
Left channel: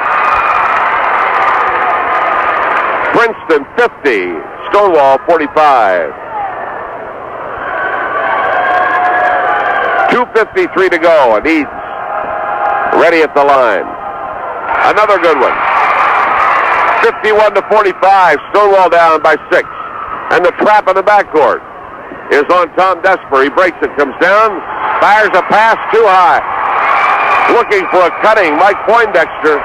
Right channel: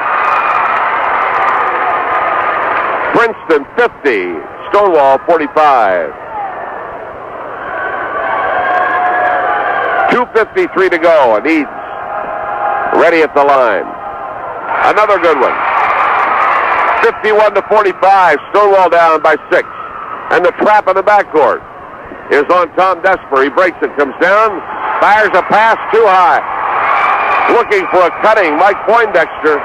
Princeton 50, Stonewall 45. 2:53 to go, and Eads ready at the line. Another good one. 51-45, Stonewall down by 6. And the trap in the backcourt is on Tom Desper. He breaks it, comes down, fires a pass too high. Looking for a cutting Mike Poindexter.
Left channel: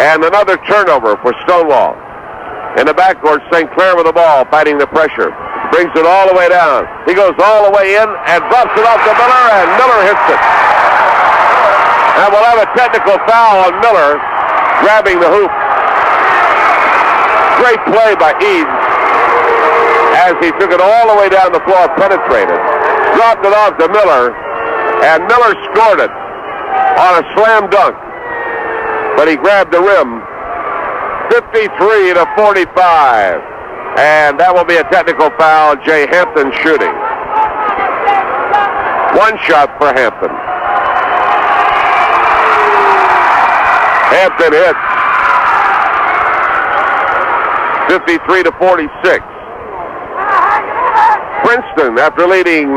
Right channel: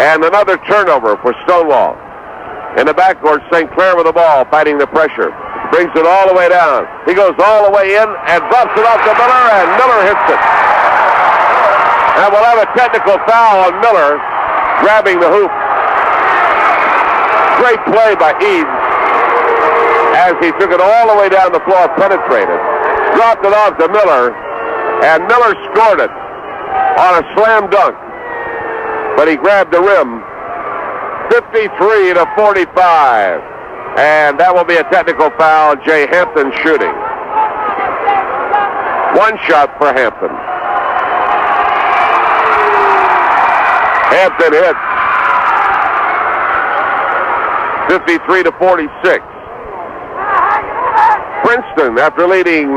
And another turnover for Stonewall. In the backcourt, St. Clair with the ball, fighting the pressure. Brings it all the way down. He goes all the way in and drops it off to Miller, and Miller hits it. And we'll have a technical foul on Miller, grabbing the hoop. Great play by Eads as he took it all the way down the floor, penetrated, dropped it off to Miller, and Miller scored it on a slam dunk. But he grabbed the rim. 53-45. And that will be a technical foul. Jay Hampton shooting. 1 shot for Hampton. Hampton hits. 53-46. Princeton, after leading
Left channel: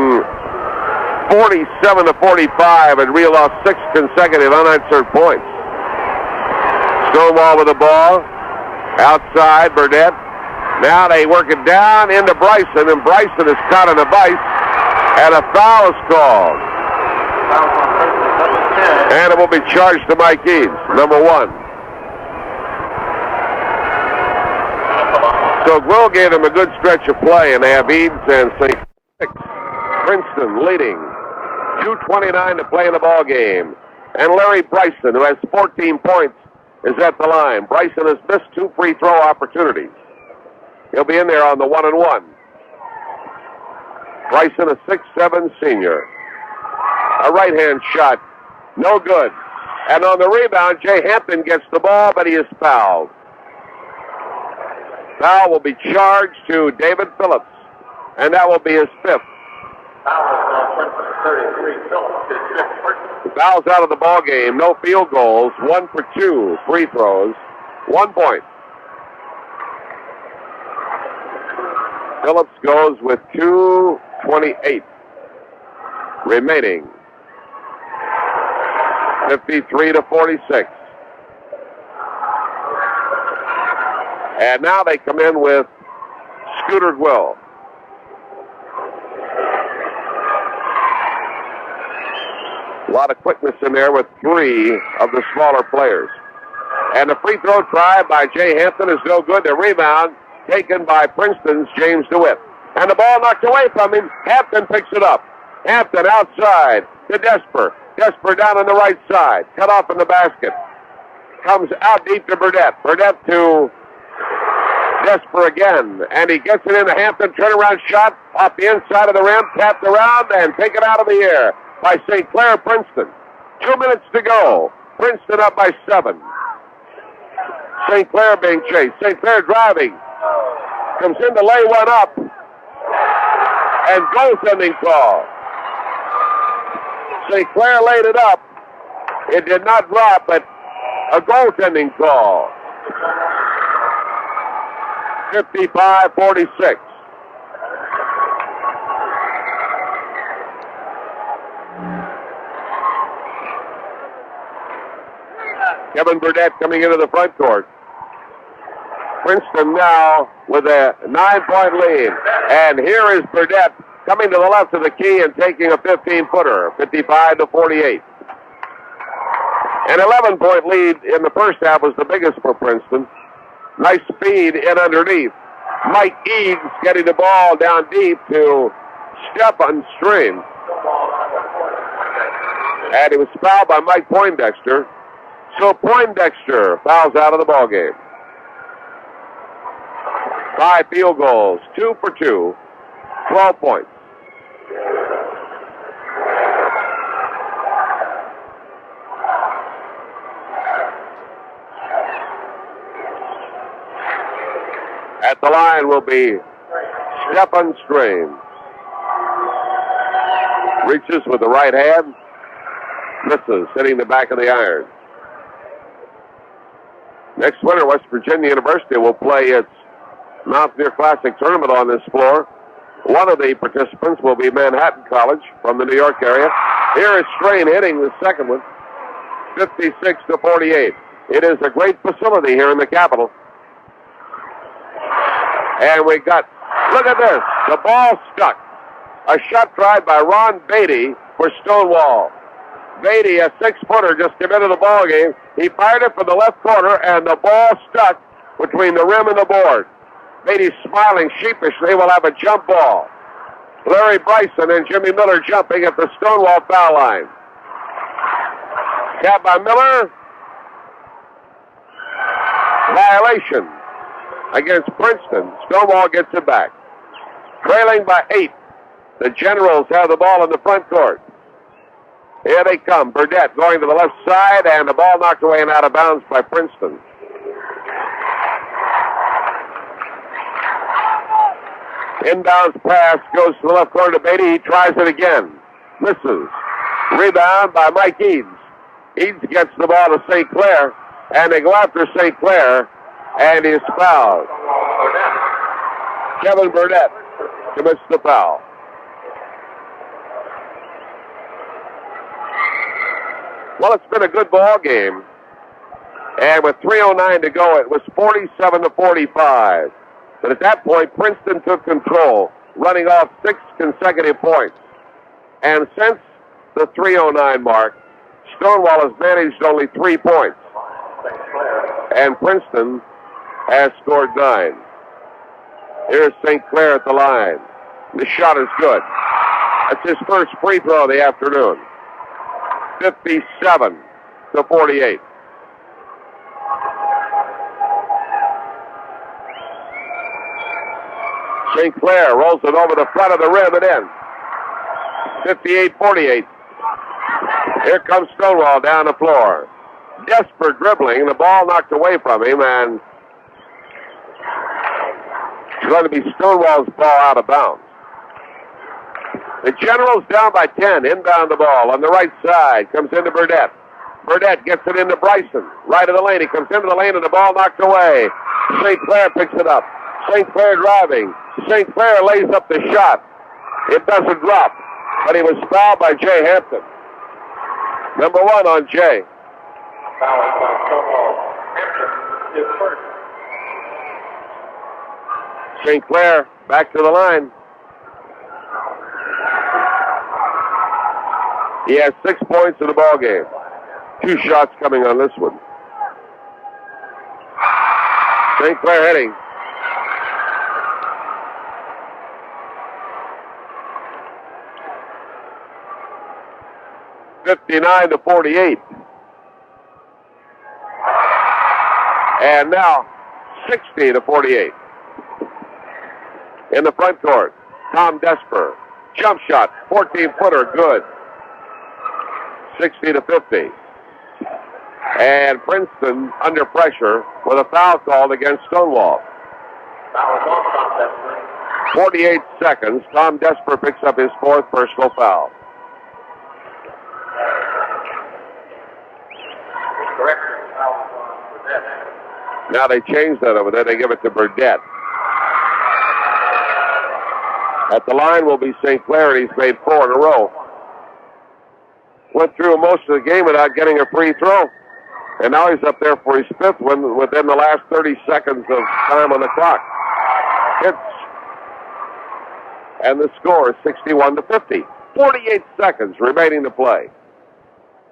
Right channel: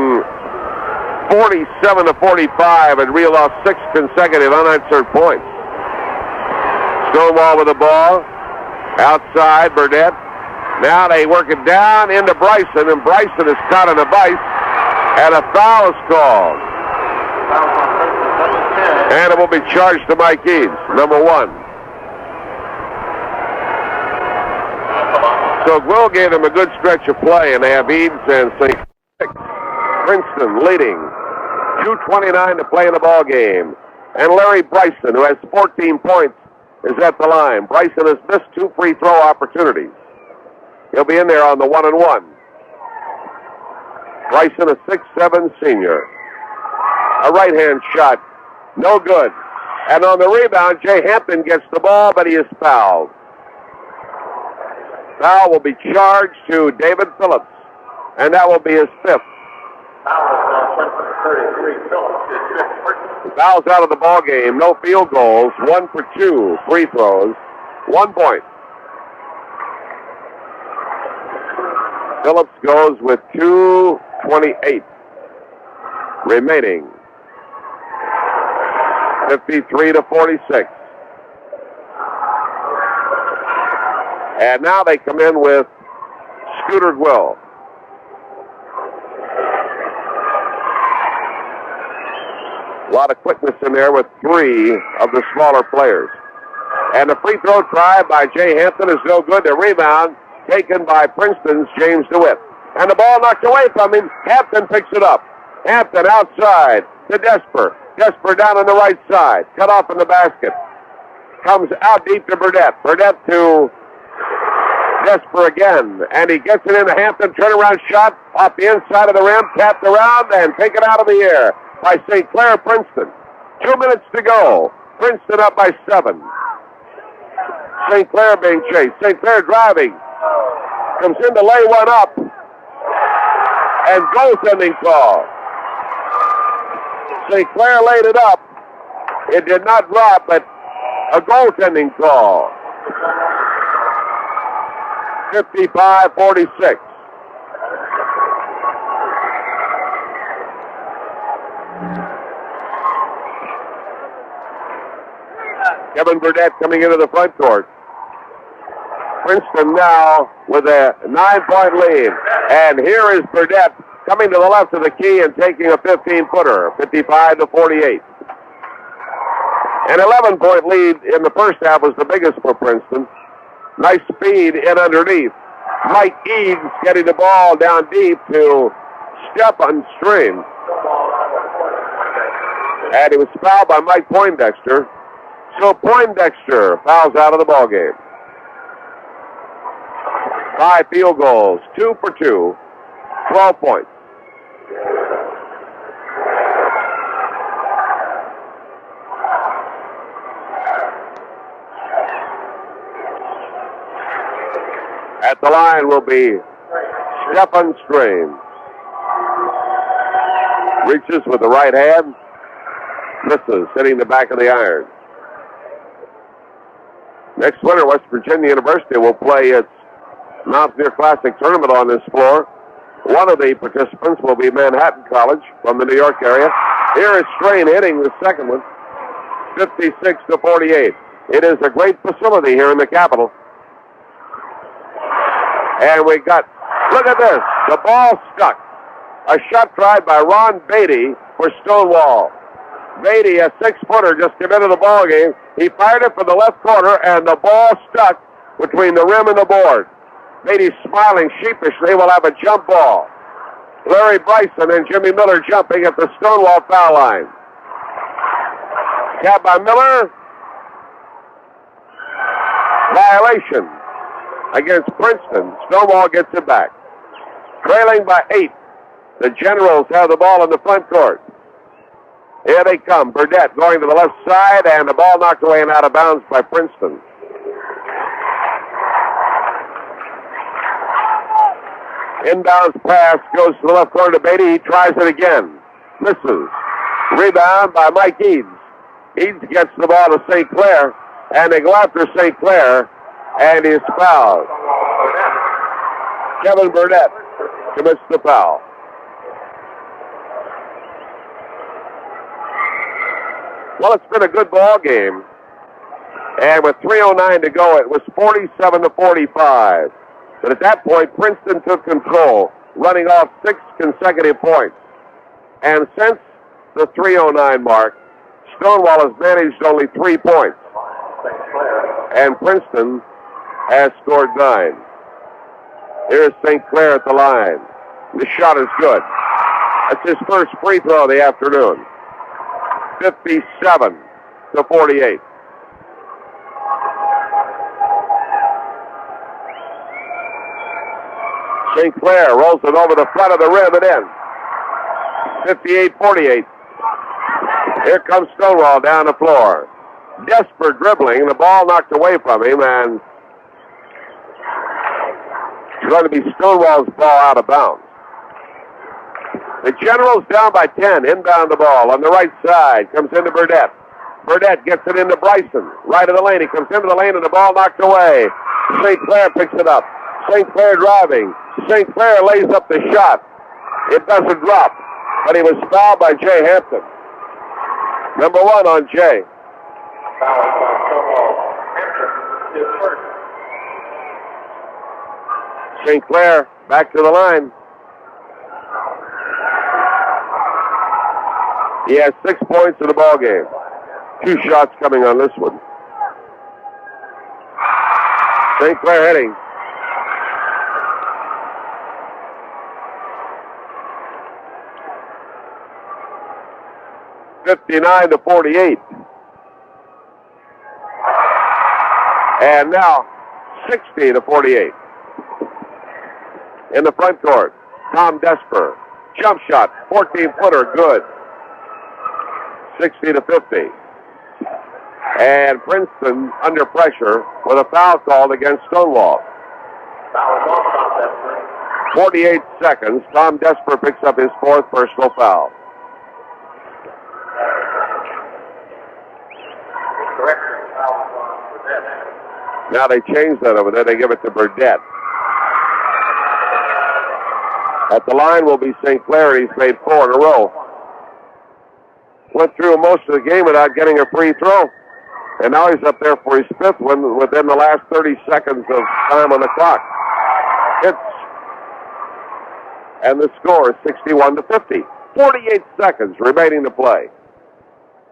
47-45, had reeled off 6 consecutive unanswered points. Stonewall with the ball. Outside, Burnett. Now they work it down into Bryson, and Bryson is caught in a vice, and a foul is called. And it will be charged to Mike Eads, number 1. So Gwill gave them a good stretch of play, and they have Eads and St. Princeton leading. 2:29 to play in the ball game. And Larry Bryson, who has 14 points, is at the line. Bryson has missed 2 free throw opportunities. He'll be in there on the 1-and-1. Bryson, a 6'7" senior. A right-hand shot. No good. And on the rebound, Jay Hampton gets the ball, but he is fouled. Foul will be charged to David Phillips, and that will be his 5th. The foul's out of the ball game. No field goals. 1 for 2 free throws. 1 point. Phillips goes with 2:28 remaining. 53-46. And now they come in with Scooter Gwill. A lot of quickness in there with 3 of the smaller players. And the free throw try by Jay Hampton is no good. The rebound taken by Princeton's James DeWitt. And the ball knocked away from him. Hampton picks it up. Hampton outside to Desper. Desper down on the right side. Cut off in the basket. Comes out deep to Burnett. Burnett to Desper again. And he gets it into Hampton. Turnaround shot off the inside of the rim. Tapped around and taken out of the air by St. Clair Princeton. 2 minutes to go. Princeton up by 7. St. Clair being chased. St. Clair driving. Comes in to lay one up. And goaltending call. St. Clair laid it up. It did not drop, but a goaltending call. 55-46. Kevin Burdett coming into the front court. Princeton now with a 9-point lead. And here is Burdett coming to the left of the key and taking a 15-footer, 55-48. An 11-point lead in the first half was the biggest for Princeton. Nice speed in underneath. Mike Eads getting the ball down deep to Stephen Stream. And he was fouled by Mike Poindexter. So Poindexter fouls out of the ball game. 5 field goals, 2 for 2, 12 points. At the line will be Stephen Stream. Reaches with the right hand. Misses, hitting the back of the iron. Next winter, West Virginia University will play its Mountaineer Classic tournament on this floor. One of the participants will be Manhattan College from the New York area. Here is Strain hitting the second one, 56-48. It is a great facility here in the capital. And we got, look at this, the ball stuck. A shot tried by Ron Beatty for Stonewall. Beatty, a 6-footer, just came into the ball game. He fired it from the left corner, and the ball stuck between the rim and the board. Beatty smiling sheepishly will have a jump ball. Larry Bryson and Jimmy Miller jumping at the Stonewall foul line. Tap by Miller. Violation against Princeton. Stonewall gets it back. Trailing by 8. The Generals have the ball in the front court. Here they come. Burdett going to the left side, and the ball knocked away and out of bounds by Princeton. Inbounds pass goes to the left corner to Beatty. He tries it again. Misses. Rebound by Mike Eads. Eads gets the ball to St. Clair, and they go after St. Clair, and he's fouled. Kevin Burdett commits the foul. Well, it's been a good ball game. And with 3:09 to go, it was 47-45. But at that point, Princeton took control, running off 6 consecutive points. And since the 3:09 mark, Stonewall has managed only 3 points. And Princeton has scored 9. Here's St. Clair at the line. The shot is good. It's his first free throw of the afternoon. 57-48. St. Clair rolls it over the front of the rim and in. 58-48. Here comes Stonewall down the floor. Desperate dribbling, the ball knocked away from him, and it's going to be Stonewall's ball out of bounds. The Generals down by 10, inbound the ball on the right side, comes into Burdett. Burdett gets it into Bryson, right of the lane. He comes into the lane and the ball knocked away. St. Clair picks it up. St. Clair driving. St. Clair lays up the shot. It doesn't drop, but he was fouled by Jay Hampton. Number 1 on Jay. St. Clair back to the line. He has 6 points in the ball game. 2 shots coming on this one. St. Clair heading. (59-48). And now 60-48. In the front court, Tom Desper. Jump shot, 14-footer, good. 60-50. And Princeton under pressure with a foul called against Stonewall. 48 seconds. Tom Desper picks up his 4th personal foul. Now they changed that over there. They give it to Burdett. At the line will be St. Clair, and he's made 4 in a row. Went through most of the game without getting a free throw. And now he's up there for his fifth one within the last 30 seconds of time on the clock. Hits. And the score is 61-50. 48 seconds remaining to play.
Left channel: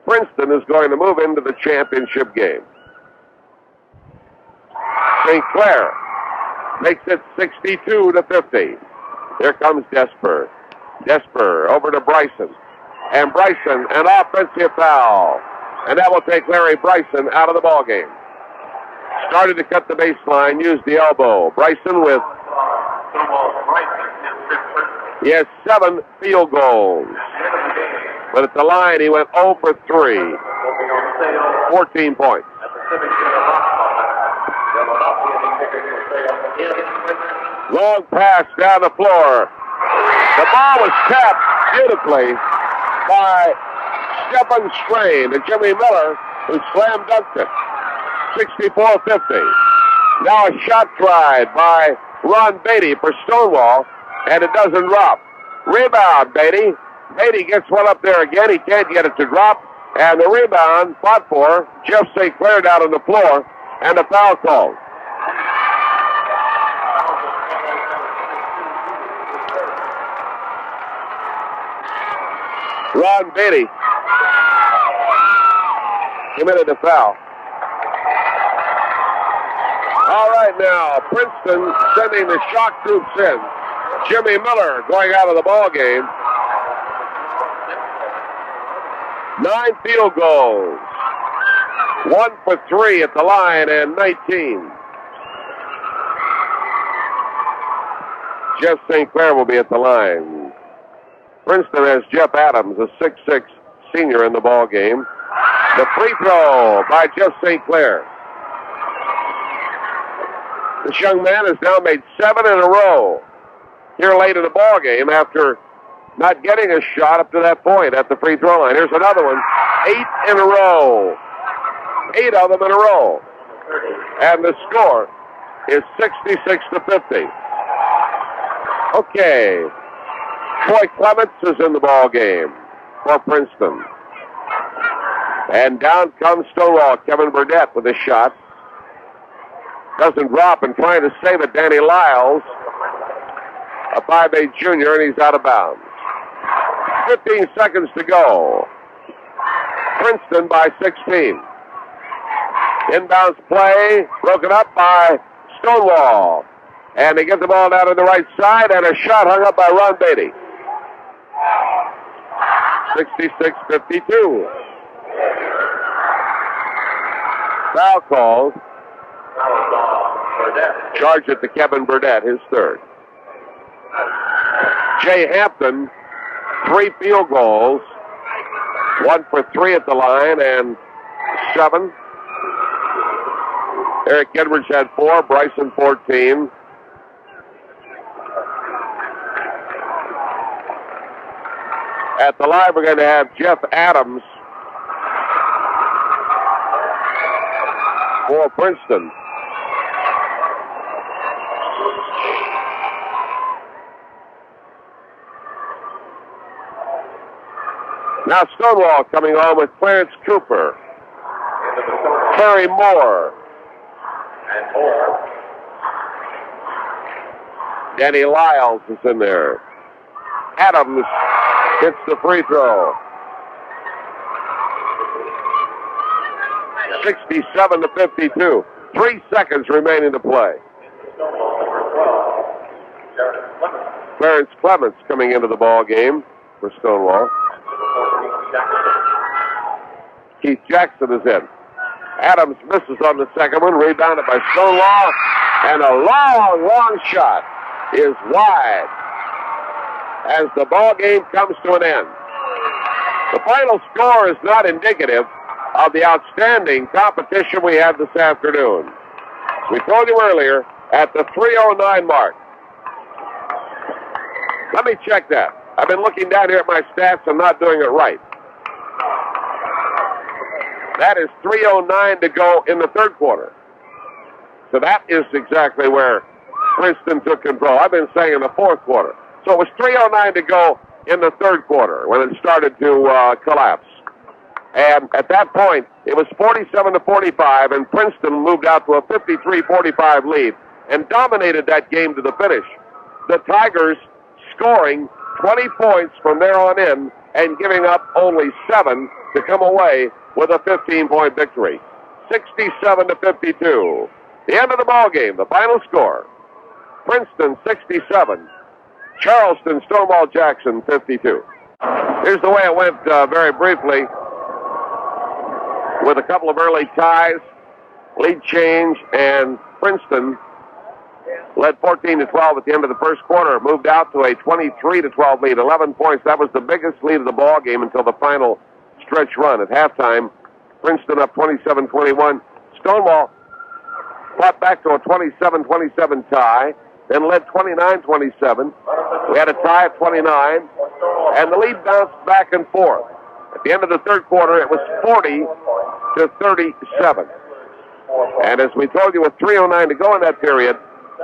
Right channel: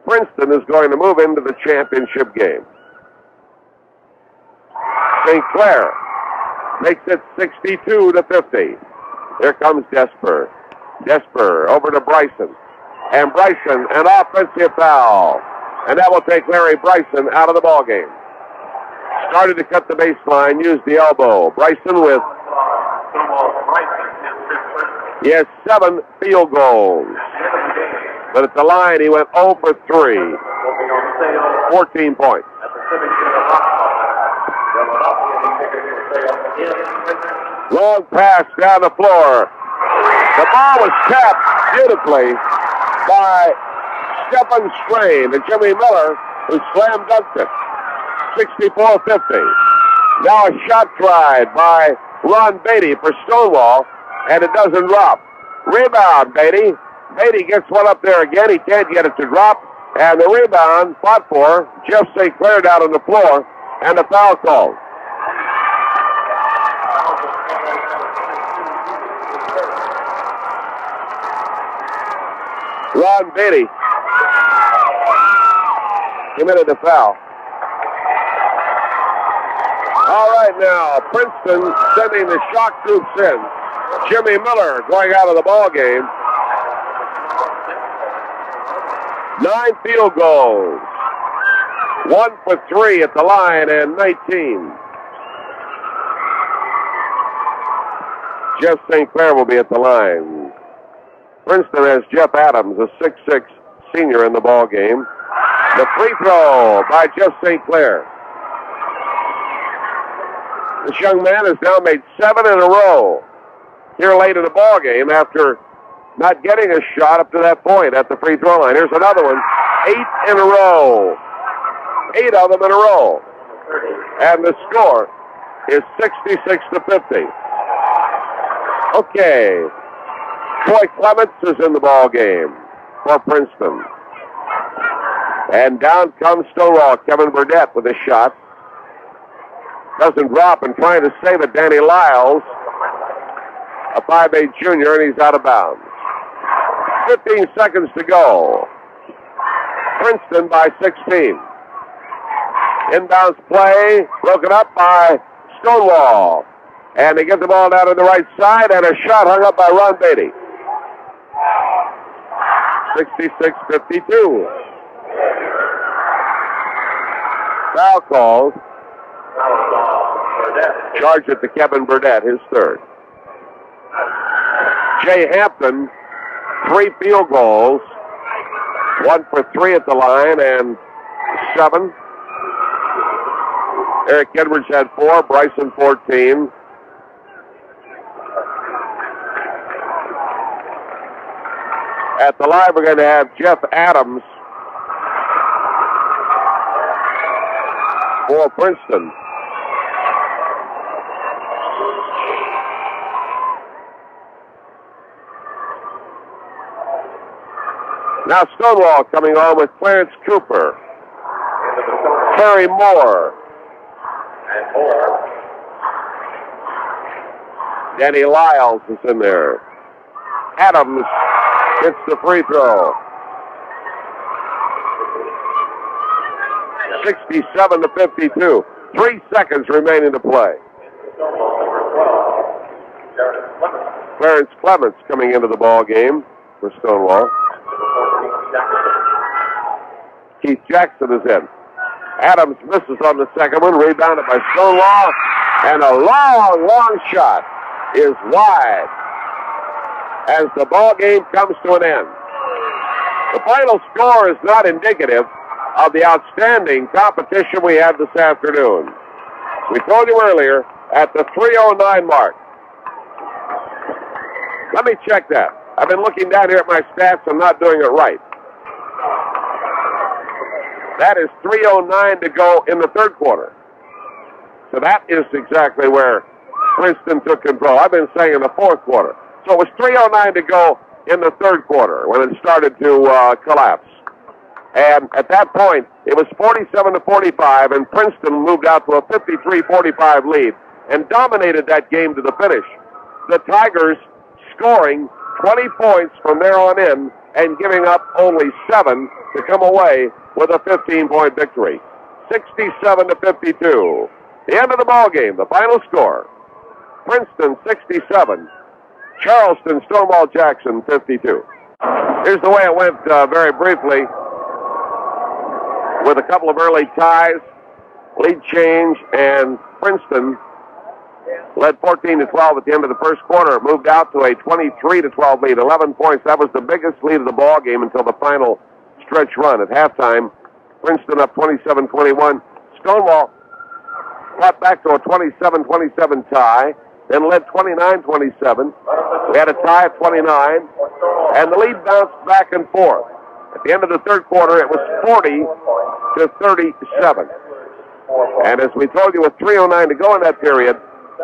Princeton is going to move into the championship game. St. Clair makes it 62-50. Here comes Desper. Desper over to Bryson. And Bryson, an offensive foul. And that will take Larry Bryson out of the ballgame. Started to cut the baseline, used the elbow. Bryson with... He has 7 field goals. But at the line, he went 0 for 3. 14 points. Long pass down the floor. The ball was tapped beautifully by Stephen Strain and Jimmy Miller, who slam dunked it. 64-50. Now a shot tried by Ron Beatty for Stonewall, and it doesn't drop. Rebound, Beatty. Beatty gets one up there again. He can't get it to drop. And the rebound fought for Jeff St. Clair down on the floor, and a foul call. Ron Beatty committed a foul. All right, now, Princeton sending the shock troops in. Jimmy Miller going out of the ball game. 9 field goals. 1 for 3 at the line and 19. Jeff St. Clair will be at the line. Princeton has Jeff Adams, a 6'6" senior, in the ball game. The free throw by Jeff St. Clair. This young man has now made 7 in a row here late in the ball game after not getting a shot up to that point at the free throw line. Here's another one. 8 in a row. 8 of them in a row. And the score is 66-50. Okay. Troy Clements is in the ball game for Princeton. And down comes Stonewall. Kevin Burdett with a shot. Doesn't drop, and trying to save it, Danny Lyles, a 5'8" junior, and he's out of bounds. 15 seconds to go. Princeton by 16. Inbounds play, broken up by Stonewall. And they get the ball down to the right side, and a shot hung up by Ron Beatty. 66-52. Foul calls. Charge it to Kevin Burdett, his third. Jay Hampton, 3 field goals. 1 for 3 at the line and 7. Eric Edwards had 4, Bryson 14. At the line, we're going to have Jeff Adams for Princeton. Now Stonewall coming on with Clarence Cooper, Terry Moore, Danny Lyles is in there. Adams hits the free throw. 67-52. 3 seconds remaining to play. Clarence Clements coming into the ball game for Stonewall. Keith Jackson is in. Adams misses on the second one, rebounded by Stonewall, and a long shot is wide as the ball game comes to an end. The final score is not indicative of the outstanding competition we had this afternoon. We told you earlier at the 3:09 mark. Let me check that. I've been looking down here at my stats. I'm not doing it right. That is 3:09 to go in the third quarter. So that is exactly where Princeton took control. I've been saying in the fourth quarter. So it was 3:09 to go in the third quarter when it started to collapse. And at that point, It was 47-45, and Princeton moved out to a 53-45 lead and dominated that game to the finish. The Tigers scoring 20 points from there on in and giving up only 7 to come away with a 15-point victory. 67-52. The end of the ball game, the final score. Princeton 67, Charleston Stonewall Jackson 52. Here's the way it went very briefly, with a couple of early ties, lead change, and Princeton led 14-12 at the end of the first quarter. Moved out to a 23-12 lead, 11 points. That was the biggest lead of the ball game until the final stretch run. At halftime, Princeton up 27-21. Stonewall fought back to a 27-27 tie, then led 29-27. We had a tie at 29, and the lead bounced back and forth. At the end of the third quarter, it was 40-37. And as we told you, with 3:09 to go in that period,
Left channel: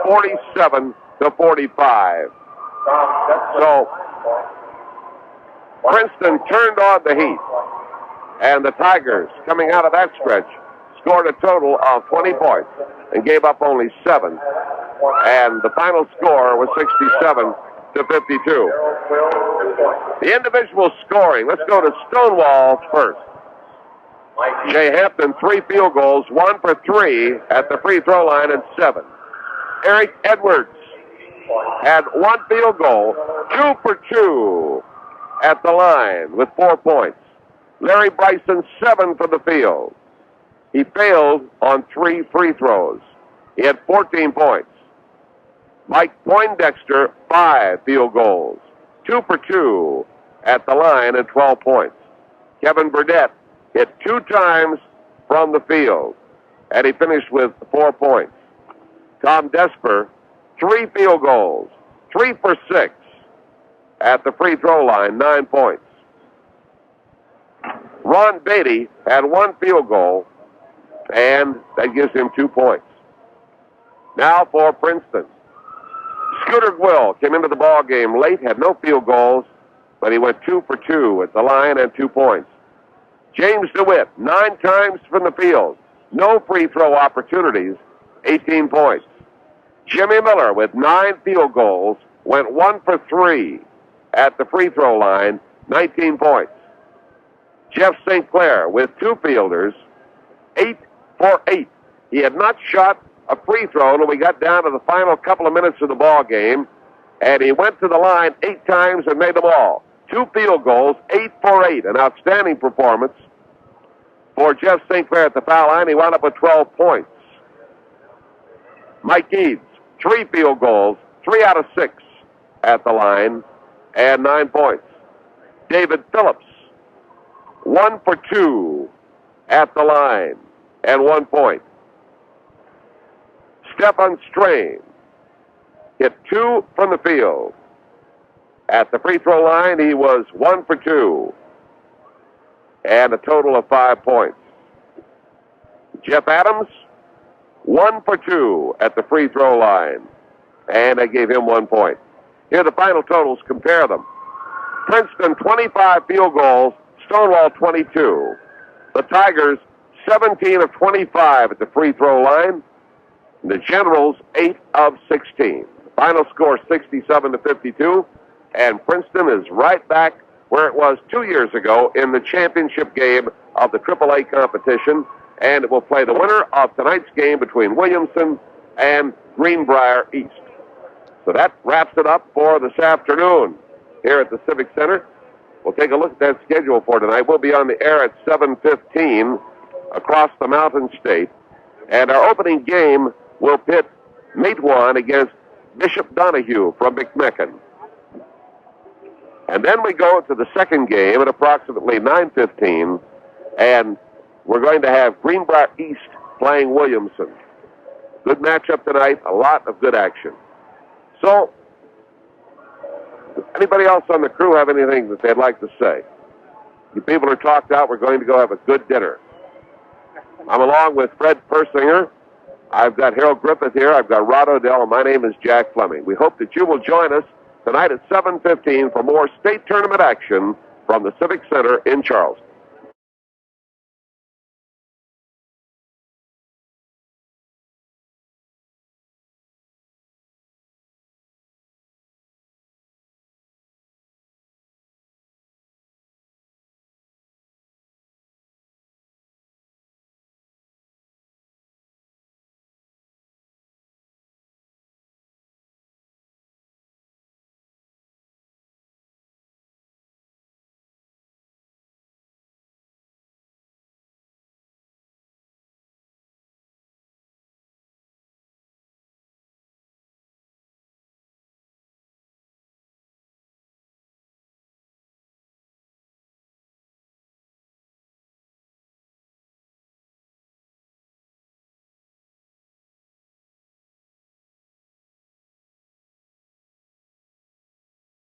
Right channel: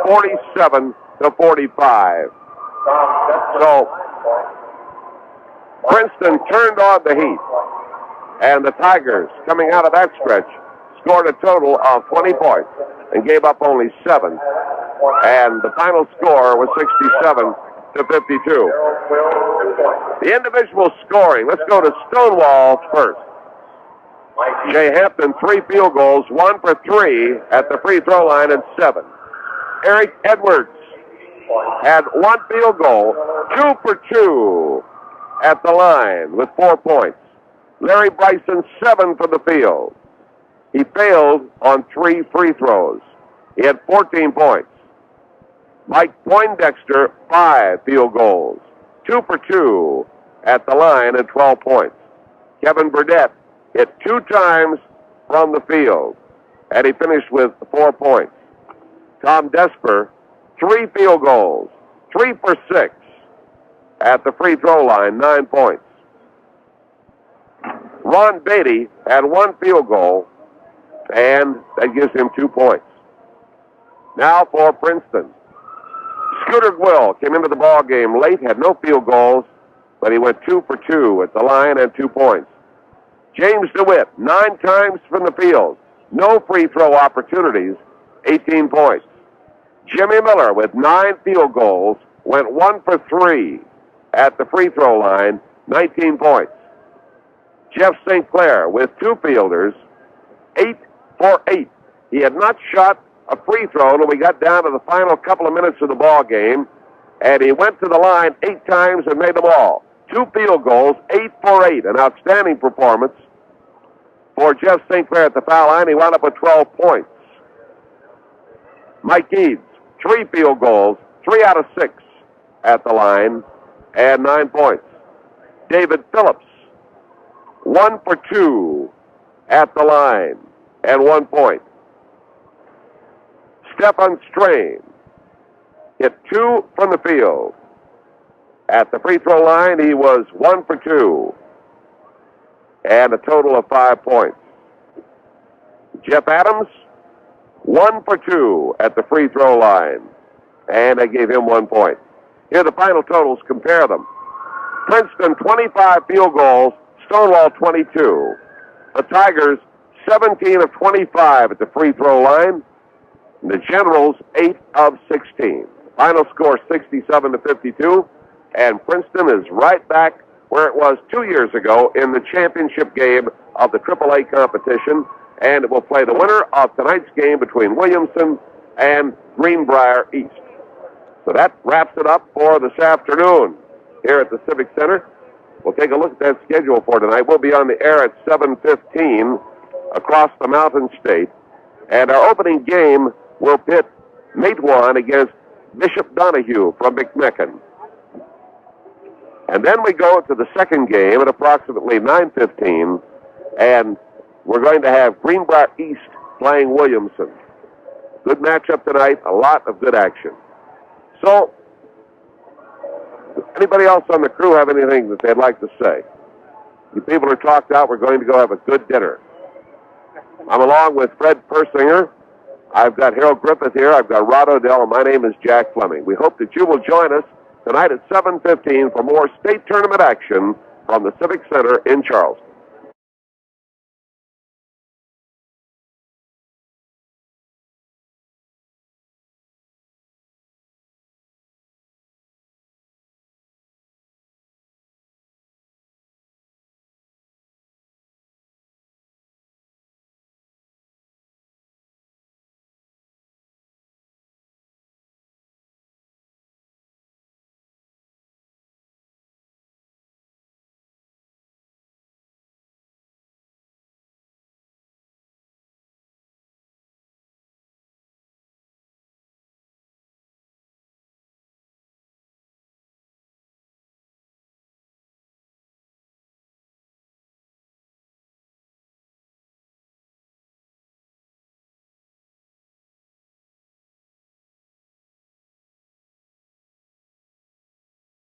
47-45. So Princeton turned on the heat, and the Tigers, coming out of that stretch, scored a total of 20 points and gave up only 7. And the final score was 67-52. The individual scoring, let's go to Stonewall first. Jay Hampton, 3 field goals, 1 for 3 at the free throw line and 7. Eric Edwards had 1 field goal, 2 for 2 at the line with 4 points. Larry Bryson, 7 from the field. He failed on 3 free throws. He had 14 points. Mike Poindexter, 5 field goals, 2 for 2 at the line and 12 points. Kevin Burdett hit 2 times from the field, and he finished with 4 points. Tom Desper, 3 field goals, 3 for 6 at the free throw line, 9 points. Ron Beatty had 1 field goal, and that gives him 2 points. Now for Princeton. Scooter Will came into the ball game late, had no field goals, but he went 2 for 2 at the line and 2 points. James DeWitt, 9 times from the field, no free throw opportunities, 18 points. Jimmy Miller with 9 field goals, went 1 for 3 at the free throw line, 19 points. Jeff St. Clair with 2 fielders, 8 for 8. He had not shot a free throw until we got down to the final couple of minutes of the ball game, and he went to the line 8 times and made them all. 2 field goals, 8 for 8, an outstanding performance for Jeff St. Clair at the foul line. He wound up with 12 points. Mike Eads, 3 field goals, 3 out of 6 at the line, and 9 points. David Phillips, 1 for 2 at the line, and 1 point. Stefan Strain hit 2 from the field. At the free throw line, he was 1 for 2, and a total of 5 points. Jeff Adams, 1 for 2 at the free throw line, and I gave him 1 point. Here are the final totals, compare them. Princeton, 25 field goals, Stonewall, 22. The Tigers, 17 of 25 at the free throw line. And the Generals, 8 of 16. Final score, 67-52. And Princeton is right back where it was 2 years ago in the championship game of the AAA competition. And it will play the winner of tonight's game between Williamson and Greenbrier East. So that wraps it up for this afternoon here at the Civic Center. We'll take a look at that schedule for tonight. We'll be on the air at 7:15 across the Mountain State. And our opening game will pit Matewan against Bishop Donahue from McMecken. And then we go to the second game at approximately 9:15, and we're going to have Greenbrier East playing Williamson. Good matchup tonight, a lot of good action. So, does anybody else on the crew have anything that they'd like to say? You people are talked out. We're going to go have a good dinner. I'm along with Fred Persinger. I've got Harold Griffith here. I've got Rod Odell, and my name is Jack Fleming. We hope that you will join us tonight at 7:15 for more state tournament action from the Civic Center in Charleston.